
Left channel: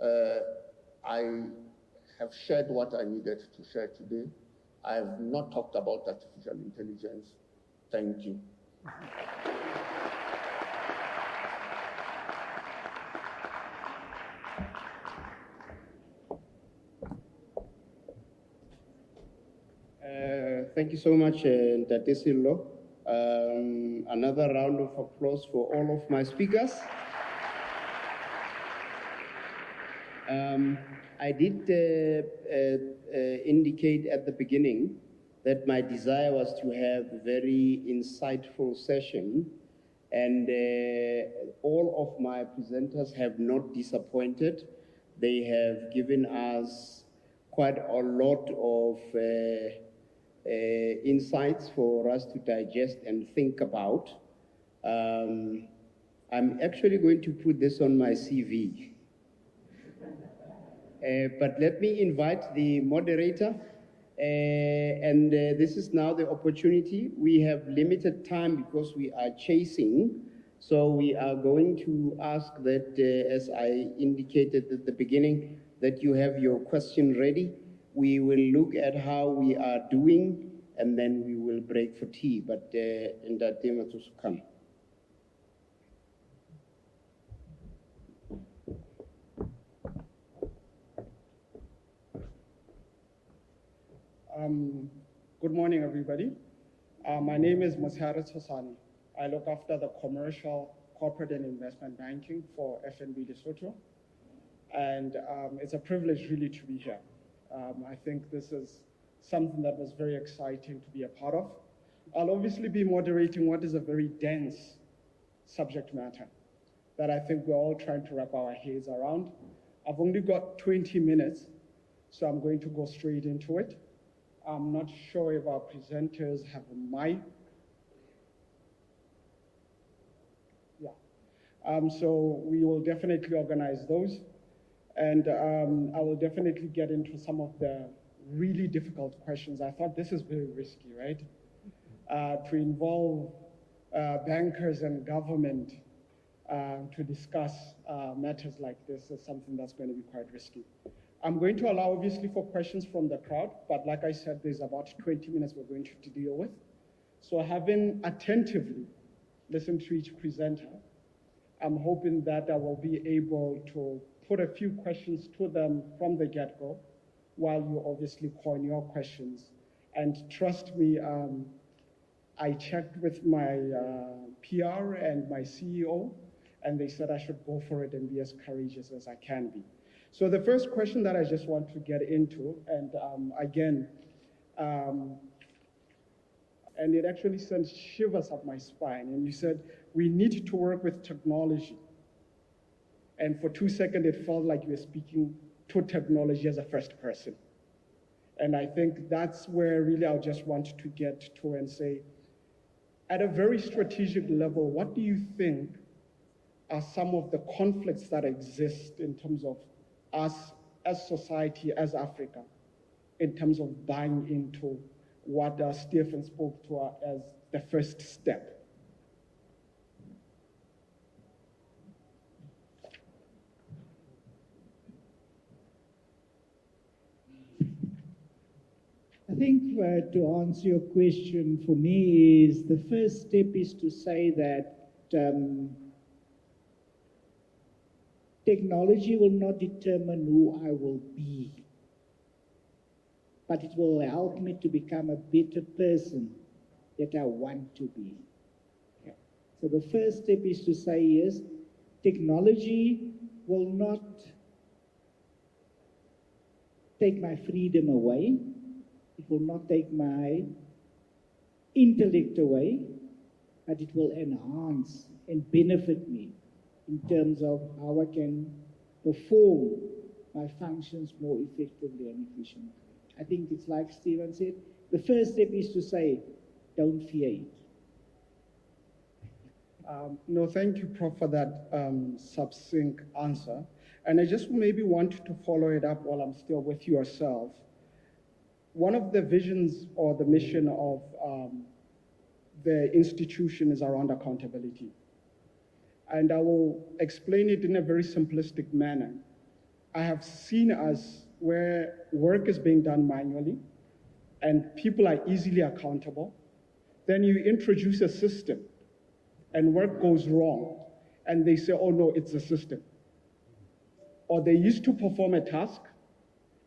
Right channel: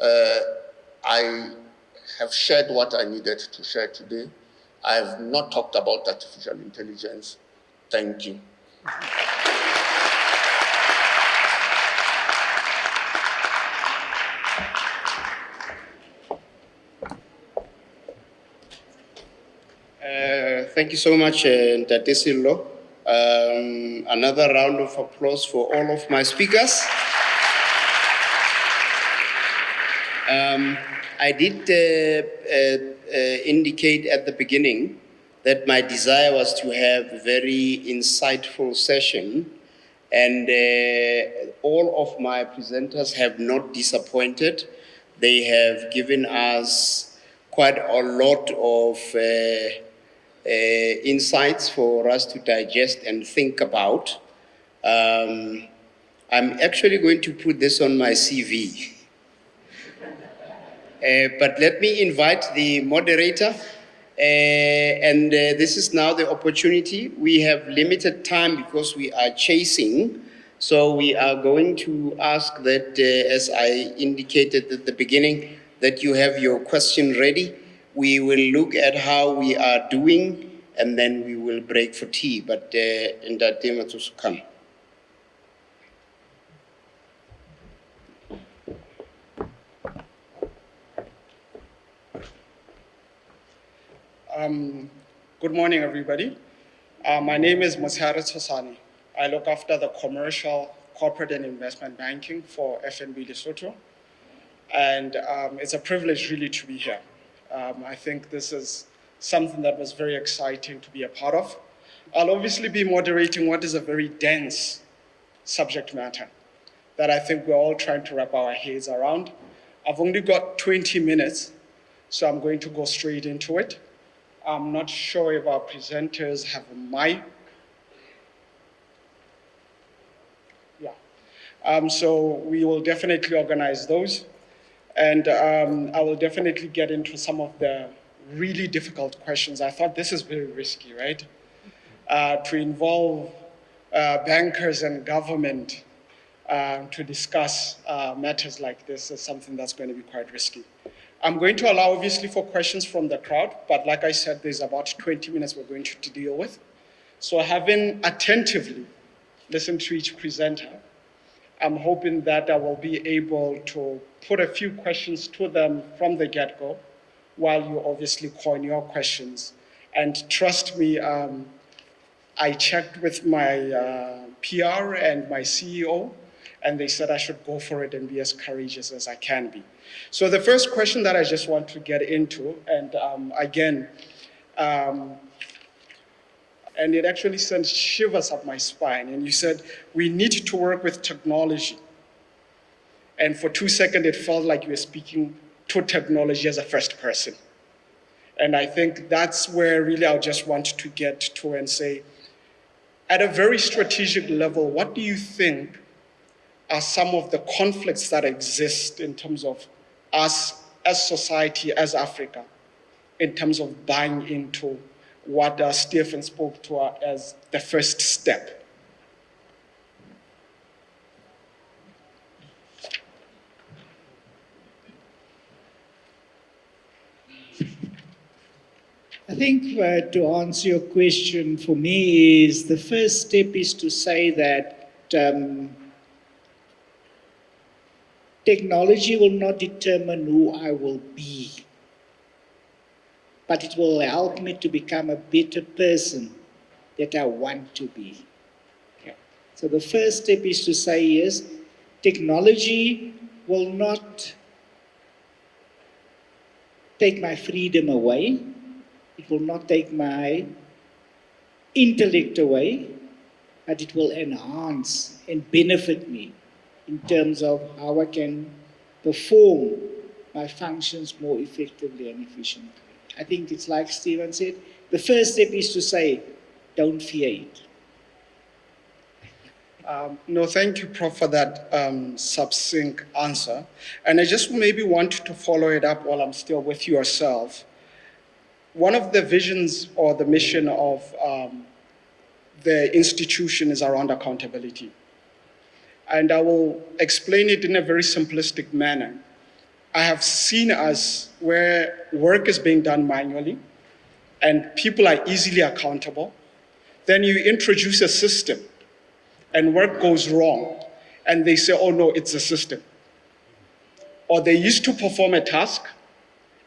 I have shared what I needed to share today. I have not talked about artificial intelligence. Thank you. Thank you so much, Ntate Sillo. Another round of applause for all of my speakers. I did indicate at the beginning that my desire was to have a very insightful session, and all of my presenters have not disappointed. They have given us quite a lot of insights for us to digest and think about. I'm actually going to put this on my CV. But let me invite the moderator, and this is now the opportunity. We have limited time because we are chasing, so we are going to ask that, as I indicated at the beginning, that you have your question ready. We will look at how we are doing, and then we will break for tea. But in that time, it will come. Good morning, everybody. My name is Mosihari Tosani. I look after the commercial, corporate, and investment banking for FNB Lesotho. And it's a privilege really to be here. I think this is something that was very exciting to be a part of. I'll obviously be moderating what is a very dense subject matter that I think we're all trying to wrap our heads around. I've only got 20 minutes, so I'm going to go straight into it. I'm not sure if our presenters have a mic. Yeah. So we will definitely organize those. And I will definitely get into some of the really difficult questions. I thought this is very risky, right? To involve bankers and government to discuss matters like this is something that's going to be quite risky. I'm going to allow, obviously, for questions from the crowd, but like I said, there's about 20 minutes we're going to deal with. So having attentively listened to each presenter, I'm hoping that I will be able to put a few questions to them from the get-go while you obviously coin your questions. And trust me, I checked with my PR and my CEO, and they said I should go for it and be as courageous as I can be. So the first question that I just want to get into, and again, and it actually sent shivers up my spine, and you said, we need to work with technology. And for 2 seconds, it felt like you were speaking to technology as a first person. And I think that's where really I just want to get to and say, at a very strategic level, what do you think are some of the conflicts that exist in terms of us as society, as Africa, in terms of buying into what Stephen spoke to as the first step? think to answer your question for me is the first step is to say that technology will not determine who I will be, but it will help me to become a better person that I want to be. Okay. So the first step is to say yes, technology will not take my freedom away. It will not take my intellect away, but it will enhance and benefit me in terms of how I can perform my functions more effectively and efficiently. I think it's like Stephen said, the first step is to say, don't fear it. No, thank you, Prof, for that succinct answer. And I just maybe want to follow it up while I'm still with yourself. One of the visions or the mission of the institution is around accountability. And I will explain it in a very simplistic manner. I have seen us where work is being done manually and people are easily accountable. Then you introduce a system and work goes wrong and they say, oh no, it's a system. Or they used to perform a task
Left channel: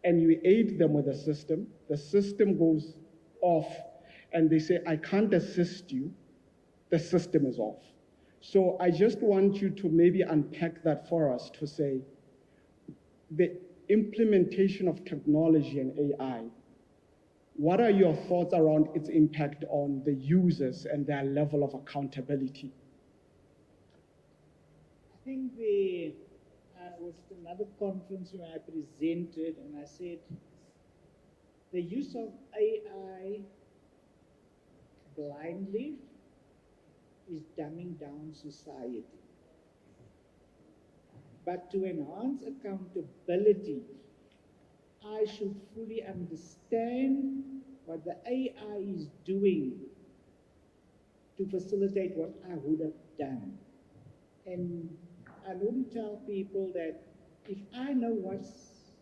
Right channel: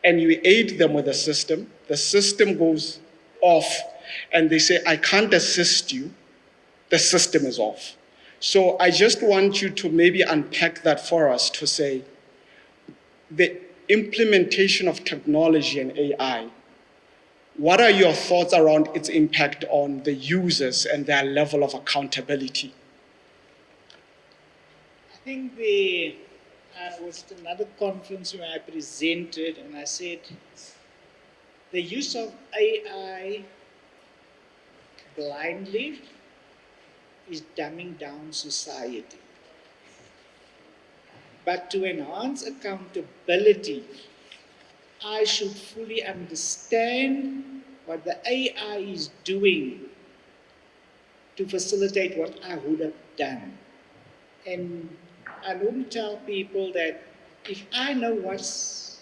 and you aid them with the system goes off and they say, I can't assist you, the system is off. So I just want you to maybe unpack that for us to say, the implementation of technology and AI, what are your thoughts around its impact on the users and their level of accountability? I think I was at another conference where I presented and I said, the use of AI blindly is dumbing down society. But to enhance accountability, I should fully understand what the AI is doing to facilitate what I would have done. And I normally tell people that if I know what's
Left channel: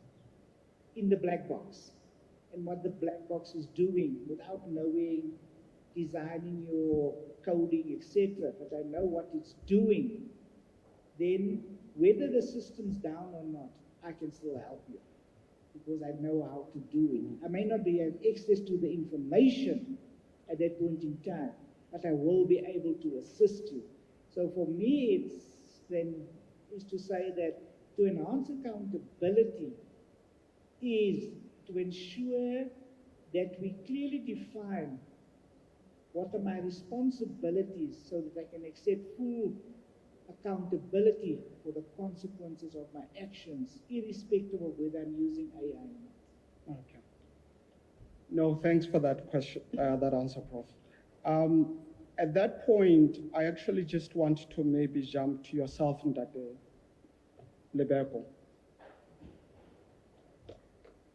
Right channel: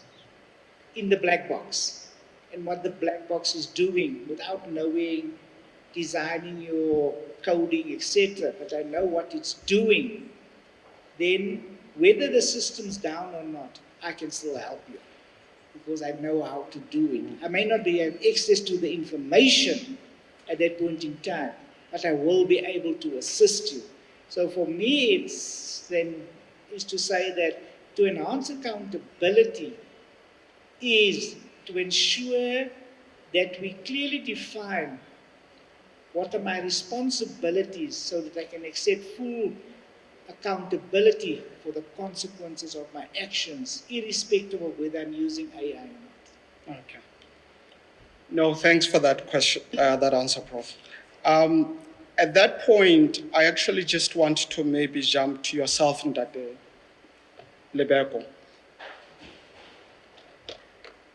in the black box and what the black box is doing without knowing, designing your coding, etc., but I know what it's doing, then whether the system's down or not, I can still help you because I know how to do it. I may not have access to the information at that point in time, but I will be able to assist you. So for me, is to say that to enhance accountability is to ensure that we clearly define what are my responsibilities so that I can accept full accountability for the consequences of my actions, irrespective of whether I'm using AI or not. Okay. No, thanks for that question, that answer, Prof. At that point, I actually just want to maybe jump to yourself, Ndate Lebeko.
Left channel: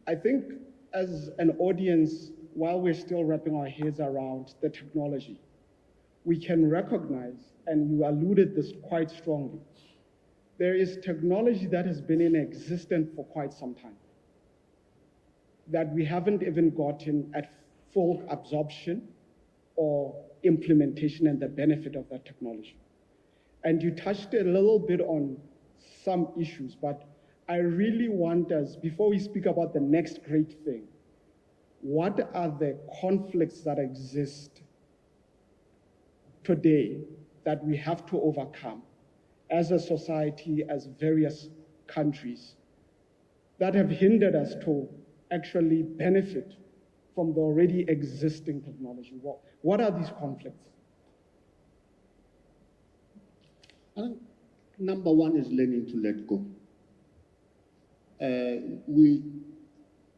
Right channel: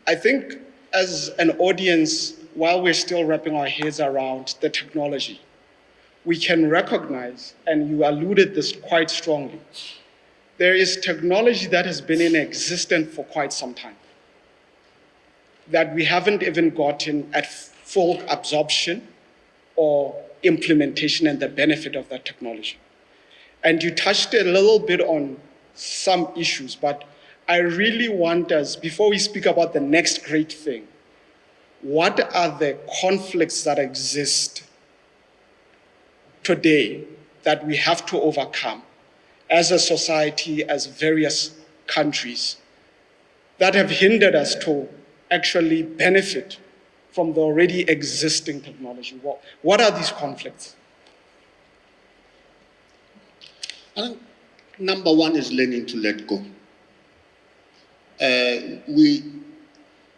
I think as an audience, while we're still wrapping our heads around the technology, we can recognize, and you alluded this quite strongly, there is technology that has been in existence for quite some time, that we haven't even gotten at full absorption or implementation and the benefit of that technology. And you touched a little bit on some issues, but I really want us, before we speak about the next great thing, what are the conflicts that exist today that we have to overcome as a society, as various countries, that have hindered us to actually benefit from the already existing technology? What are these conflicts? I think number one is learning to let go.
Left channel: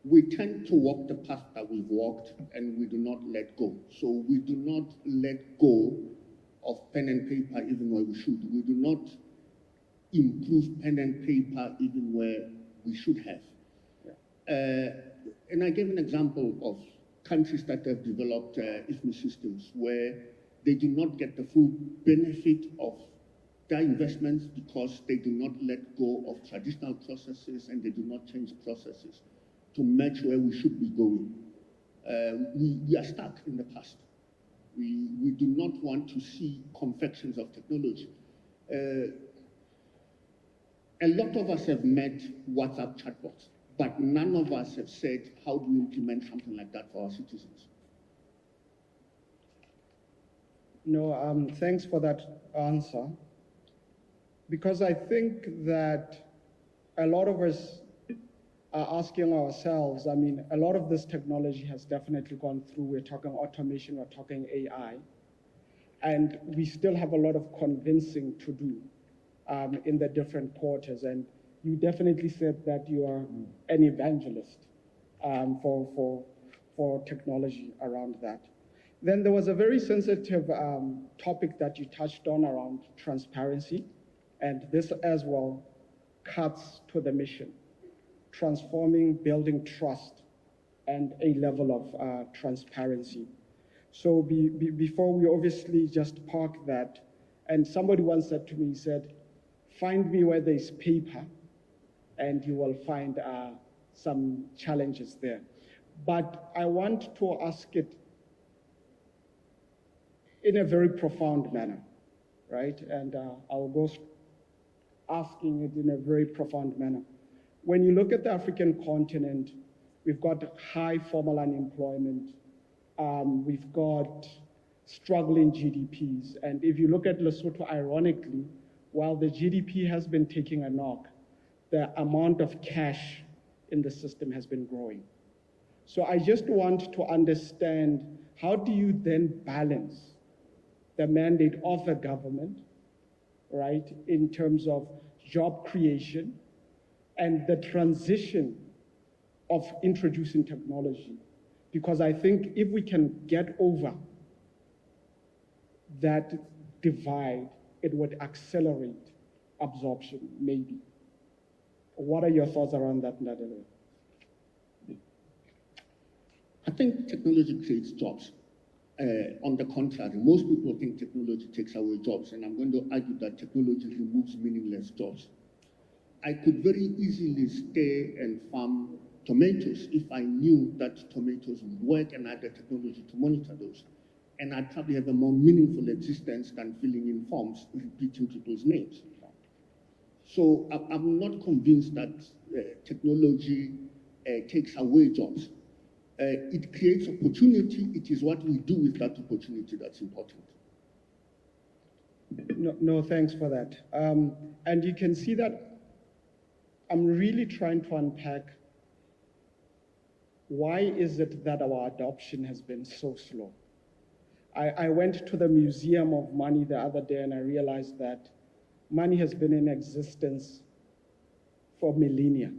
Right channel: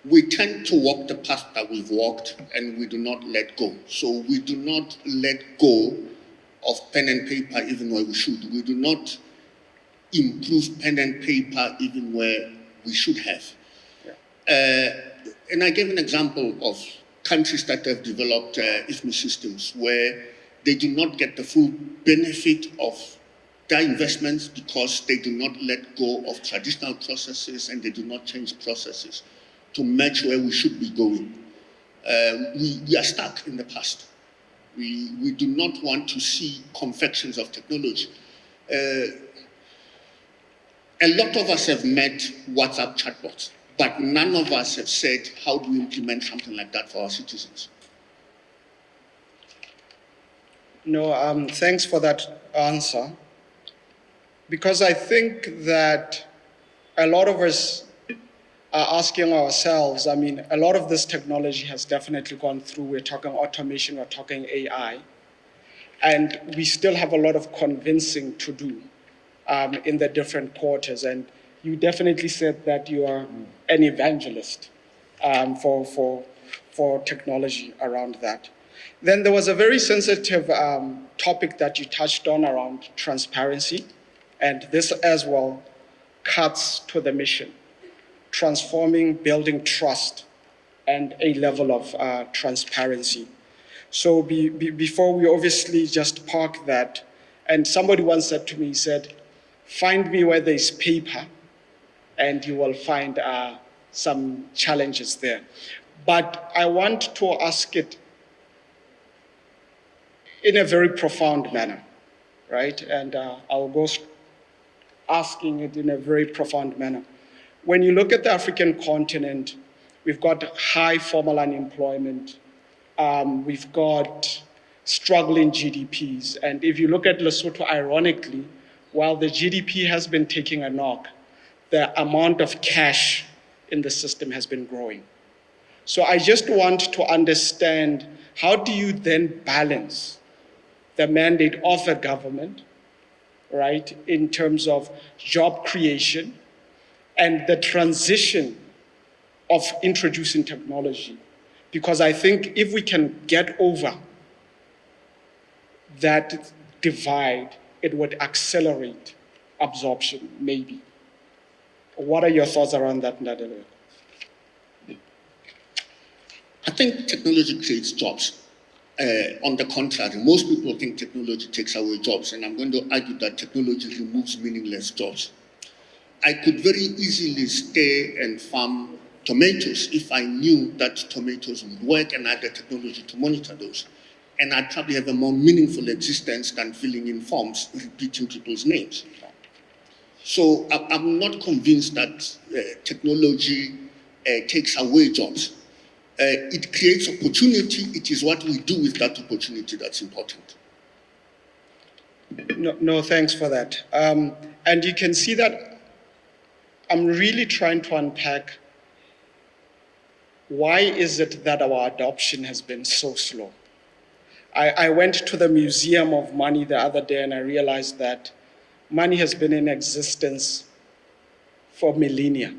We tend to walk the path that we've walked and we do not let go. So we do not let go of pen and paper even where we should. We do not improve pen and paper even where we should have. Yeah. And I gave an example of countries that have developed IFMI systems where they do not get the full benefit of their investments because they do not let go of traditional processes and they do not change processes to match where we should be going. we are stuck in the past. We do not want to see confections of technology. A lot of us have met WhatsApp chatbots, but none of us have said, how do we implement something like that for our citizens? No, thanks for that answer. Because I think that a lot of us are asking ourselves, I mean, a lot of this technology has definitely gone through. We're talking automation, we're talking AI, and we still have a lot of convincing to do in the different quarters. And you definitely said that you are an evangelist for technology around that. Then there was a very sensitive topic that you touched on around transparency, and this as well cuts to the mission, transforming, building trust, and a level of transparency. So before we obviously just park that, and somebody once said to me, he said, find me where there's paper, and you will find some challenges there. But I want to ask it in a very profound manner, right? And I'll go asking it in a very profound manner. When you look at the African continent, we've got high formal unemployment, we've got struggling GDPs. And if you look at Lesotho, ironically, while the GDP has been taking a knock, the amount of cash in the system has been growing. So I just want to understand, how do you then balance the mandate of a government, right, in terms of job creation and the transition of introducing technology? Because I think if we can get over that divide, it would accelerate absorption, maybe. What are your thoughts around that, Ndadele? I think technology creates jobs. On the contrary, most people think technology takes away jobs, and I'm going to argue that technology removes meaningless jobs. I could very easily stay and farm tomatoes if I knew that tomatoes would work and I had the technology to monitor those. And I'd probably have a more meaningful existence than filling in forms, repeating people's names. So I'm not convinced that technology takes away jobs. It creates opportunity. It is what we do with that opportunity that's important. No, thanks for that. And you can see that I'm really trying to unpack why is it that our adoption has been so slow. I went to the Museum of Money the other day and I realized that money has been in existence for millennia.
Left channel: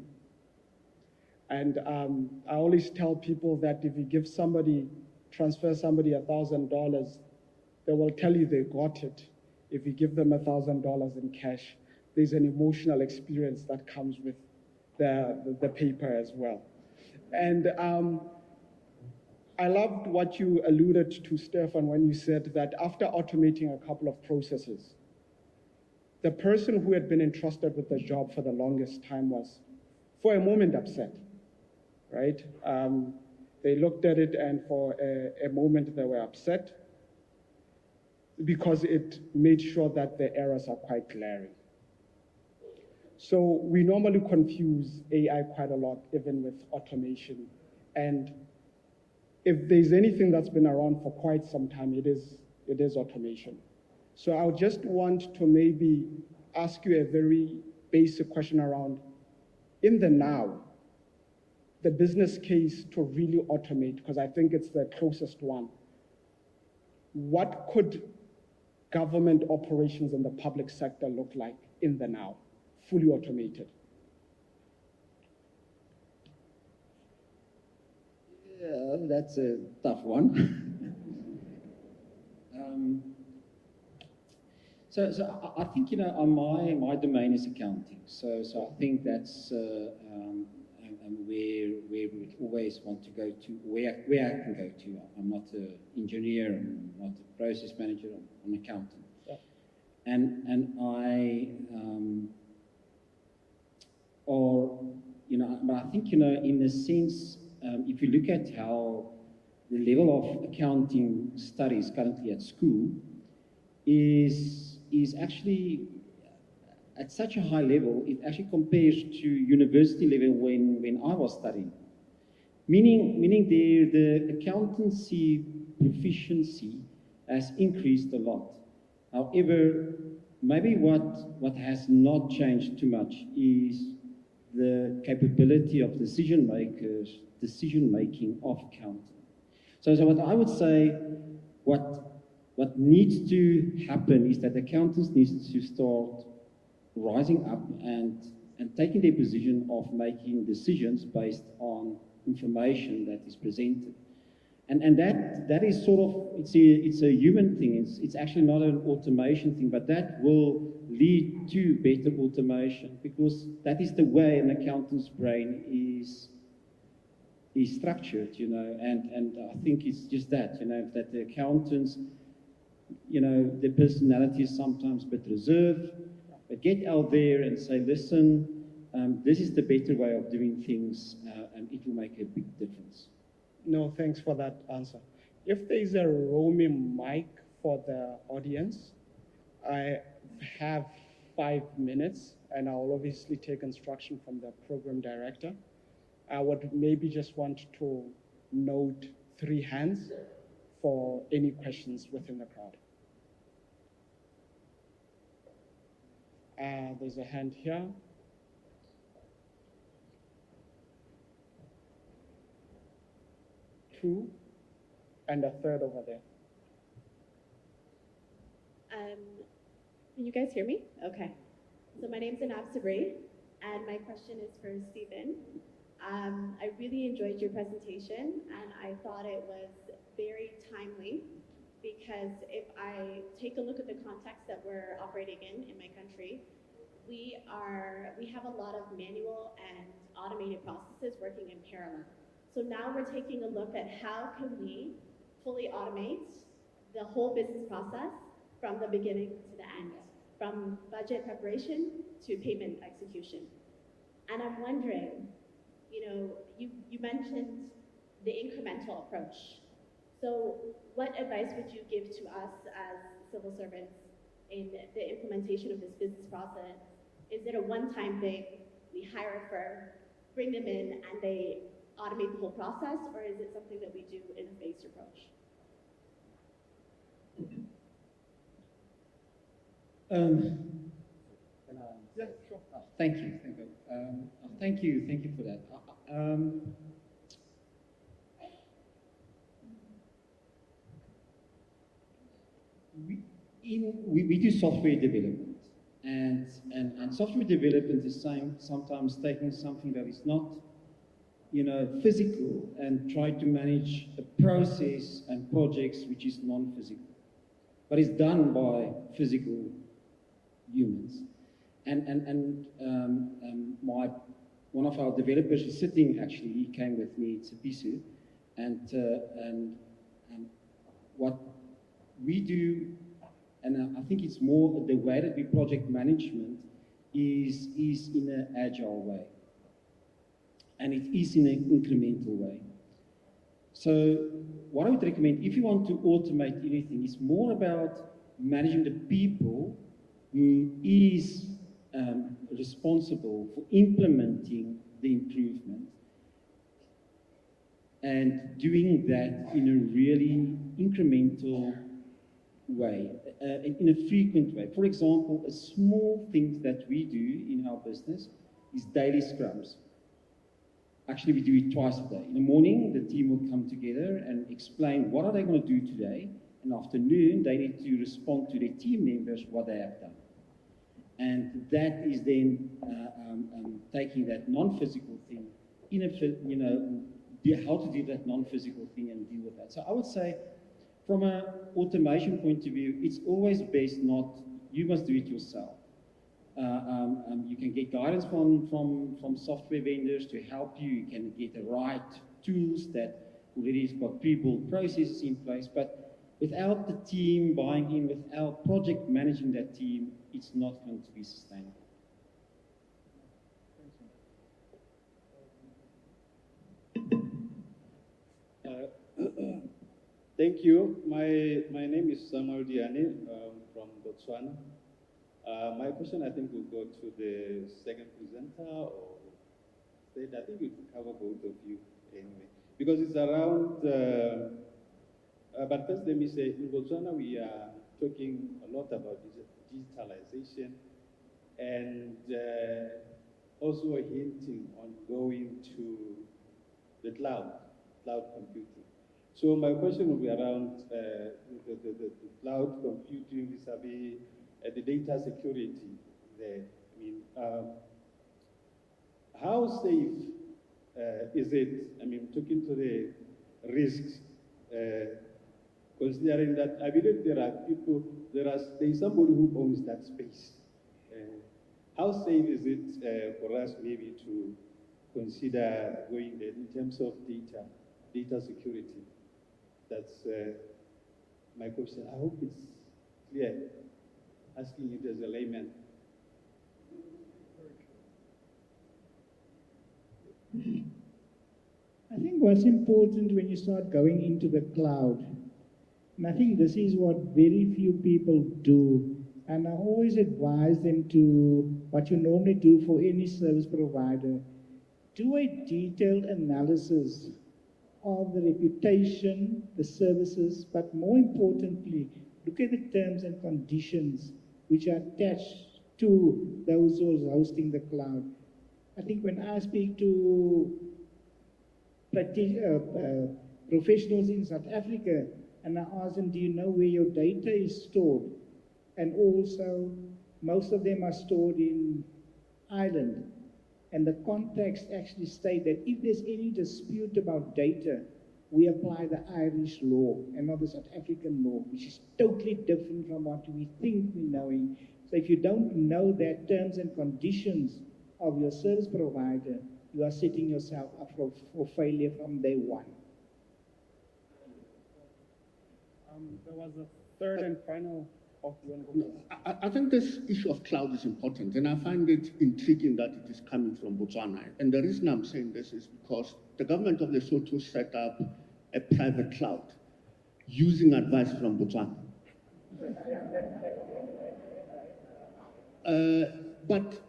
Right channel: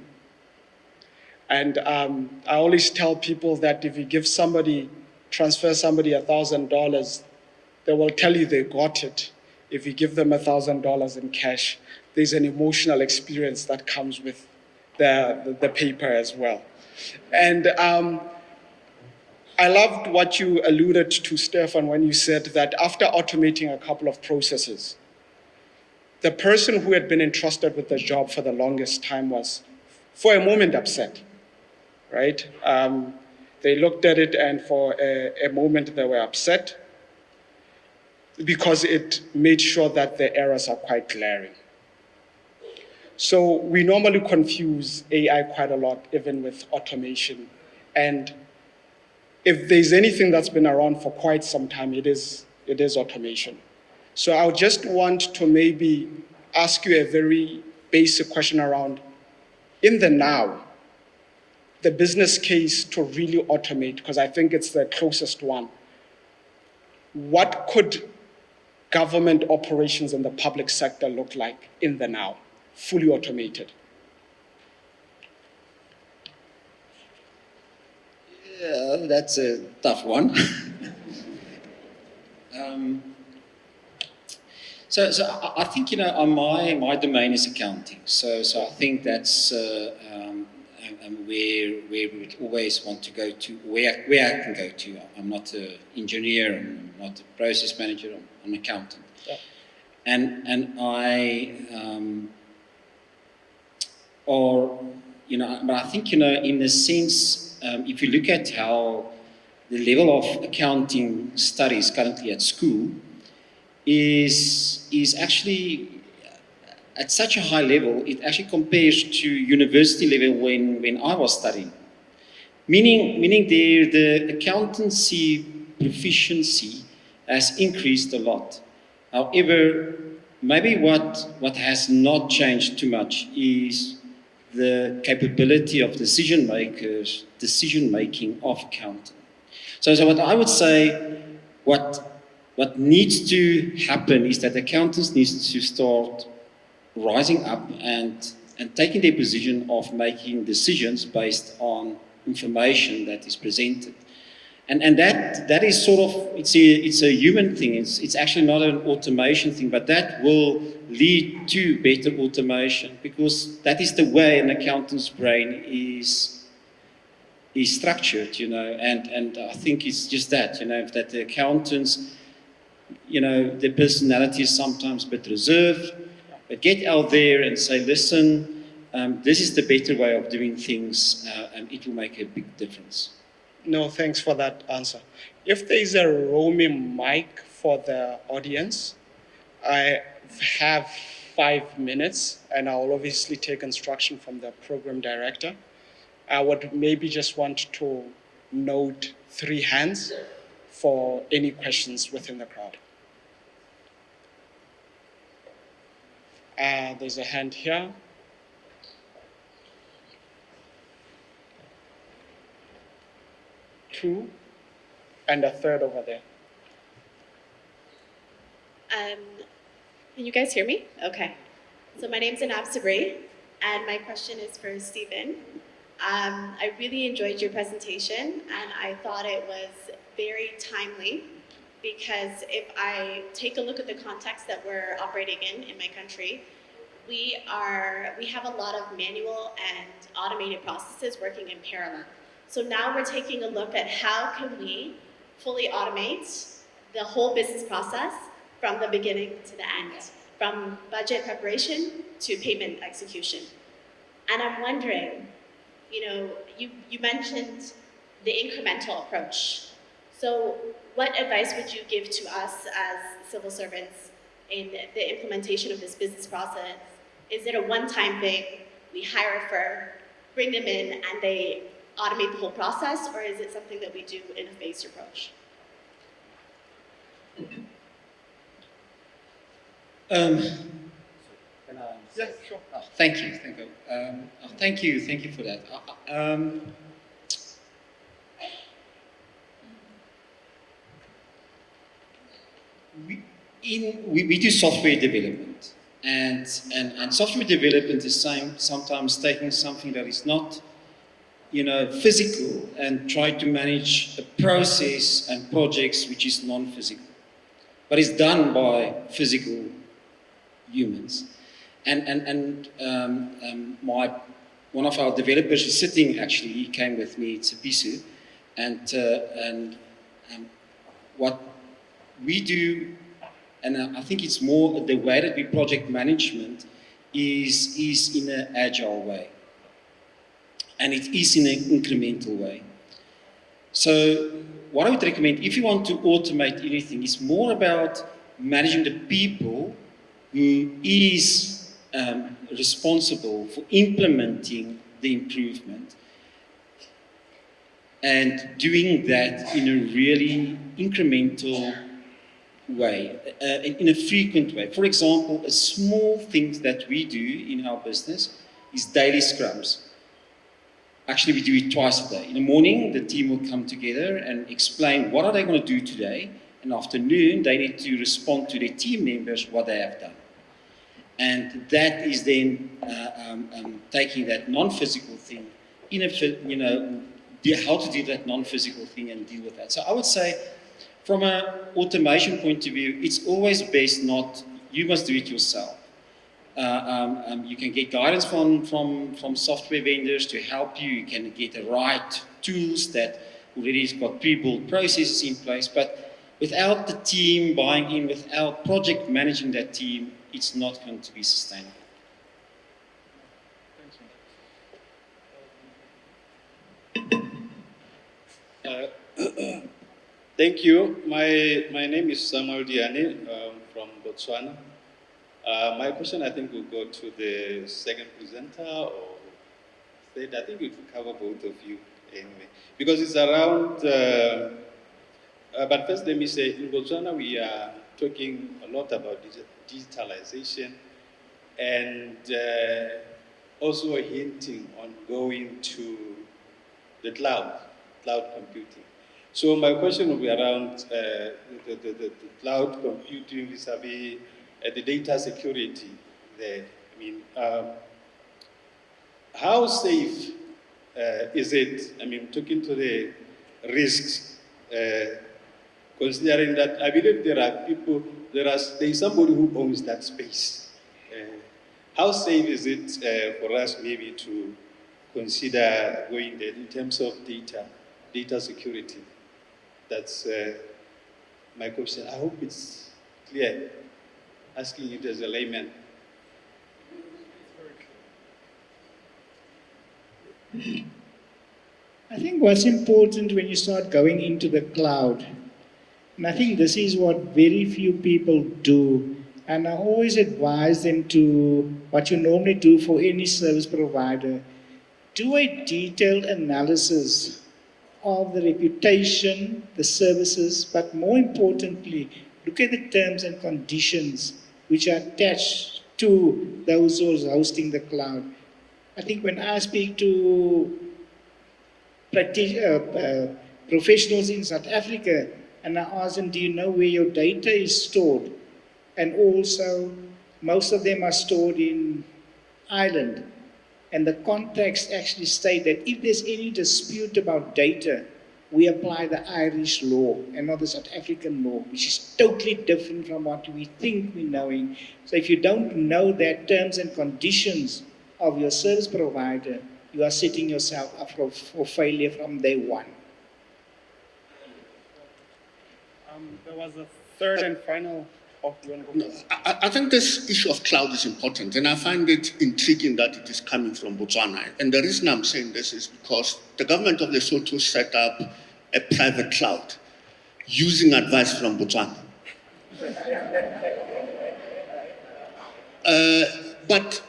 And I always tell people that if you transfer somebody $1,000, they will tell you they got it. If you give them $1,000 in cash, there's an emotional experience that comes with the paper as well. And I loved what you alluded to, Stefan, when you said that after automating a couple of processes, the person who had been entrusted with the job for the longest time was, for a moment, upset, right? They looked at it and for a moment they were upset because it made sure that the errors are quite glaring. So we normally confuse AI quite a lot, even with automation. And if there's anything that's been around for quite some time, it is automation. So I just want to maybe ask you a very basic question around, in the now, the business case to really automate, because I think it's the closest one. What could government operations in the public sector look like in the now, fully automated? Yeah, that's a tough one. So I think, my domain is accounting. So I think that's where we would always want to go to, where I can go to. I'm not an engineer, I'm not a process manager, I'm an accountant. Yeah. And I, but I think, in a sense, if you look at how the level of accounting studies currently at school is actually at such a high level, it actually compares to university level when I was studying. Meaning the accountancy proficiency has increased a lot. However, maybe what has not changed too much is the capability of decision makers, decision making of accounting. So what I would say, what needs to happen is that accountants need to start rising up and taking their position of making decisions based on information that is presented. And that is sort of, it's a human thing. It's actually not an automation thing, but that will lead to better automation because that is the way an accountant's brain is structured, and I think it's just that, that the accountants, their personality is sometimes a bit reserved, but get out there and say, listen, this is the better way of doing things, and it will make a big difference. No, thanks for that answer. If there is a roaming mic for the audience, I have 5 minutes, and I'll obviously take instruction from the program director. I would maybe just want to note 3 hands for any questions within the crowd. There's a hand here. Two, and a third over there. Can you guys hear me? Okay. So my name's Anab Sabri, and my question is for Stephen. I really enjoyed your presentation, and I thought it was very timely because if I take a look at the context that we're operating in my country, we have a lot of manual and automated processes working in parallel. So now we're taking a look at how can we fully automate the whole business process from the beginning to the end, from budget preparation to payment execution. And I'm wondering, you mentioned the incremental approach. So what advice would you give to us as civil servants in the implementation of this business process? Is it a one-time thing? We hire a firm, bring them in, and they automate the whole process, or is it something that we do in a phased approach? Yeah, sure. Thank you for that. We do software development, and software development is sometimes taking something that is not physical and try to manage a process and projects which is non-physical, but it's done by physical humans. One of our developers is sitting, actually, he came with me, it's Pisu, and what we do, and I think it's more the way that we project management is in an agile way. And it is in an incremental way. So what I would recommend, if you want to automate anything, is more about managing the people who is responsible for implementing the improvement and doing that in a really incremental way, in a frequent way. For example, a small thing that we do in our business is daily scrums. Actually, we do it twice a day. In the morning, the team will come together and explain what are they going to do today. In the afternoon, they need to respond to their team members what they have done. And that is then taking that non-physical thing, how to do that non-physical thing and deal with that. So I would say, from an automation point of view, it's always best you must do it yourself. You can get guidance from software vendors to help you. You can get the right tools that already has got pre-built processes in place. But without the team buying in, without project managing that team, it's not going to be sustainable. Thank you. My name is Samuel Diani from Botswana. My question, I think, will go to the second presenter or third. I think we could cover both of you anyway, because it's around. But first, let me say, in Botswana, we are talking a lot about digitalization and also hinting on going to the cloud computing. So my question will be around the cloud computing vis-a-vis the data security there. I mean, how safe is it? I mean, talking to the risks, considering that I believe there are people, there is somebody who owns that space. How safe is it for us maybe to consider going there in terms of data security? That's my question. I hope it's clear, asking it as a layman. I think what's important when you start going into the cloud, and I think this is what very few people do, and I always advise them to, what you normally do for any service provider, do a detailed analysis of the reputation, the services, but more importantly, look at the terms and conditions which are attached to those who are hosting the cloud. I think when I speak to professionals in South Africa, and I ask them, do you know where your data is stored? And also, most of them are stored in Ireland. And the contracts actually state that if there's any dispute about data, we apply the Irish law and not the South African law, which is totally different from what we think we're knowing. So if you don't know that terms and conditions of your service provider, you are setting yourself up for failure from day one. There was a third and final. I think this issue of cloud is important, and I find it intriguing that it is coming from Botswana. And the reason I'm saying this is because the government of Lesotho set up a private cloud using advice from Botswana. But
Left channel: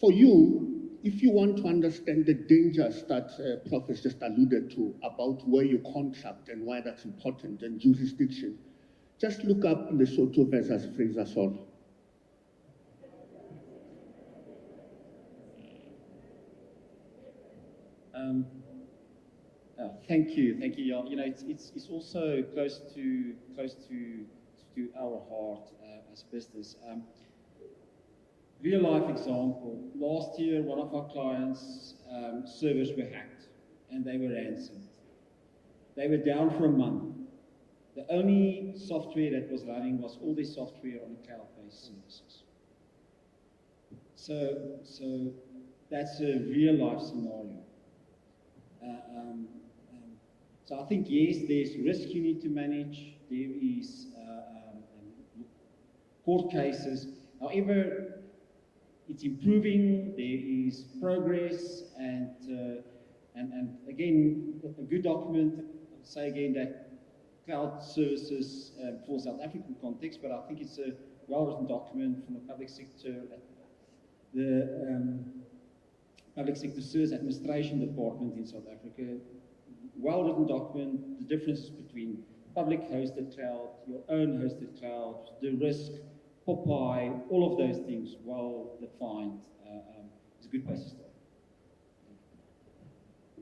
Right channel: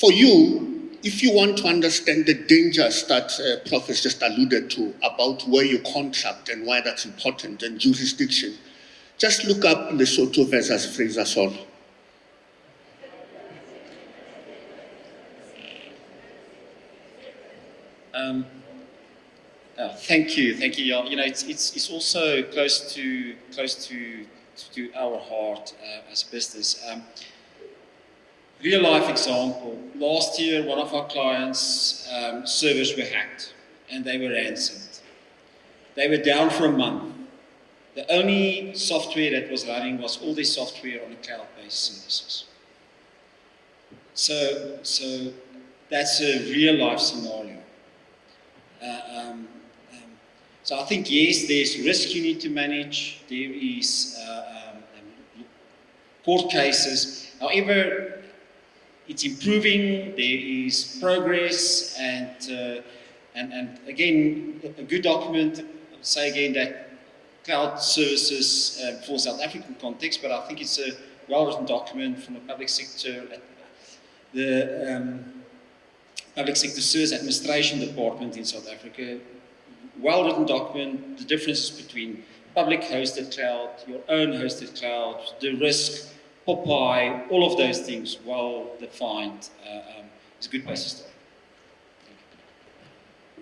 for you, if you want to understand the dangers that Prof has just alluded to about where you contract and why that's important and jurisdiction, just look up Lesotho versus Fraser Sol. Thank you. You know, it's also close to our heart as a business. Real life example. Last year, one of our clients' servers were hacked, and they were ransomed. They were down for a month. The only software that was running was all their software on the cloud-based services. So that's a real life scenario. So I think, yes, there's risk you need to manage. There is court cases. However, it's improving. There is progress, and again, a good document. I'll say again that cloud services for South African context, but I think it's a well-written document from the public sector. The Public Sector Service Administration Department in South Africa. Well-written document, the differences between public hosted cloud, your own hosted cloud, the risk, Popeye, all of those things well defined. It's a good place to start.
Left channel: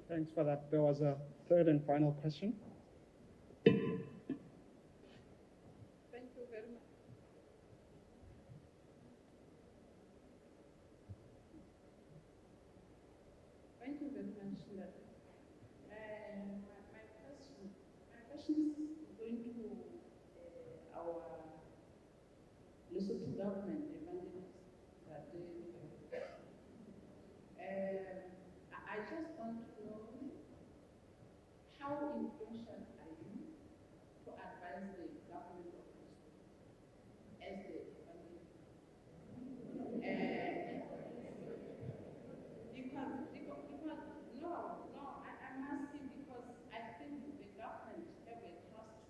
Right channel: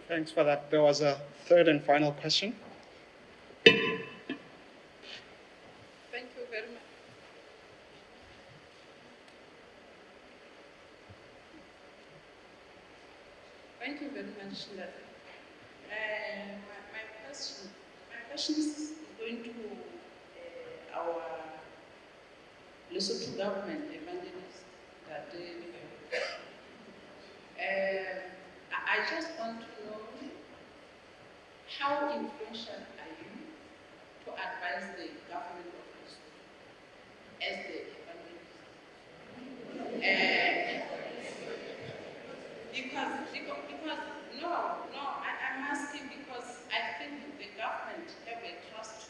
Thanks for that. There was a third and final question. Thank you very much. Thank you very much, Lada. My question is going to our Lesotho government evangelist that I just want to know how influential are you to advise the government of Lesotho as the evangelist? Because I'm asking because I think the government have a trust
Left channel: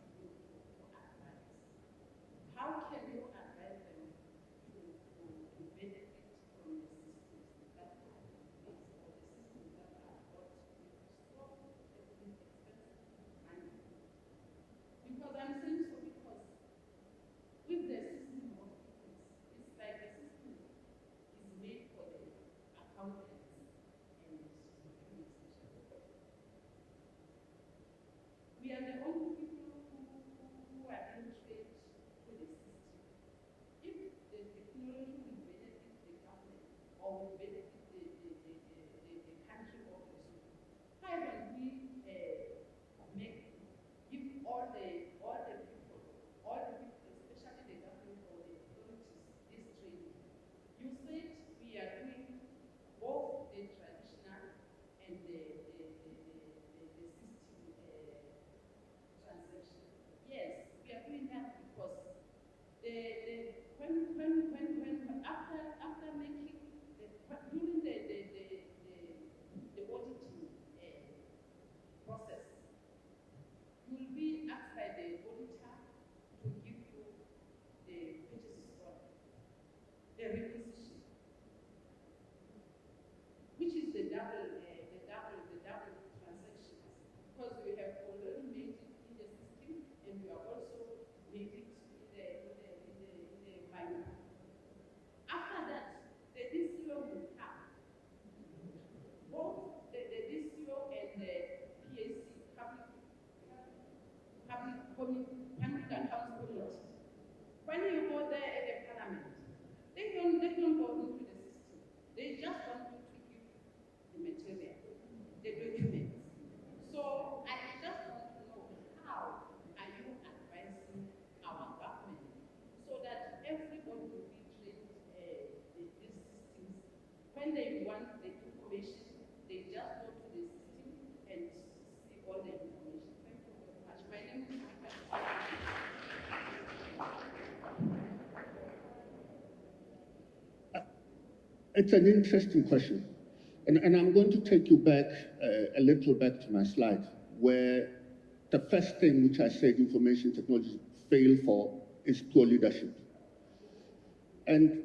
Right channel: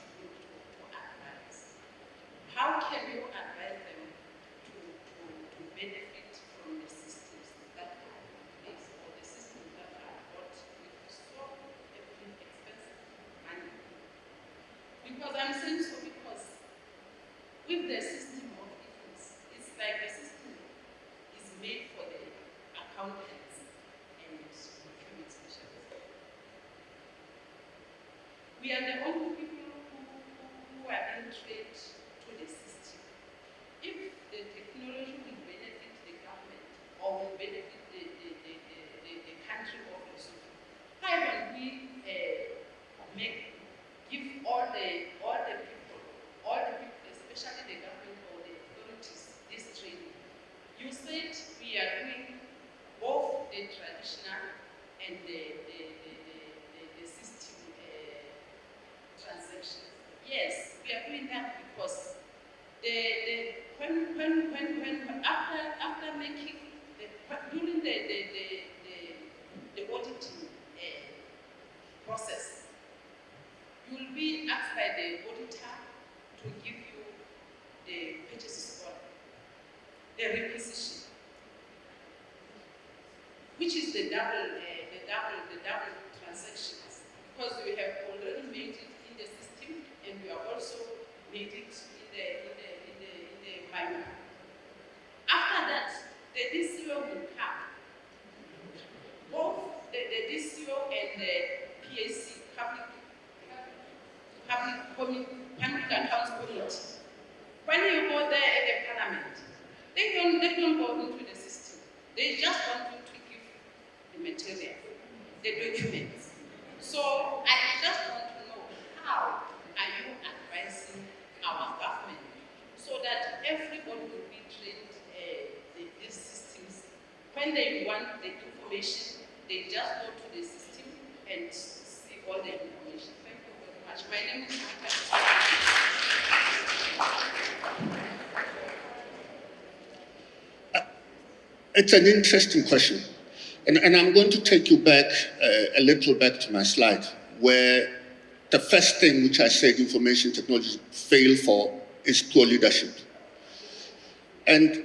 the requisition, which is the double transactions, because we have already made it in the system and we are also made it in the minor. After that, the DCO will come. Both the DCO and the PAC, Public Accounts Committee. When you go there at the parliament, they don't go into the system. They just want you to give the material, the documents. So I just want to know, how are you advising our government so that everybody will be trained these systems? When they want the information, they just go to the system and see all the information. Thank you very much. My name is It's an interesting question. And I'm going to take you back a little back to my slide, where the first thing which I said information technology fail for is poor leadership. And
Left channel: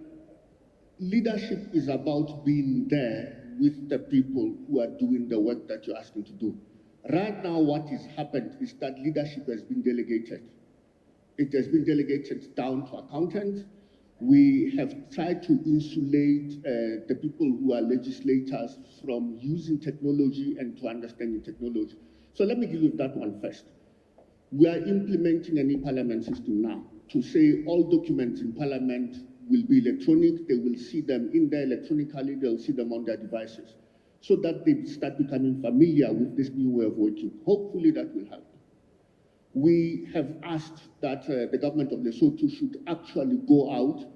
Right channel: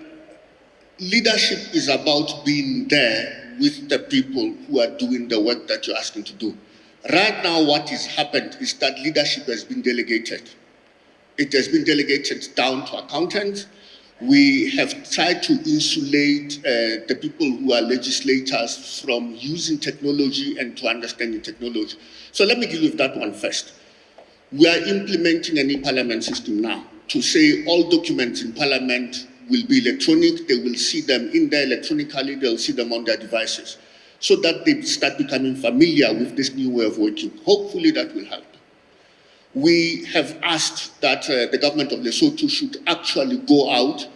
leadership is about being there with the people who are doing the work that you're asking to do. Right now, what has happened is that leadership has been delegated. It has been delegated down to accountants. We have tried to insulate the people who are legislators from using technology and to understanding technology. So let me deal with that one first. We are implementing an e-parliament system now to say all documents in parliament will be electronic. They will see them in there electronically. They'll see them on their devices so that they start becoming familiar with this new way of working. Hopefully that will help. We have asked that the government of Lesotho should actually go out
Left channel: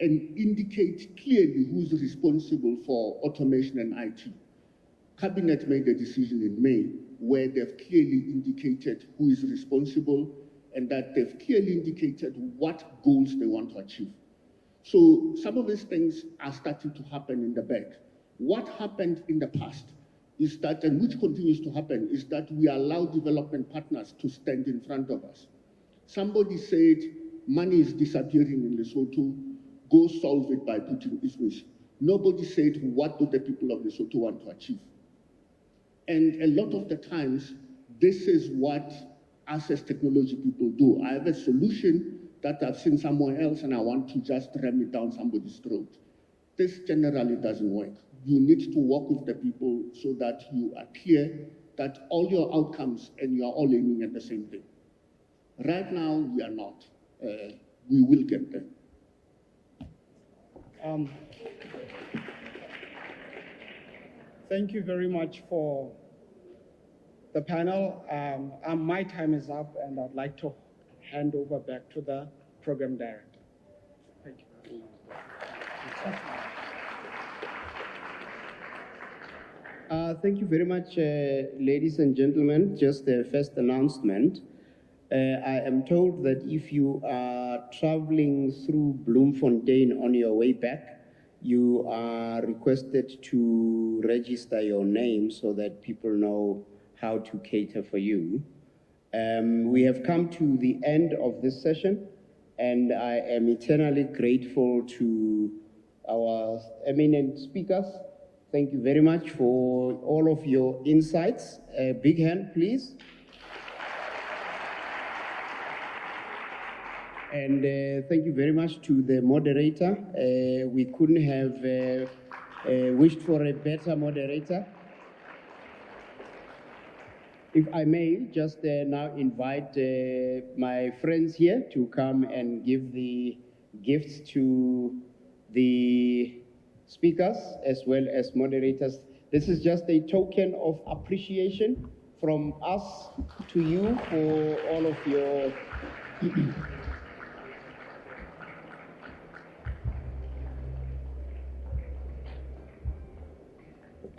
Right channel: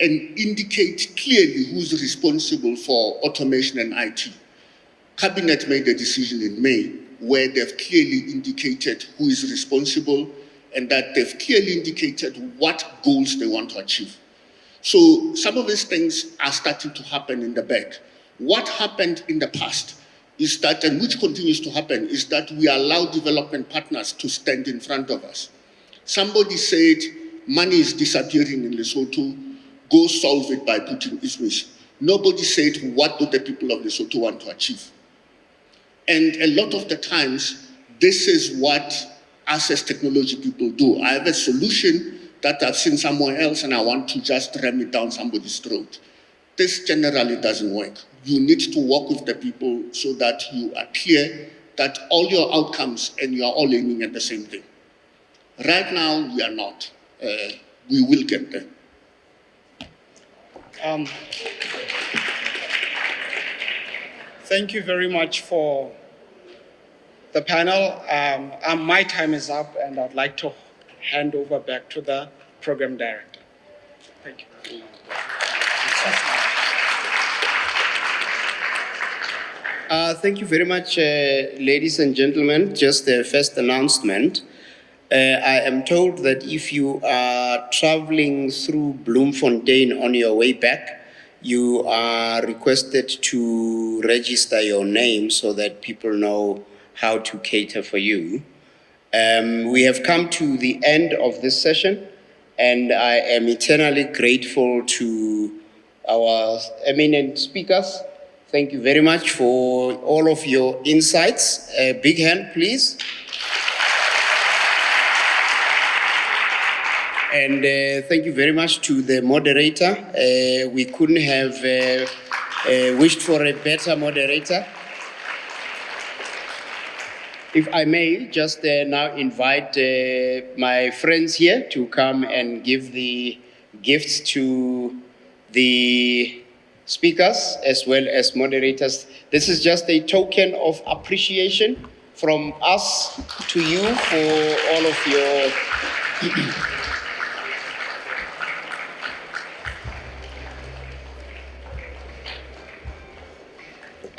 and indicate clearly who's responsible for automation and IT. Cabinet made a decision in May where they've clearly indicated who is responsible and that they've clearly indicated what goals they want to achieve. So some of these things are starting to happen in the back. What happened in the past is that, and which continues to happen, is that we allow development partners to stand in front of us. Somebody said, money is disappearing in Lesotho, go solve it by putting issues. Nobody said, what do the people of Lesotho want to achieve? And a lot of the times, this is what us as technology people do. I have a solution that I've seen somewhere else and I want to just ram it down somebody's throat. This generally doesn't work. You need to work with the people so that you are clear that all your outcomes and you are all aiming at the same thing. Right now, we are not. We will get there. Thank you very much for the panel. My time is up and I'd like to hand over back to the program director. Thank you. Thank you very much, ladies and gentlemen. Just the first announcement. I am told that if you are traveling through Bloemfontein on your way back, you are requested to register your name so that people know how to cater for you. We have come to the end of this session, and I am eternally grateful to our eminent speakers. Thank you very much for all of your insights. A big hand, please. And thank you very much to the moderator. We couldn't have wished for a better moderator. If I may, just now invite my friends here to come and give the gifts to the speakers as well as moderators. This is just a token of appreciation from us to you for all of your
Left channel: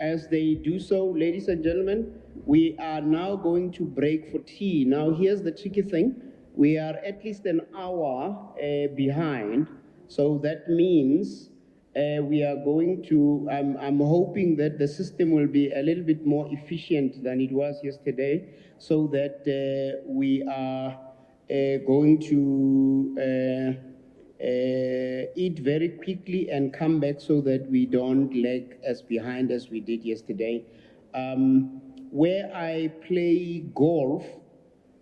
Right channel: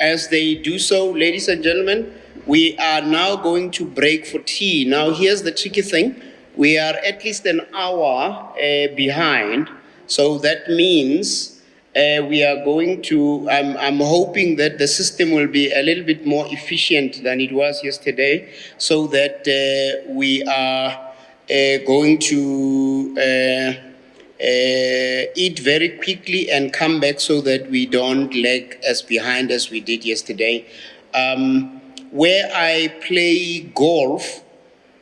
As they do so, ladies and gentlemen, we are now going to break for tea. Now, here's the tricky thing. We are at least an hour behind. So that means we are going to, I'm hoping that the system will be a little bit more efficient than it was yesterday, so that we are going to eat very quickly and come back so that we don't lag as behind as we did yesterday. Where I play golf,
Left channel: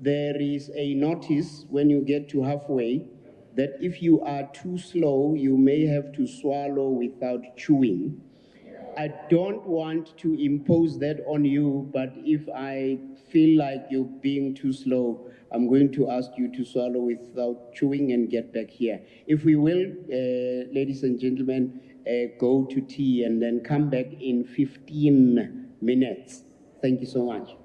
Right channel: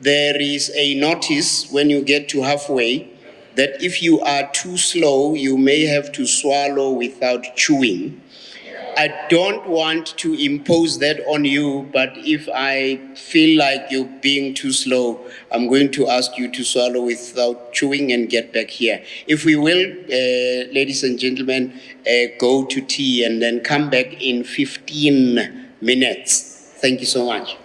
there is a notice when you get to halfway that if you are too slow, you may have to swallow without chewing. I don't want to impose that on you, but if I feel like you're being too slow, I'm going to ask you to swallow without chewing and get back here. If we will, ladies and gentlemen, go to tea and then come back in 15 minutes. Thank you so much.